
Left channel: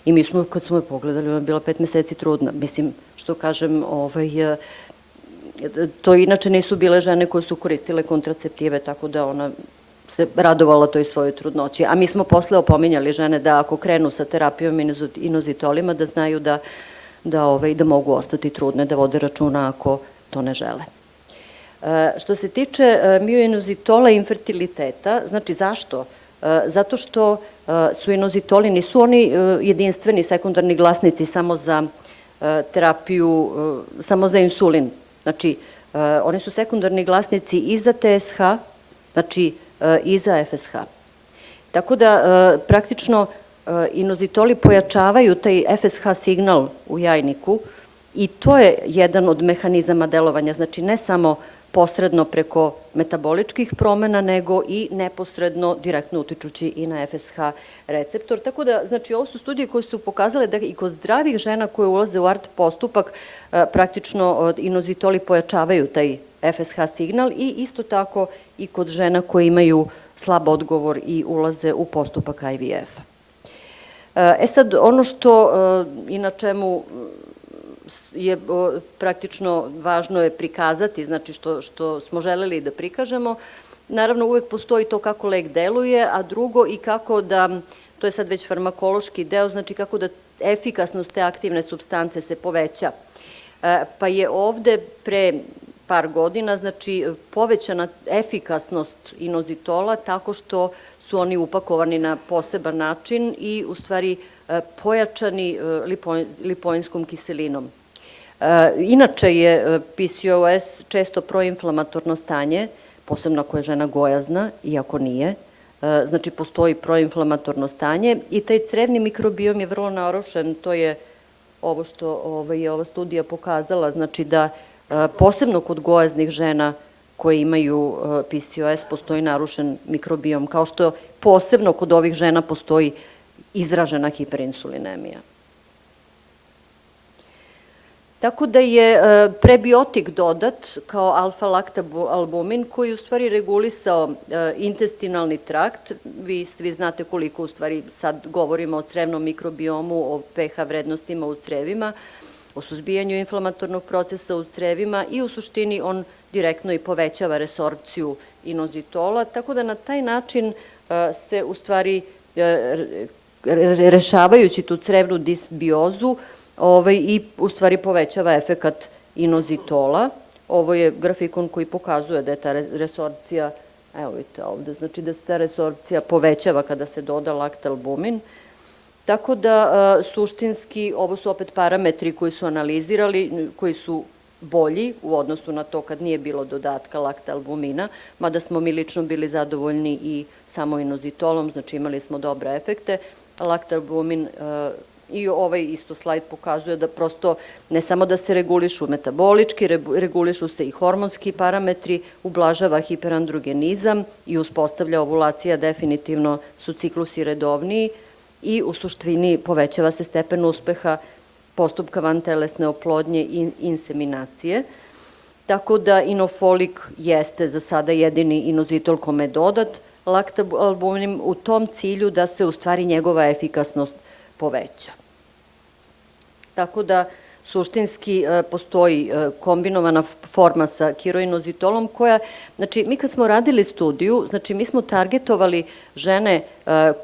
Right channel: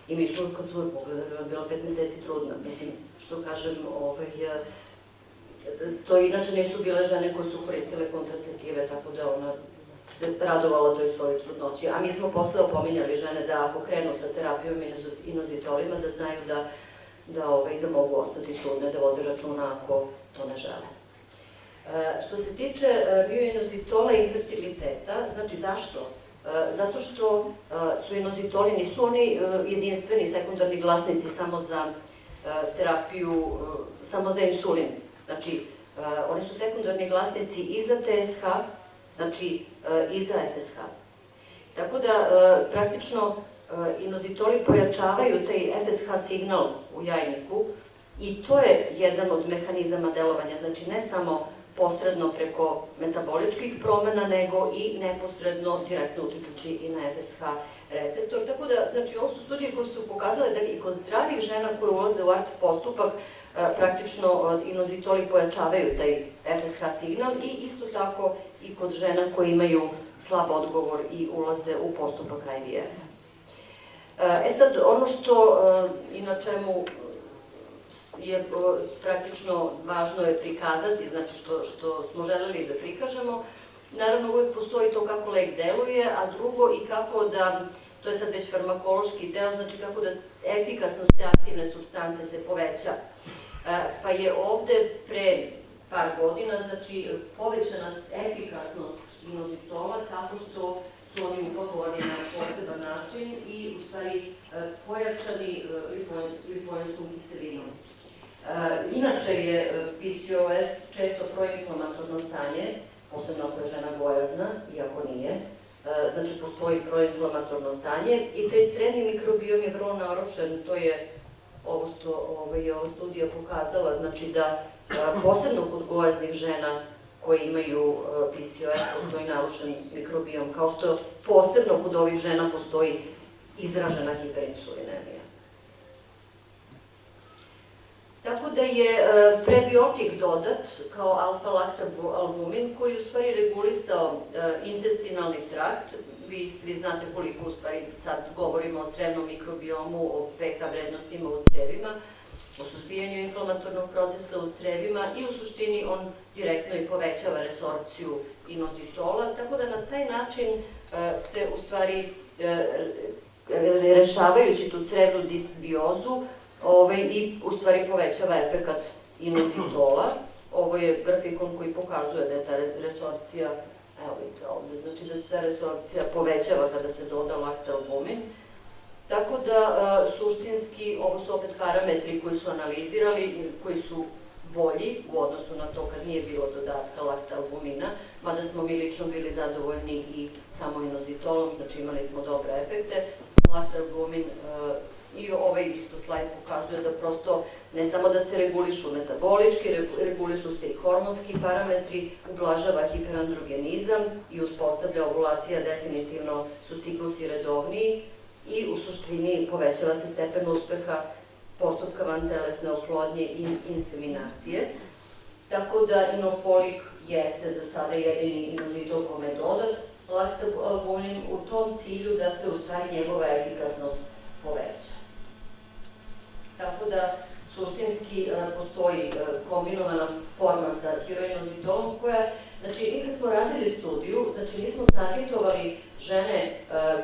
I mi smo, kad smo je pogledali, ona je bila 5 meseci trudna. Mislim, što kažem, to inače nisu bile žene koje su koristile kontraceptive, tako da ona se radovala toj svojoj trudnoći. A mi smo posle opominjali žene da ako krenu sa terapijom inozitolima, da znaju da mogu ostati trudne, da vode računa ako to ne žele. Što se tiče mioinozitola i infertiliteta, znači zašto? Zato što su inozitoli, nisu oni jedinstveni sekundarni glasnici samo za terapiju, samo za insulin. Znači, oni su sekundarni glasnici i za TSH, znači i za FSH. Tako da, praktično, inozitoli pojačavaju taj FSH signal u jajniku i to je jedan od mehanizama delovanja, znači ne samo posredno preko metaboličkih promena, nego i neposredno, direktno utičući i na FSH receptor. Tako da, znači, ovo su studije koje su pokazale da i kod zdravih žena koje ulaze u ART postupak, praktično inozitoli pojačavaju taj FSH signal i isto tako i kod žena koje imaju slab odgovor i ulaze u postupak IVF-a. Sad, ono što i na čemu je praktično važno je prikazati, znači što smo želeli da prikažemo, naravno uvek postoji to kako lek deluje, a drugo i kako da, to je sad već farmakološki deo, znači kako da efikasnost te aktivne supstance se poveća. Pa je ovde pre par godina, znači, povećana efikasnost inozitola tako što su oni upakovani na poseban način i, u stvari, pojačani lipoinskom kiselinom. Inače je PCOS često proinflamatorno stanje, posebno ako je žena gojazna, iako nije. Znači, postoji proinflamatorno stanje i taj crevni mikrobiom je vrlo narušen, to je ovo što je ova studija pokazala, znači da posebno kod gojaznih žena koje imaju PCOS postoji narušen mikrobiom, kao što posebno kod ovih žena postoji izražena hiperinsulinemija. Tako da je prebiotik dodat kao alfa-laktalbumin koji u stvari regulisao intestinalni trakt. Vi svi znate koliko u stvari sad govorimo o crevnom mikrobiomu, o pH vrednostima u crevima, o suzbijanju inflamatornog procesa u crevima i u suštini on direktno i povećava resorpciju inozitola, tako da na taj način se u stvari rešavajući tu crevnu disbiozu i u stvari povećava efekat inozitola. Ovo je grafikon koji pokazuje da je ta resorpcija, evo vidite ovde, znači da se ta resorpcija povećava kada se doda laktalbumin. Tako da, suštinski, ovo su opet parametri koji su analizirali, koji su bolji u odnosu na to kad nije bilo dodatka laktalbumina, mada smo mi lično bili zadovoljni i samo inozitolom, znači imali smo dobre efekte. Laktalbumin i ovaj isto slajd pokazuje da prosto ne samo da se regulišu metabolički, regulišu se i hormonski parametri, ublažava hiperandrogenizam i uspostavlja ovulacija, definitivno su ciklusi redovniji i u suštini povećava se stepen uspeha postupka vantelesne oplodnje i inseminacije. Tako da inofolik jeste za sada jedini inozitol kome je dodat laktalbumin u tom cilju da se u stvari njegova efikasnost poveća. Tako da suštinski postoji kombinovana forma sa kiroinozitolom koja, znači mi kad smo radili studiju, znači mi smo targetovali žene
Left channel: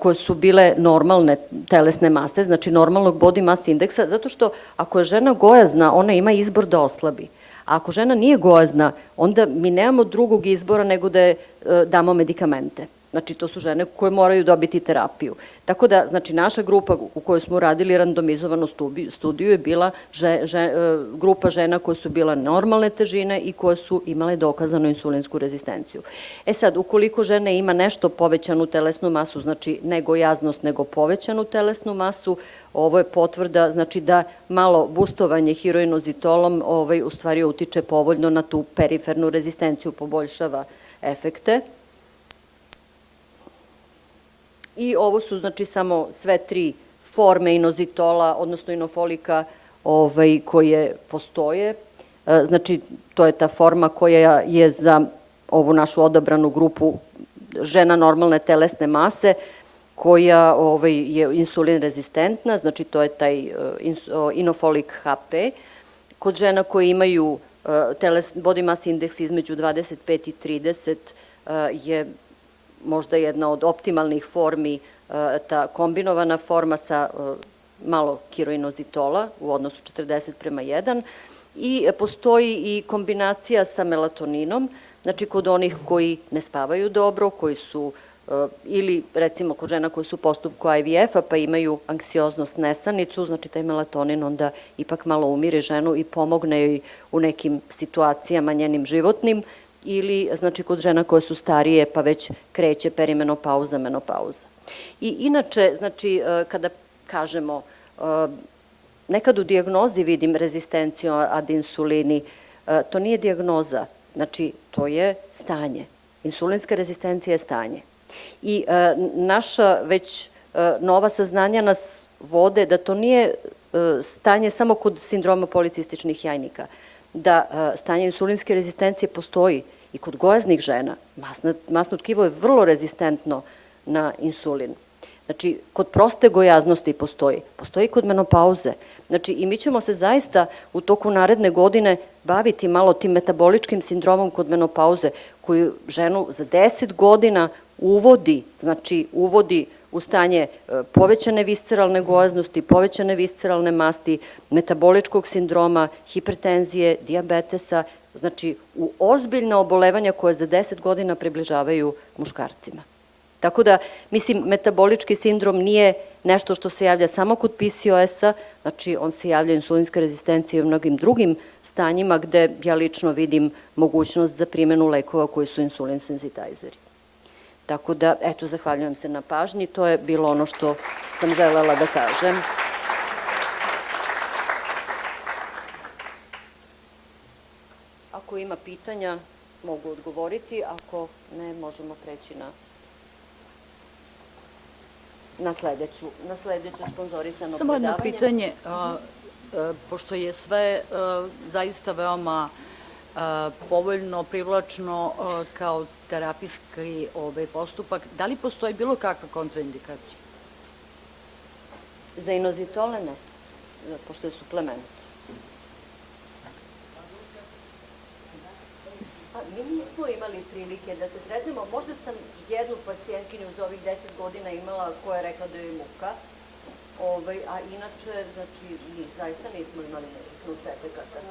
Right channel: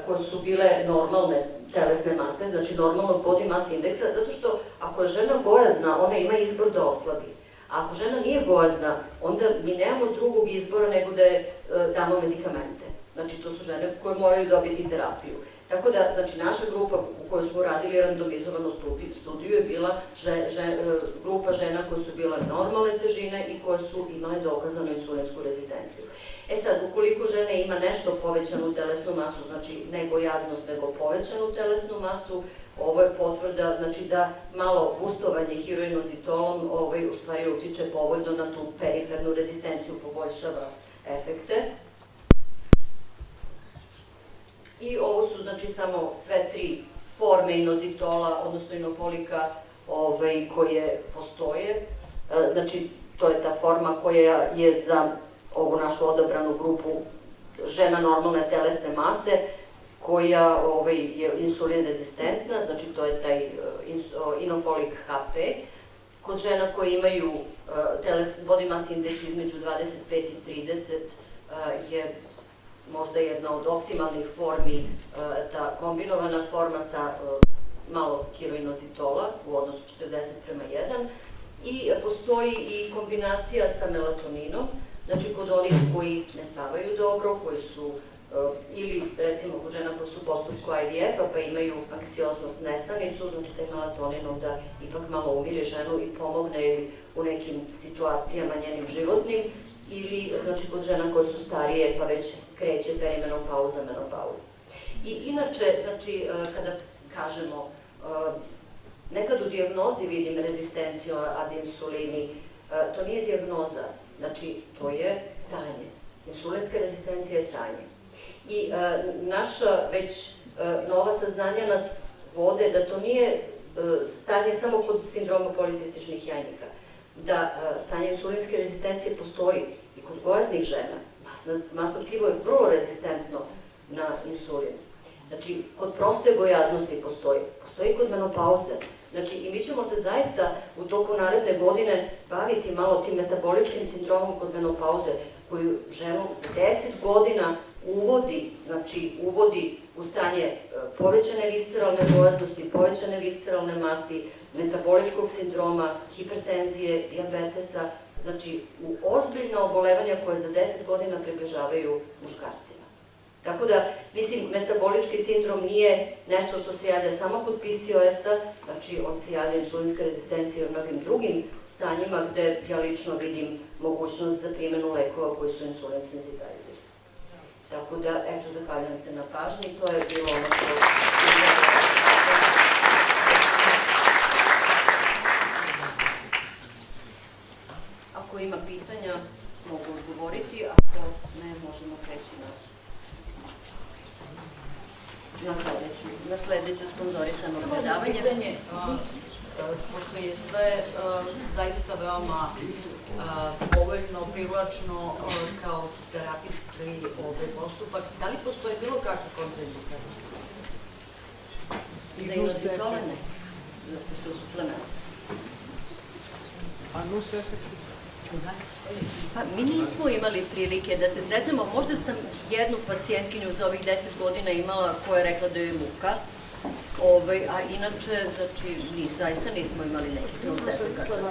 koje su bile normalne telesne mase, znači normalnog body mass indeksa, zato što ako je žena gojazna, ona ima izbor da oslabi. A ako žena nije gojazna, onda mi nemamo drugog izbora nego da je damo medikamente. Znači to su žene koje moraju dobiti terapiju. Tako da, znači, naša grupa u kojoj smo radili randomizovanu studiju je bila grupa žena koje su bila normalne težine i koje su imale dokazanu insulinsku rezistenciju. E sad, ukoliko žena ima nešto povećanu telesnu masu, znači ne gojaznost, nego povećanu telesnu masu, ovo je potvrda, znači da malo bustovanje hiroinozitolom u stvari utiče povoljno na tu perifernu rezistenciju, poboljšava efekte. I ovo su, znači, samo sve 3 forme inozitola, odnosno inofolika koje postoje. Znači, to je ta forma koja je za ovu našu odabranu grupu žena normalne telesne mase, koja je insulin rezistentna, znači to je taj inofolik HP. Kod žena koje imaju body mass index između 25 i 30 je možda jedna od optimalnih formi, ta kombinovana forma sa malo kiroinozitola u odnosu 40:1 i postoji i kombinacija sa melatoninom, znači kod onih koji ne spavaju dobro, koji su ili recimo kod žena koji su u postupku IVF-a pa imaju anksioznost, nesanicu, znači taj melatonin onda ipak malo umiri ženu i pomogne joj u nekim situacijama njenim životnim, ili znači kod žena koje su starije pa već kreće perimenopauza, menopauza. I inače, znači kada kažemo, nekad u dijagnozi vidim rezistenciju ad insulini, to nije dijagnoza, znači to je stanje. Insulinska rezistencija je stanje. I naša već nova saznanja nas vode da to nije stanje samo kod sindroma policističnih jajnika, da stanje insulinske rezistencije postoji i kod gojaznih žena. Masno tkivo je vrlo rezistentno na insulin. Znači, kod proste gojaznosti postoji i kod menopauze. Znači, i mi ćemo se zaista u toku naredne godine baviti malo tim metaboličkim sindromom kod menopauze, koju ženu za 10 godina uvodi u stanje povećane visceralne gojaznosti, povećane visceralne masti, metaboličkog sindroma, hipertenzije, dijabetesa, znači u ozbiljna obolevanja koje za 10 godina približavaju muškarcima. Tako da, mislim, metabolički sindrom nije nešto što se javlja samo kod PCOS-a, znači on se javlja insulinska rezistencija i u mnogim drugim stanjima gde ja lično vidim mogućnost za primjenu lekova koji su insulin senzitizeri. Tako da, eto, zahvaljujem se na pažnji, to je bilo ono što sam želela da kažem. Ako ima pitanja, mogu odgovoriti, ako ne, možemo preći na sledeću sponzorisano predavanje. Samo jedno pitanje, pošto je sve zaista veoma povoljno, privlačno kao terapijski postupak, da li postoji bilo kakva kontraindikacija? Za inozitole ne, pošto je suplement. A nus efekt? Pa mi nismo imali prilike da se sretnemo, možda sam jednu pacijentkinju za ovih 10 godina imala koja je rekla da joj je muka, a inače, znači, zaista nismo imali nekih nus efekata.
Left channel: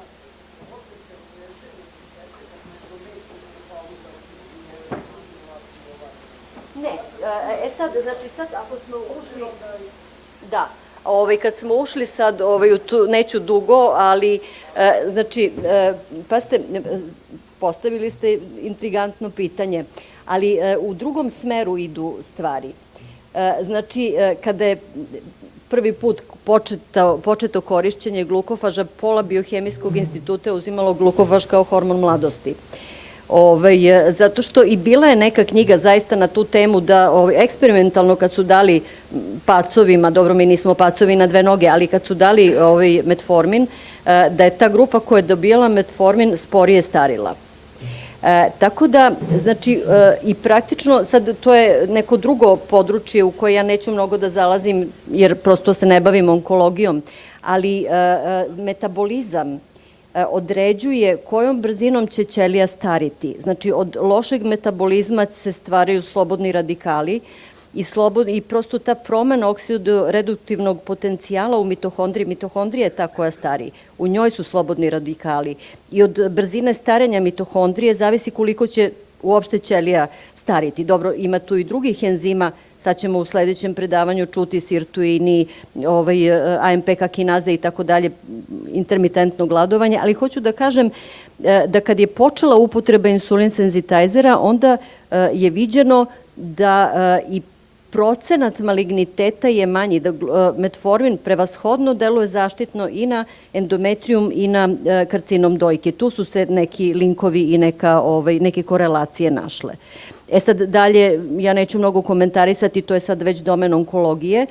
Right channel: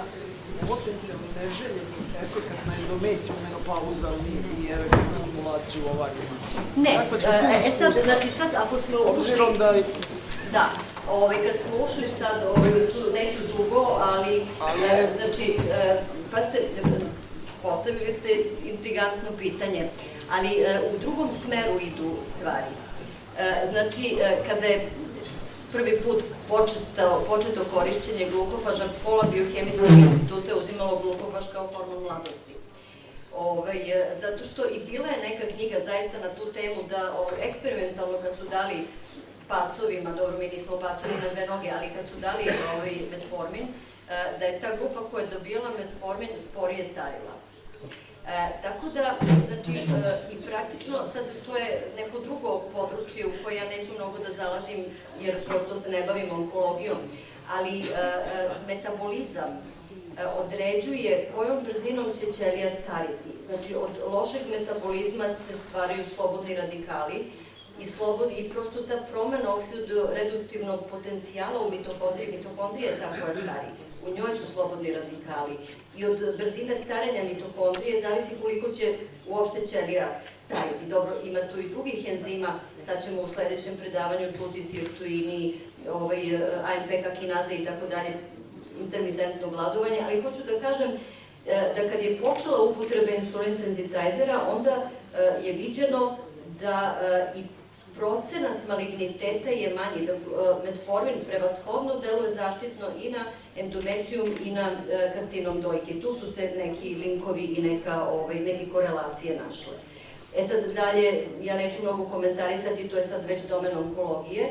Potencijalno neželjeni efekt na endometriju, menopauza i erektilnu stimulaciju Ne, sad, ako smo ušli... Da, kad smo ušli sad, neću dugo, ali, znači, postavili ste intrigantno pitanje, ali u drugom smeru idu stvari. Znači, kada je prvi put početo korišćenje glukofaža, pola biohemijskog instituta je uzimalo glukofaž kao hormon mladosti. Zato što i bila je neka knjiga zaista na tu temu da eksperimentalno kad su dali pacovima, dobro mi nismo pacovi na 2 noge, ali kad su dali metformin, da je ta grupa koja je dobijala metformin sporije starila. Tako da, znači, i praktično, sad to je neko drugo područje u koje ja neću mnogo da zalazim, jer prosto se ne bavim onkologijom, ali metabolizam određuje kojom brzinom će ćelija stariti. Znači, od lošeg metabolizma se stvaraju slobodni radikali i prosto ta promena oksidoreduktivnog potencijala u mitohondriji, mitohondrija je ta koja stari, u njoj su slobodni radikali i od brzine starenja mitohondrije zavisi koliko će uopšte ćelija stariti. Dobro, ima tu i drugih enzima Sad ćemo u sledećem predavanju čuti sirtuini, AMP kakinaze i tako dalje, intermitentno gladovanje, ali hoću da kažem da kad je počela upotreba insulin senzitizera, onda je viđeno da i procenat maligniteta je manji, da metformin prevashodno deluje zaštitno i na endometrijum i na karcinom dojke. Tu su se neki linkovi i neke korelacije našle. Sad dalje, ja neću mnogo komentarisati, to je sad već domen onkologije,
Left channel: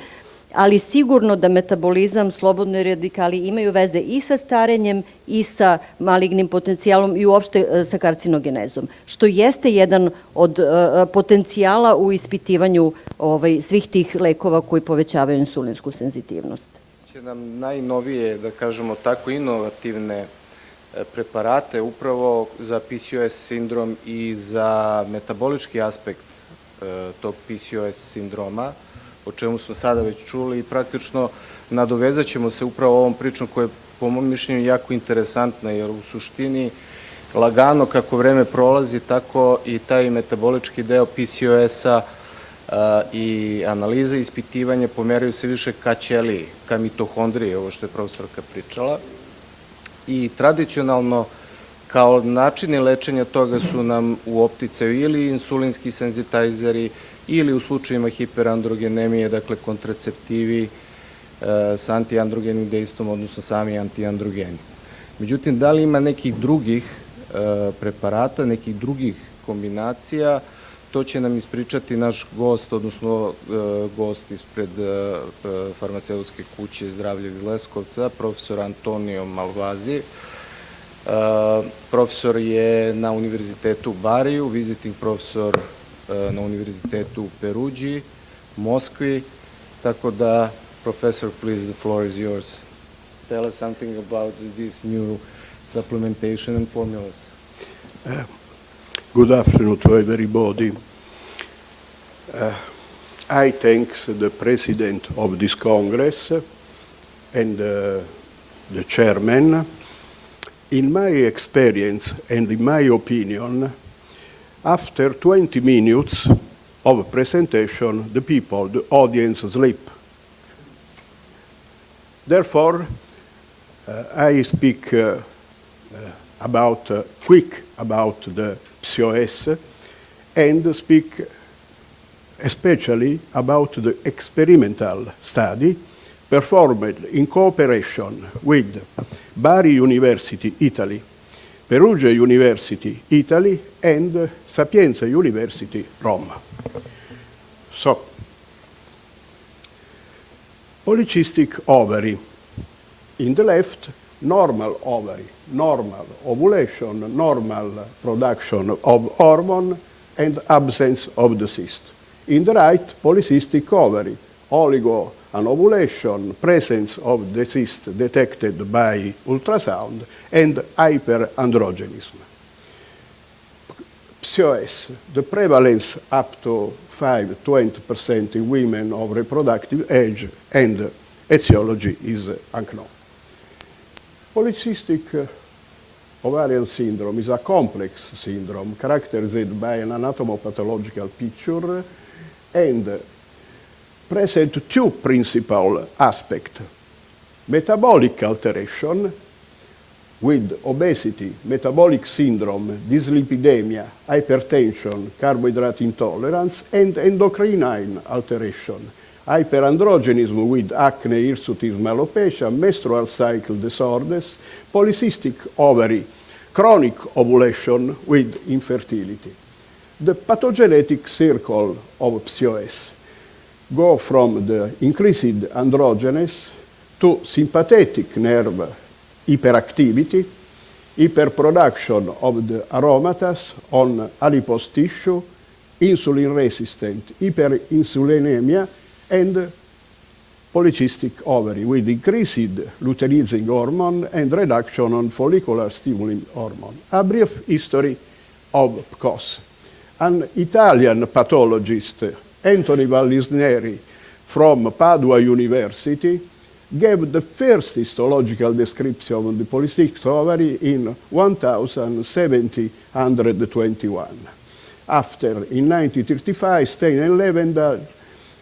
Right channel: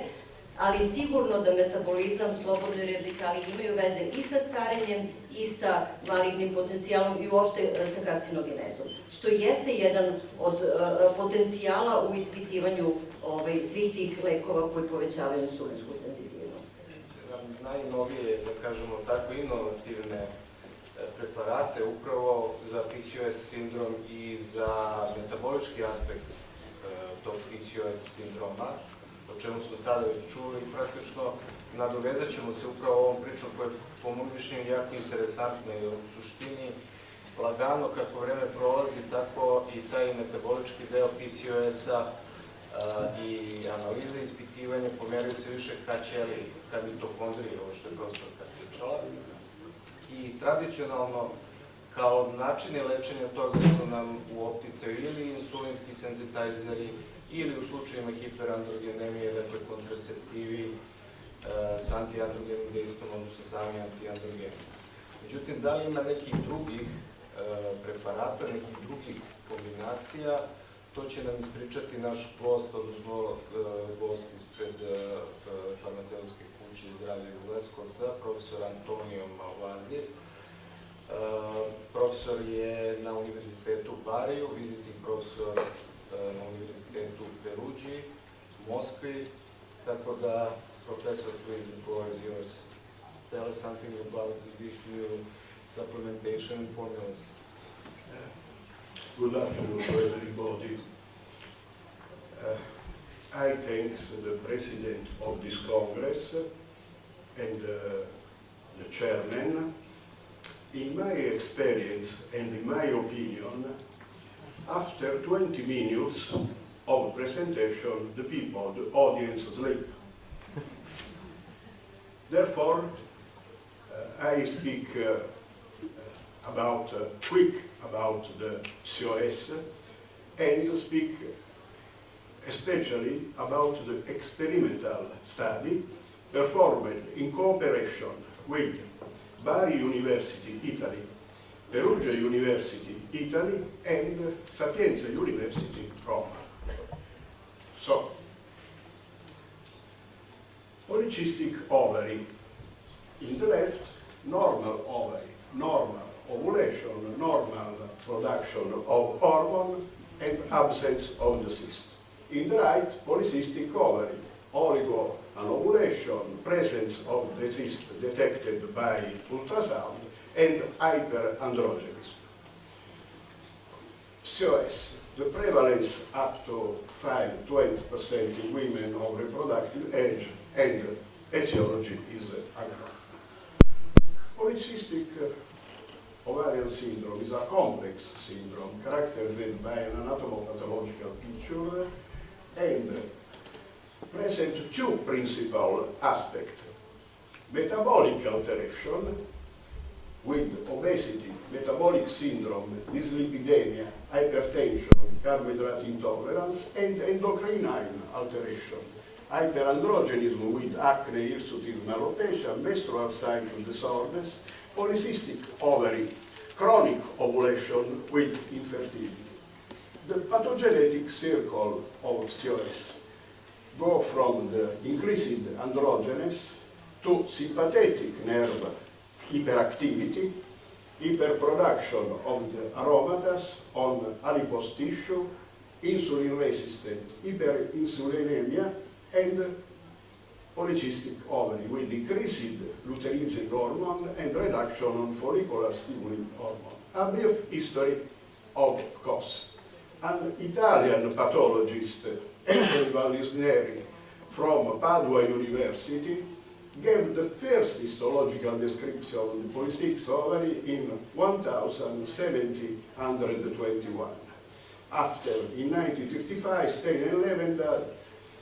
ali sigurno da metabolizam, slobodni radikali imaju veze i sa starenjem i sa malignim potencijalom i uopšte sa karcinogenezom, što jeste jedan od potencijala u ispitivanju svih tih lekova koji povećavaju insulinsku senzitivnost. Će nam najnovije, da kažemo tako, inovativne preparate upravo za PCOS sindrom i za metabolički aspekt tog PCOS sindroma, o čemu smo sada već čuli i praktično nadovezat ćemo se upravo ovom pričom koja je po mom mišljenju jako interesantna, jer u suštini lagano kako vreme prolazi, tako i taj metabolički deo PCOS-a i analize ispitivanja pomeraju se više ka ćeliji, ka mitohondriji, ovo što je profesorka pričala. I tradicionalno, kao načini lečenja toga su nam u opticaju ili insulinski senzitizeri, ili u slučajima hiperandrogenemije, dakle kontraceptivi s antiandrogenim dejstvom, odnosno sami antiandrogeni. Međutim, da li ima nekih drugih preparata, nekih drugih kombinacija, to će nam ispričati naš gost, odnosno gost ispred farmaceutske kuće Zdravlje iz Leskovca, profesor Antonio Malvazi. Profesor je na Univerzitetu u Bariju, visiting profesor na Univerzitetu u Peruđi, Moskvi, tako da, professor, please, the floor is yours. Tell us something about this new supplementation and formulas. Good afternoon to everybody. I thank the president of this Congress and the chairman. In my experience and in my opinion, after 20 minutes of presentation, the people, the audience sleep. Therefore, I speak quick about the PCOS and speak especially about the experimental study performed in cooperation with Bari University, Italy, Perugia University, Italy, and Sapienza University, Rome. So, polycystic ovary. In the left, normal ovary, normal ovulation, normal production of hormone, and absence of the cyst. In the right, polycystic ovary, oligoanovulation, presence of the cyst detected by ultrasound, and hyperandrogenism. PCOS, the prevalence up to 5-20% in women of reproductive age, and etiology is unknown. Polycystic ovarian syndrome is a complex syndrome characterized by an anatomopathological picture and present two principal aspects: metabolic alteration with obesity, metabolic syndrome, dyslipidemia, hypertension, carbohydrate intolerance, and endocrine alteration, hyperandrogenism with acne, hirsutism, alopecia, menstrual cycle disorders, polycystic ovary, chronic ovulation with infertility. The pathogenetic circle of PCOS go from the increased androgenes to sympathetic nerve hyperactivity, hyperproduction of the aromatas on adipose tissue, insulin-resistant hyperinsulinemia, and polycystic ovary with increased luteinizing hormone and reduction on follicular stimulin hormone. A brief history of PCOS. An Italian pathologist, Anthony Vallisneri, from Padua University, gave the first histological description of the polycystic ovary in 1721. After, in 1935, Stein and Levenda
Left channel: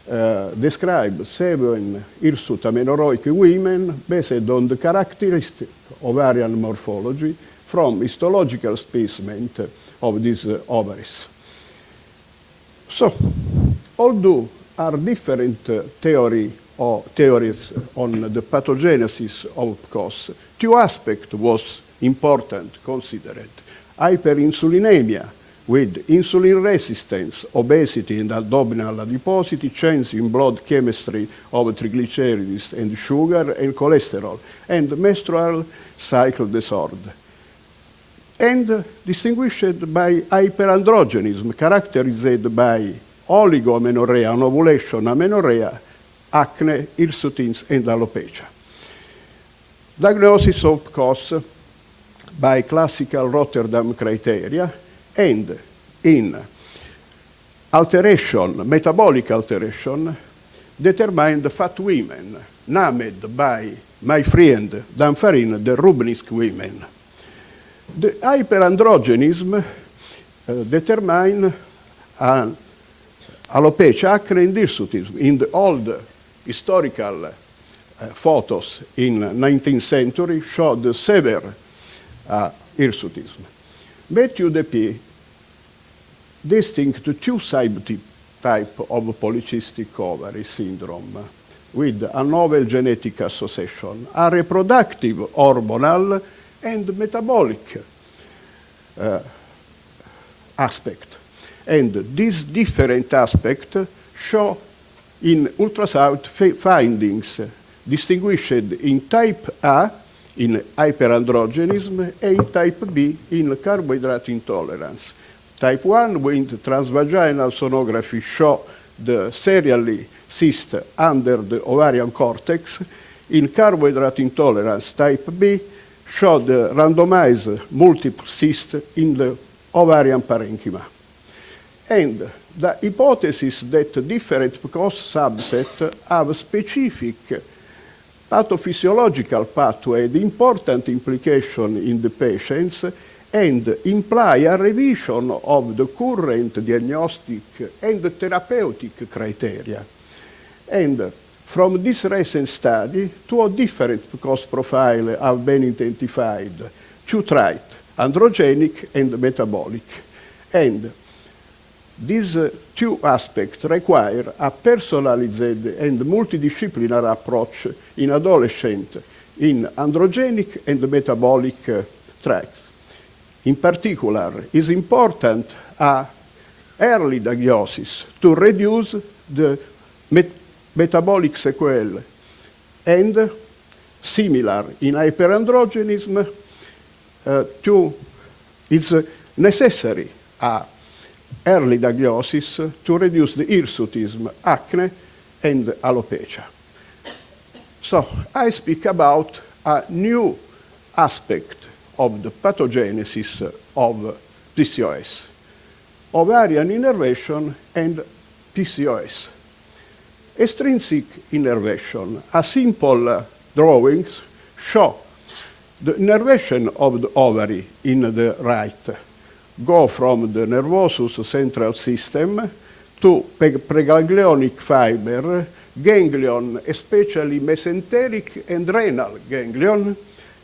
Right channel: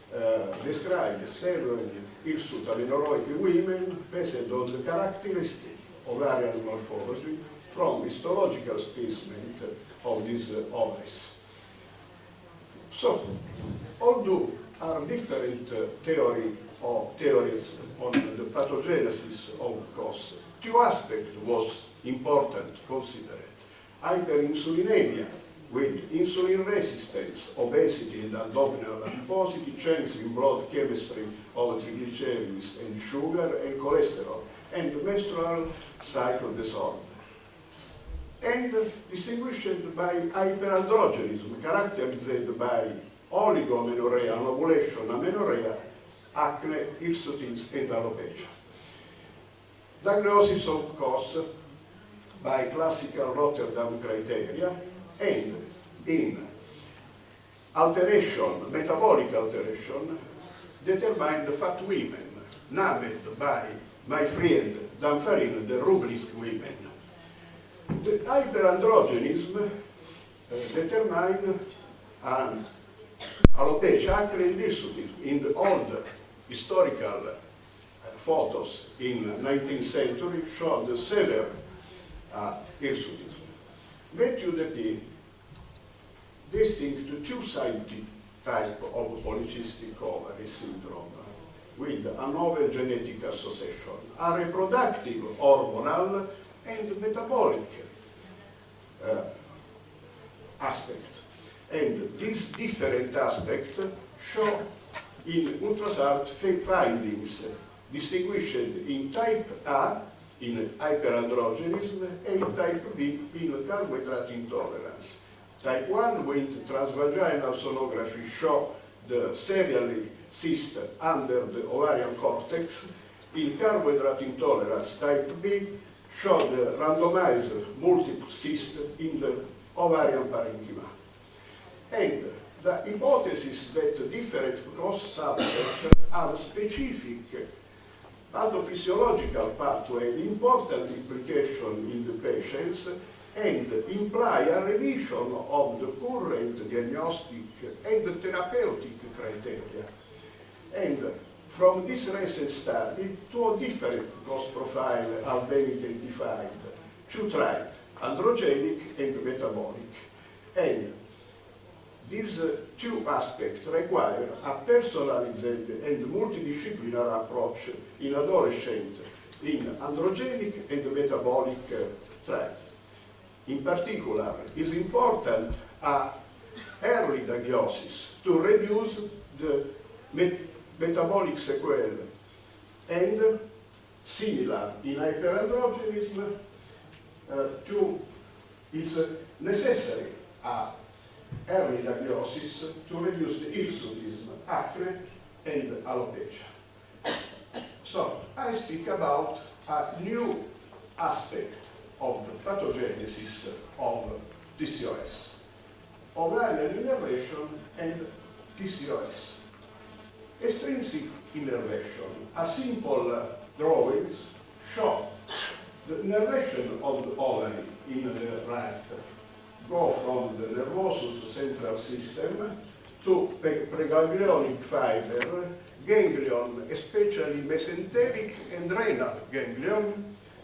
describe 7 hirsute amenorrhoic women based on the characteristic ovarian morphology from histological specimen of these ovaries. So, although are different theories on the pathogenesis of PCOS, 2 aspects was important considered. Hyperinsulinemia with insulin resistance, obesity and abdominal adiposity, change in blood chemistry of triglycerides and sugar and cholesterol, and menstrual cycle disorder. And distinguished by hyperandrogenism, characterized by oligoamenorrhea, anovulation amenorrhea, acne, hirsutism, and alopecia. Diagnosis of PCOS by classical Rotterdam criteria, and in alteration, metabolic alteration, determined fat women, named by my friend Danfarin the Rubinsk women. The hyperandrogenism determined alopecia, acne, and hirsutism. In the old historical photos in 19th century showed severe hirsutism. Matthew Depie distinct 2 subtypes of polycystic ovary syndrome with a novel genetic association, a reproductive, hormonal, and metabolic aspect. And these different aspects show in ultrasound findings distinguished in type A in hyperandrogenism and type B in carbohydrate intolerance. Type 1 with transvaginal sonography show the serially cyst under the ovarian cortex. In carbohydrate intolerance type B show the randomized multiple cyst in the ovarian parenchyma. And the hypothesis that different PCOS subsets have specific pathophysiological pathway, the important implication in the patients, and imply a revision of the current diagnostic and therapeutic criteria. And from this recent study, 2 different PCOS profiles have been identified, 2 traits, androgenic and metabolic. And these 2 aspects require a personalized and multidisciplinary approach in adolescents in androgenic and metabolic traits. In particular, it is important early diagnosis to reduce the metabolic sequelae, and similar in hyperandrogenism, it's necessary early diagnosis to reduce the hirsutism, acne, and alopecia. So I speak about a new aspect of the pathogenesis of PCOS, ovarian innervation and PCOS. Extrinsic innervation, a simple drawings show the innervation of the ovary in the right, go from the nervous central system to preganglionic fiber, ganglion, especially mesenteric and renal ganglion,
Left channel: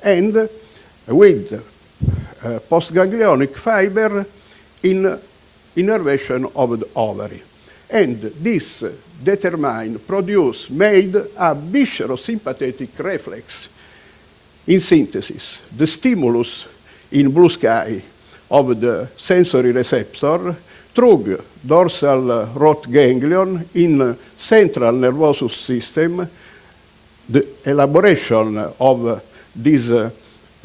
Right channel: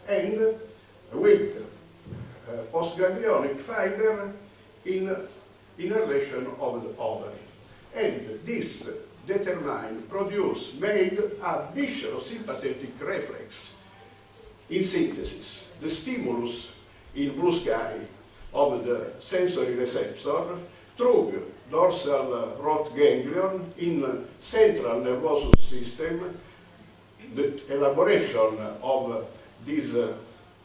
and with postganglionic fiber in innervation of the ovary. And this made a viscerosympathetic reflex. In synthesis, the stimulus in blue sky of the sensory receptor through dorsal root ganglion in central nervous system, the elaboration of this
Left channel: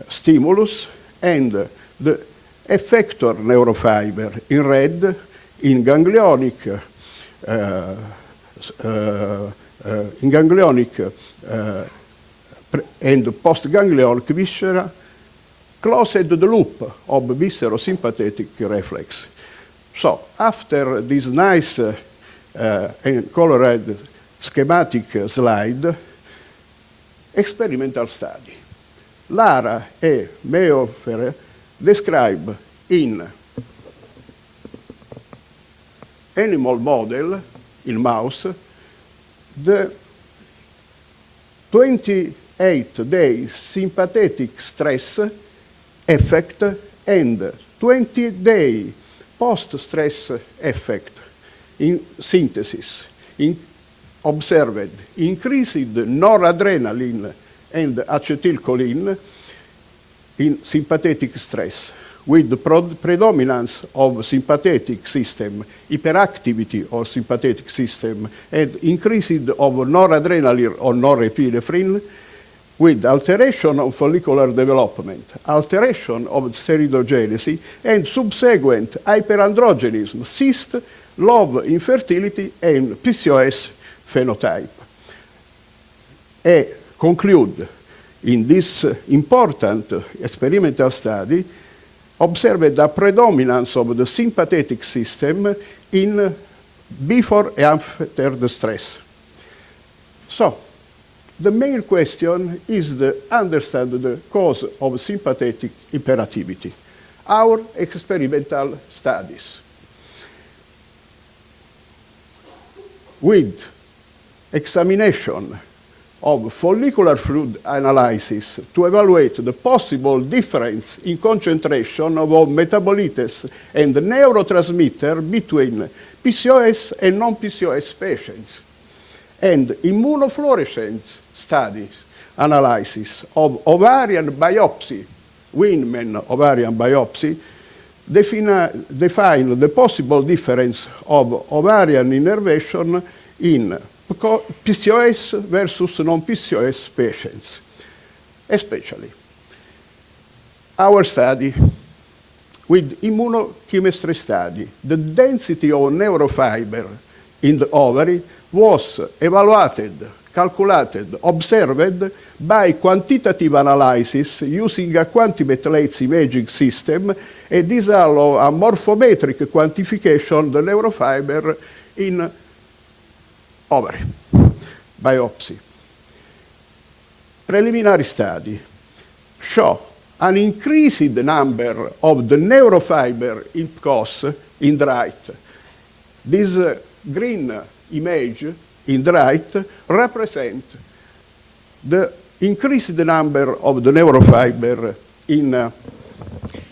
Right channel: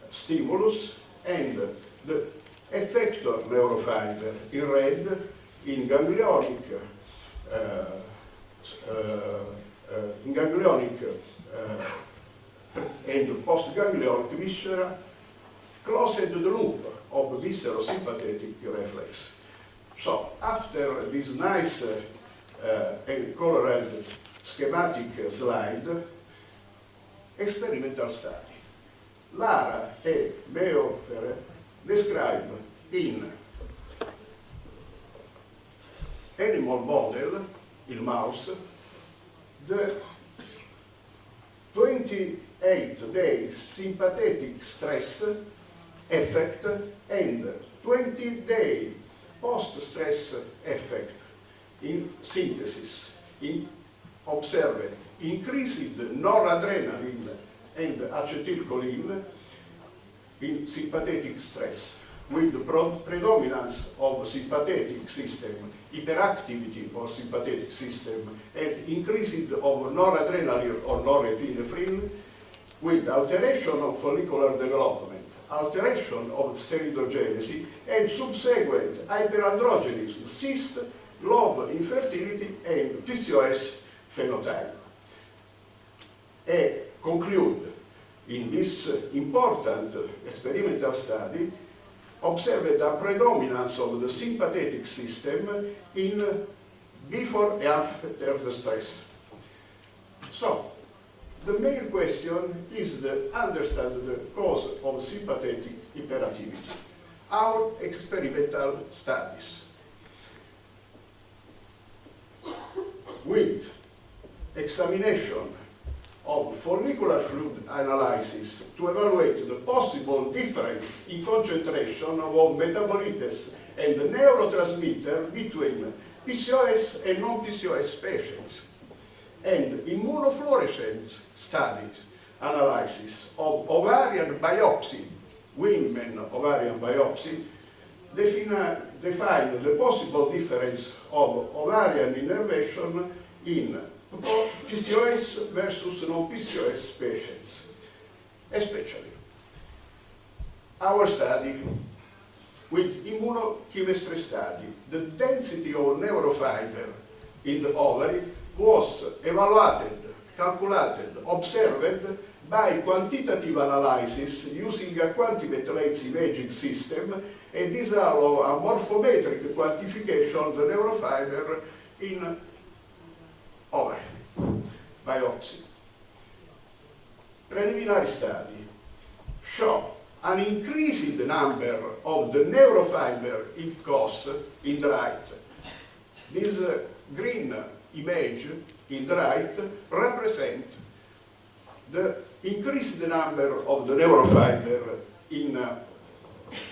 stimulus, and the effector neurofiber in red in ganglionic and postganglionic viscera closed the loop of viscerosympathetic reflex. So after this nice and colored schematic slide, experimental study. Lara e Meofer describe in animal model, in mouse, the 28 days sympathetic stress effect and 20-day post-stress effect in synthesis observed increased noradrenaline and acetylcholine in sympathetic stress, with the predominance of sympathetic system, hyperactivity of sympathetic system, and increased of noradrenaline or norepinephrine, with alteration of follicular development, alteration of steroidogenesis, and subsequent hyperandrogenism, cyst, low infertility, and PCOS phenotype. Conclude in this important experimental study, observed a predominance of the sympathetic system in before and after the stress. So, the main question is to understand the cause of sympathetic hyperactivity. Our experimental studies. With examination of follicular fluid analysis to evaluate the possible difference in concentration of metabolites and neurotransmitter between PCOS and non-PCOS patients, and immunofluorescence studies analysis of ovarian biopsy, women ovarian biopsy, define the possible difference of ovarian innervation in PCOS versus non-PCOS patients, especially. Our study with immunochemistry study, the density of neurofiber in the ovary was evaluated, calculated, observed by quantitative analysis using a quantimetlates imaging system, and this allows a morphometric quantification of the neurofiber in ovary biopsy. Preliminary study show an increased number of the neurofiber in PCOS in the right. This green image in the right represents the increased number of the neurofiber in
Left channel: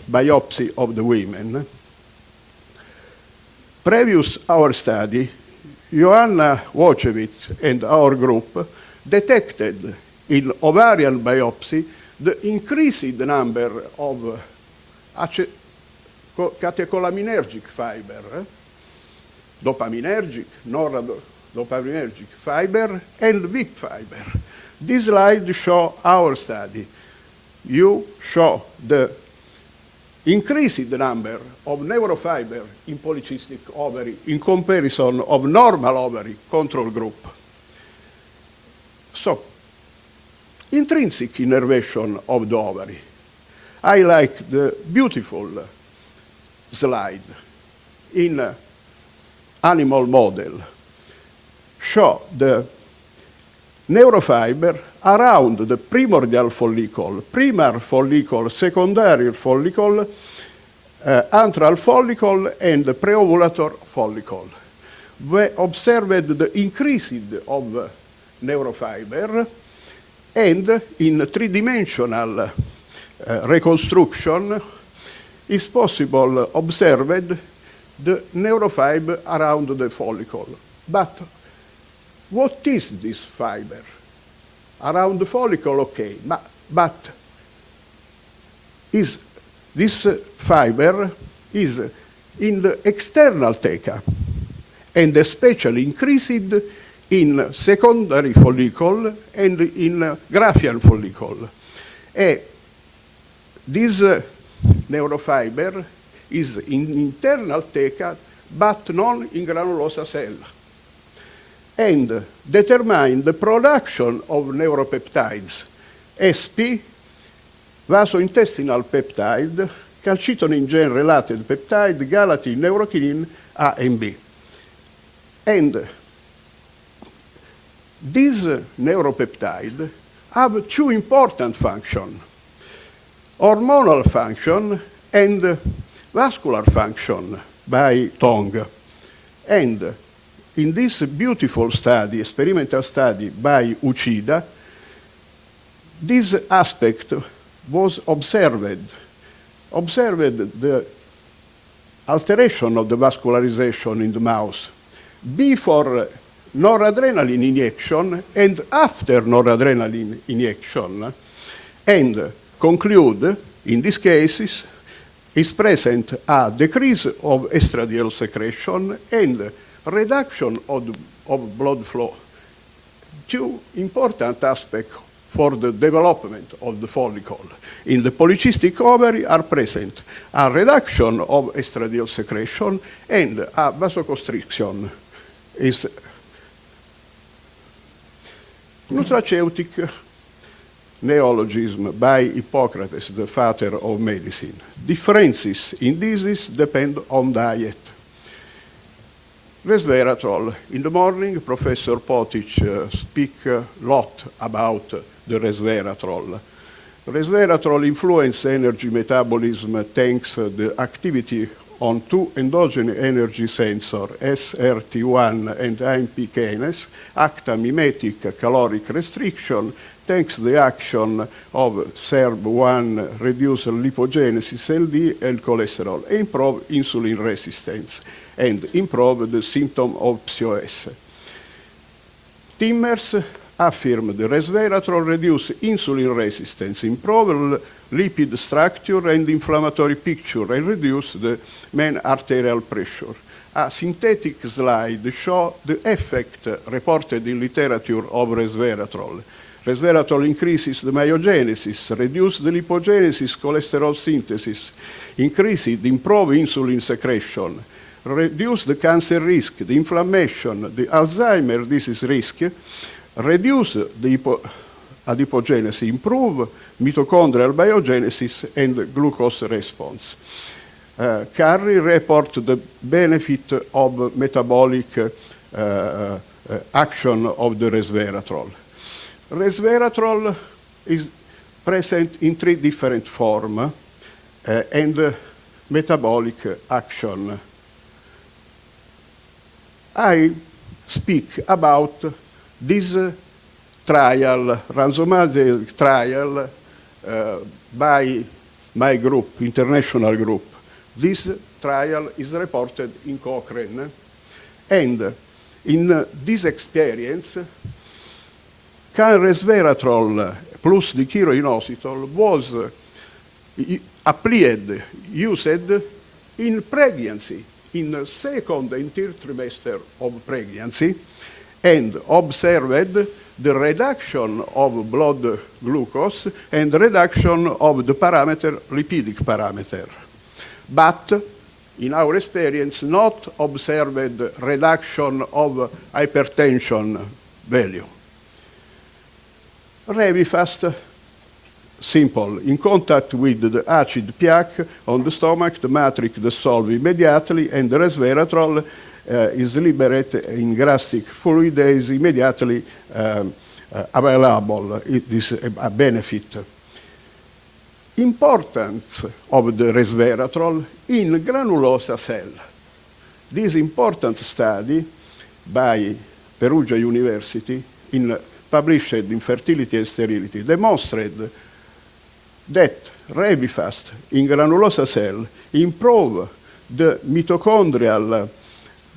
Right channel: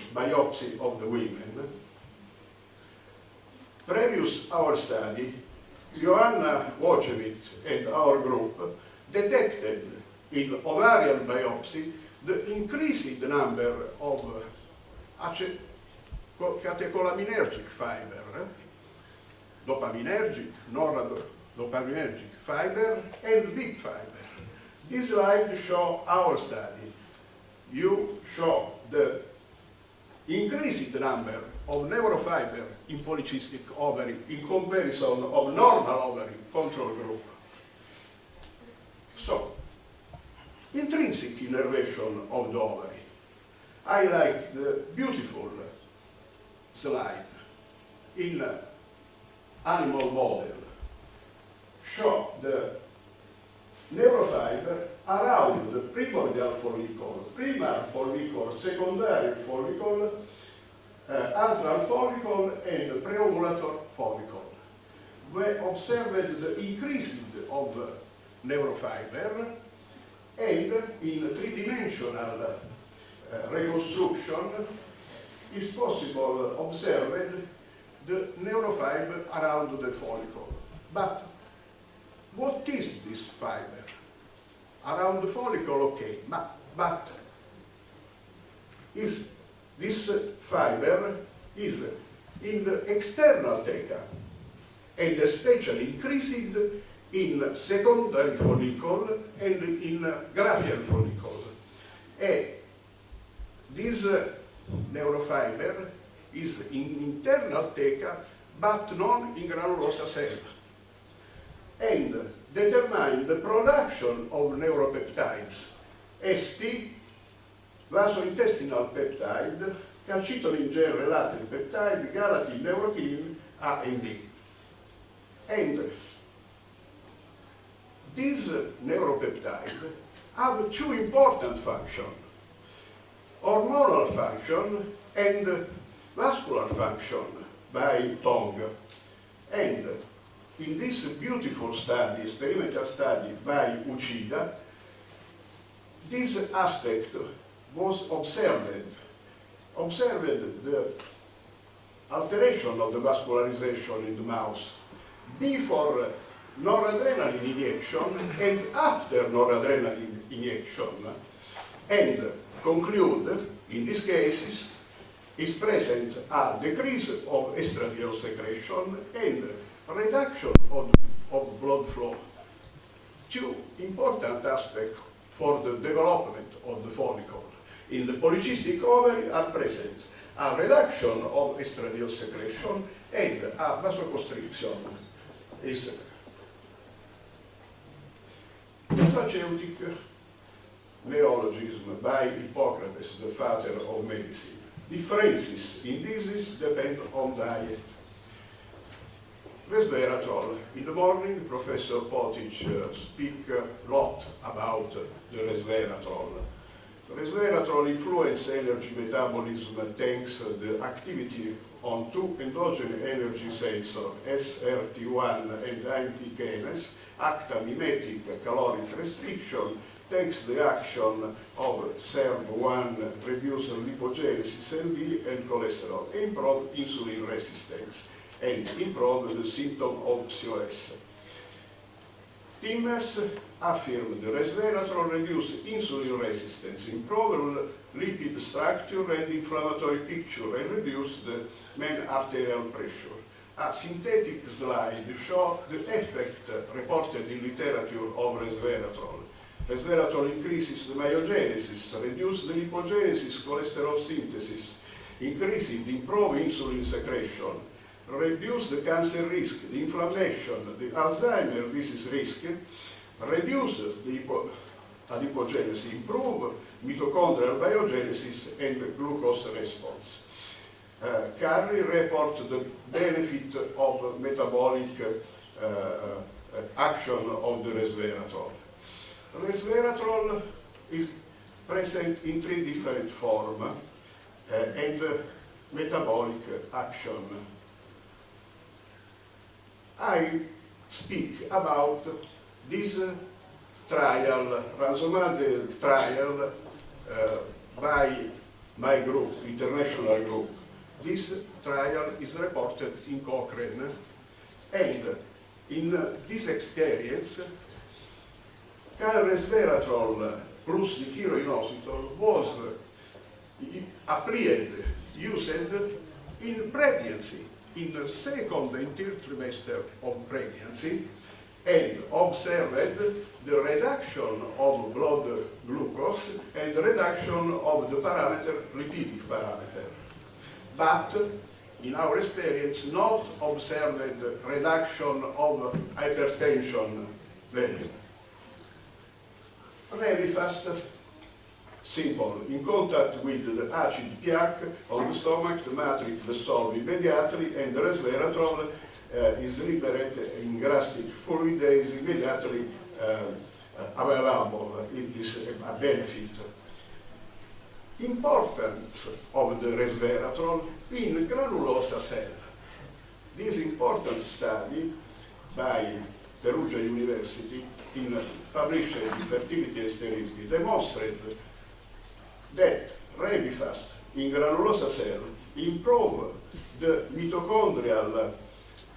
biopsy of the women. Previous our study, Joanna Wojciewicz and our group detected in ovarian biopsy the increased number of catecholaminaergic fiber, dopaminergic, noradopaminergic fiber, and VIP fiber. This slide shows our study. You show the increased number of neurofiber in polycystic ovary in comparison of normal ovary control group. So, intrinsic innervation of the ovary. I like the beautiful slide in animal model. Show the neurofiber around the primordial follicle, primary follicle, secondary follicle, antral follicle, and preovulator follicle. We observed the increase of neurofiber, and in three-dimensional reconstruction is possible observed the neurofiber around the follicle. But what is this fiber? Around the follicle, okay, but is this fiber is in the external theca, and especially increased in secondary follicle and in graphial follicle. This neurofiber is in internal theca, but not in granulosa cell, and determine the production of neuropeptides, SP, vasointestinal peptide, calcitonin gene-related peptide, galantin, neurokinin A and B. And these neuropeptides have two important functions, hormonal function and vascular function by tongue. And in this beautiful study, experimental study by Uchida, this aspect was observed the alteration of the vascularization in the mouse before noradrenaline injection and after noradrenaline injection, and conclude, in these cases, is present a decrease of estradiol secretion and reduction of blood flow. Two important aspects for the development of the follicle. In the polycystic ovary are present a reduction of estradiol secretion and a vasoconstriction. Is nutraceutic neologism by Hippocrates, the father of medicine. Differences in disease depend on diet. Resveratrol. In the morning, Professor Potic speak a lot about the resveratrol. Resveratrol influence energy metabolism thanks the activity on two endogenous energy sensors, SRT1 and AMP kinase, act a mimetic caloric restriction, thanks the action of SERB1, reduce lipogenesis, LD, and cholesterol, improve insulin resistance, and improve the symptom of PCOS. Timmers affirmed the resveratrol reduce insulin resistance, improve lipid structure and inflammatory picture, and reduce the mean arterial pressure. A synthetic slide shows the effect reported in literature of resveratrol. Resveratrol increases the myogenesis, reduces the lipogenesis, cholesterol synthesis, increases the improved insulin secretion, reduce the cancer risk, the inflammation, the Alzheimer disease risk, reduce the adipogenesis, improve mitochondrial biogenesis and glucose response. Carrie report the benefit of metabolic action of the resveratrol. Resveratrol is present in three different forms and metabolic action. I speak about this trial, randomized trial by my group, international group. This trial is reported in Cochrane, and in this experience, resveratrol plus the chiroinositol was applied, used in pregnancy, in the second and third trimester of pregnancy, and observed the reduction of blood glucose and reduction of the parameter, lipidic parameter. But in our experience, not observed reduction of hypertension value. Revifast, simple. In contact with the acid plaque on the stomach, the matrix dissolves immediately, and the resveratrol is liberated in gastric fluid, is immediately available. It is a benefit. Importance of the resveratrol in granulosa cell. This important study by Perugia University published in Fertility and Sterility demonstrated that Revifast in granulosa cell improve the mitochondrial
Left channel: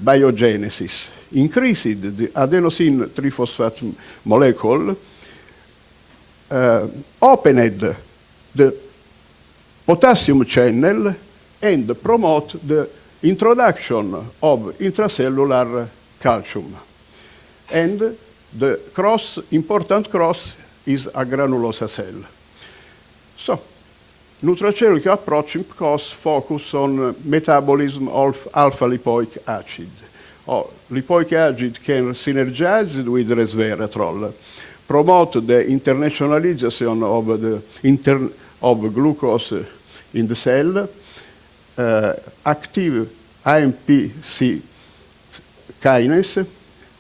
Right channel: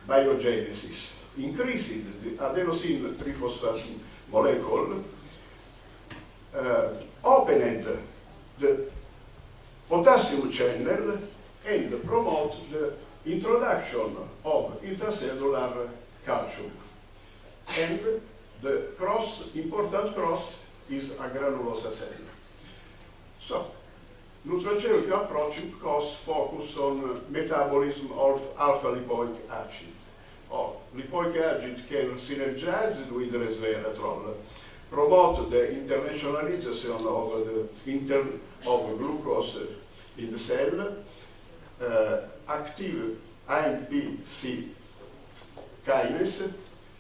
biogenesis, increased the adenosine triphosphate molecule, opened the potassium channel, and promote the introduction of intracellular calcium. And the important cross is a granulosa cell. So, nutraceutical approach focus on metabolism of alpha-lipoic acid. Lipoic acid can synergize with resveratrol, promote the internationalization of glucose in the cell, active AMPC kinase,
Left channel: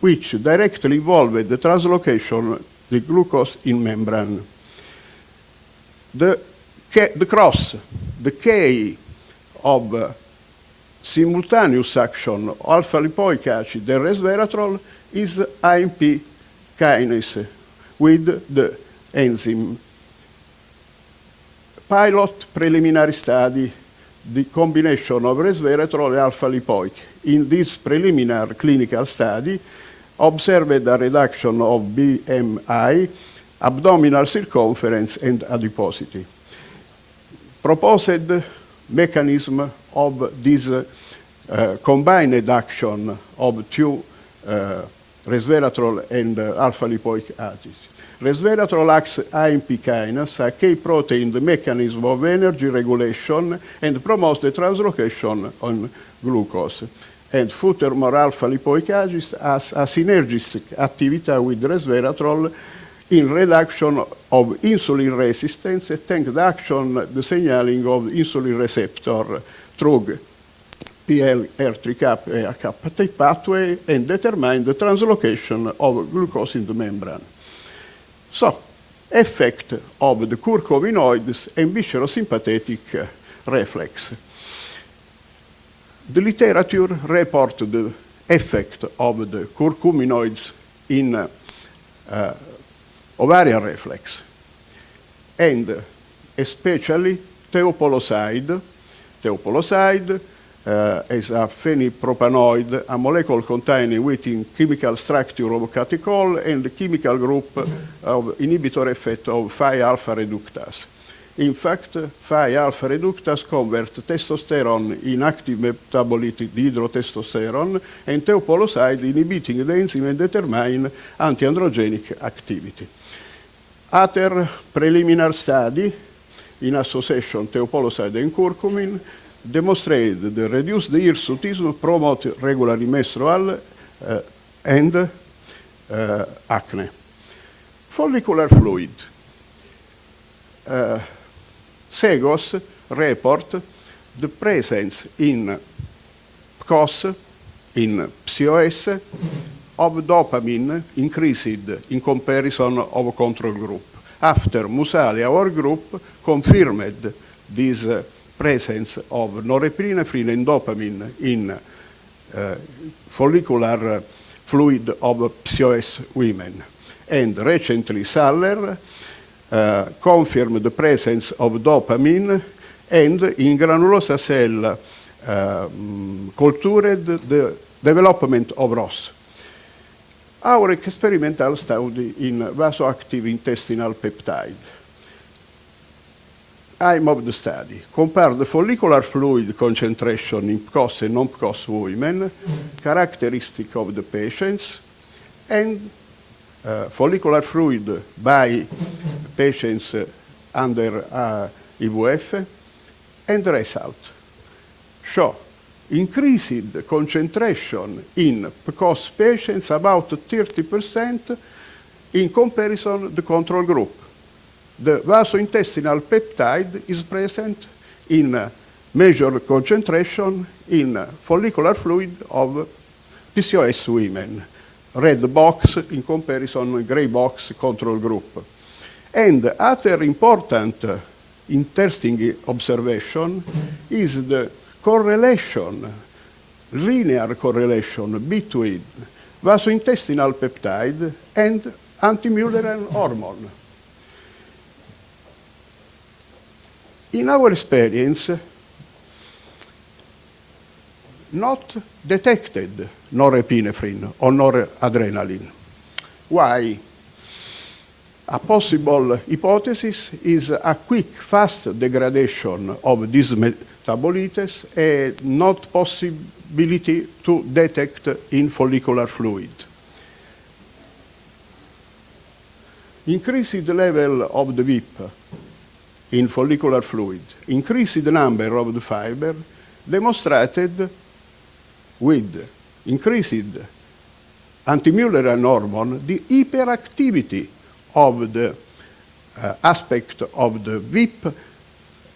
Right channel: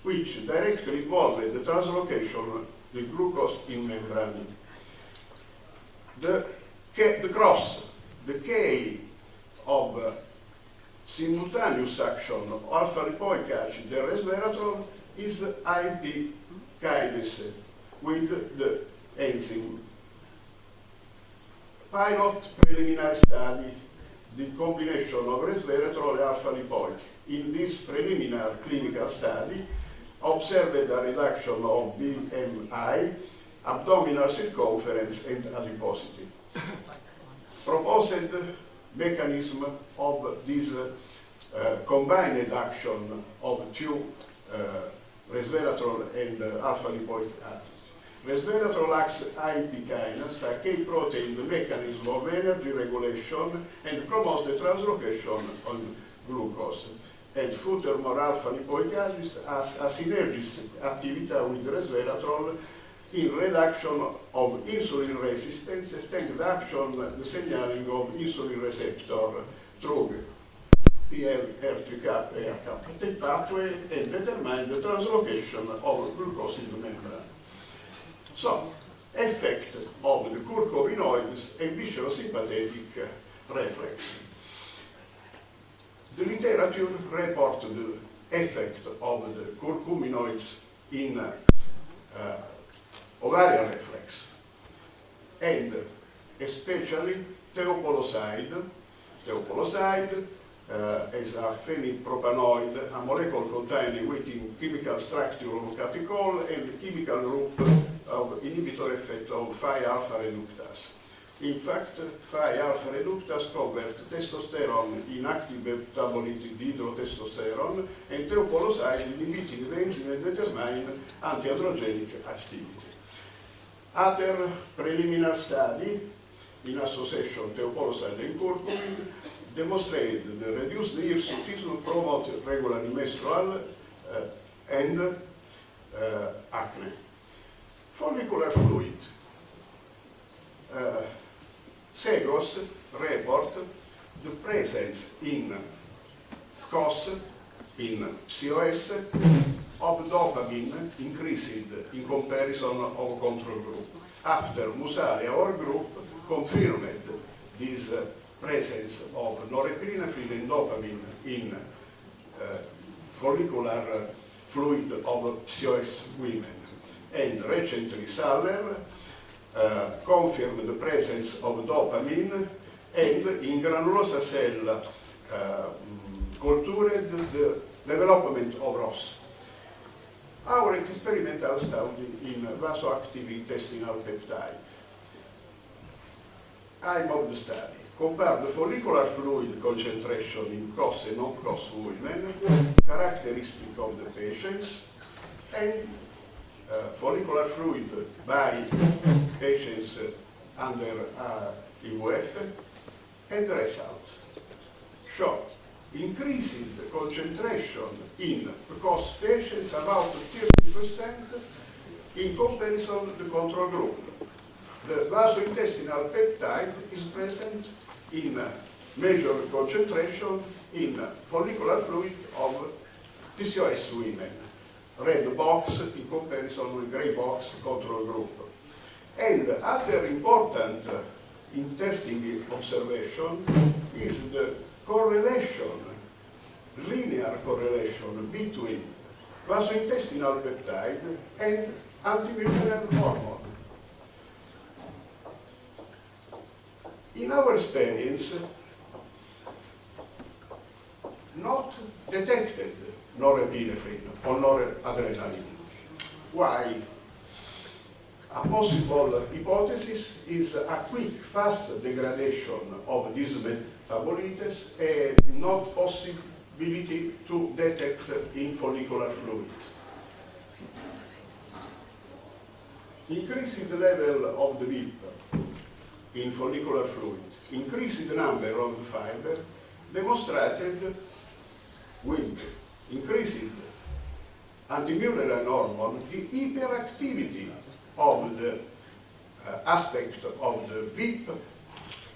which directly involve the translocation of the glucose in membrane. The cross, the K of simultaneous action of alpha-lipoic acid and resveratrol is AMP kinase with the enzyme. Pilot preliminary study, the combination of resveratrol and alpha-lipoic. In this preliminary clinical study, observed a reduction of BMI, abdominal circumference, and adiposity. Proposed mechanism of this combined action of two resveratrol and alpha-lipoic acids. Resveratrol acts AMP kinase, a key protein, the mechanism of energy regulation, and promotes the translocation on glucose. And furthermore, alpha-lipoic acid has a synergistic activity with resveratrol in reduction of insulin resistance, thanks to the action, the signaling of insulin receptor through PLR3 pathway, and determine the translocation of glucose in the membrane. So, effect of the curcuminoids and viscerosympathetic reflex. The literature report the effect of the curcuminoids in ovarian reflex, and especially teopoloside. Teopoloside is a phenylpropanoid, a molecule containing within chemical structure of catechol and the chemical group of inhibitor effect of 5-alpha reductase. In fact, 5-alpha reductase convert testosterone in active metabolite dihydrotestosterone, and teopoloside inhibiting the enzyme and determine antiandrogenic activity. Other preliminary study in association teopoloside and curcumin demonstrated the reduced hirsutism, promote regularly menstrual and acne. Follicular fluid. SEGOS report the presence in PCOS, in PCOS, of dopamine increased in comparison of control group. After Musalia, our group confirmed this presence of norepinephrine and dopamine in follicular fluid of PCOS women. And recently, Saller confirmed the presence of dopamine, and in granulosa cell cultured the development of ROS. Our experimental study in vasoactive intestinal peptide. Aim of the study: compare the follicular fluid concentration in PCOS and non-PCOS women, characteristic of the patients, and follicular fluid by patients under IVF, and the result show increased concentration in PCOS patients about 30% in comparison to the control group. The vasointestinal peptide is present in major concentration in follicular fluid of PCOS women. Red box in comparison, gray box control group. And other important interesting observation is the correlation, linear correlation between vasointestinal peptide and antimullerian hormone. In our experience, not detected norepinephrine or noradrenaline. Why? A possible hypothesis is a quick, fast degradation of these metabolites and not possibility to detect in follicular fluid. Increased level of the VIP in follicular fluid, increased number of the fiber, demonstrated with increased antimullerian hormone the hyperactivity of the aspect of the VIP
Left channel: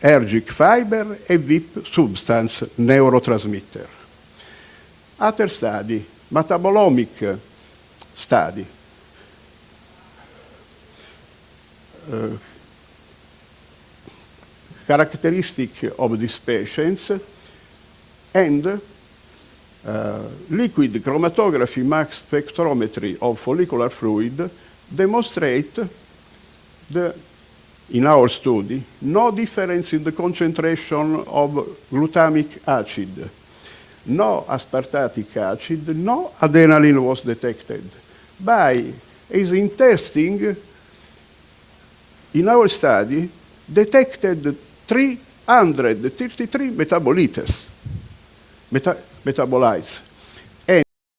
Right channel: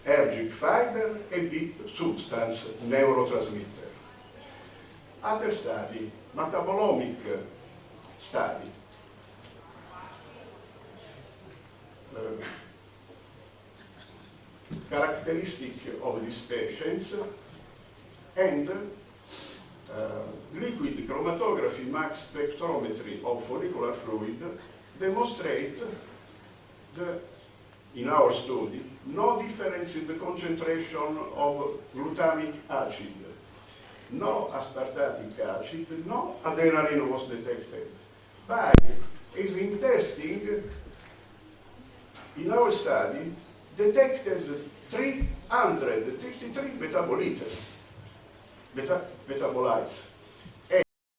ergic fiber and VIP substance neurotransmitter. Other study, metabolomic study. Characteristic of these patients, and liquid chromatography mass spectrometry of follicular fluid demonstrate in our study, no difference in the concentration of glutamic acid, no aspartic acid, no adrenaline was detected. By is interesting, in our study, detected 333 metabolites.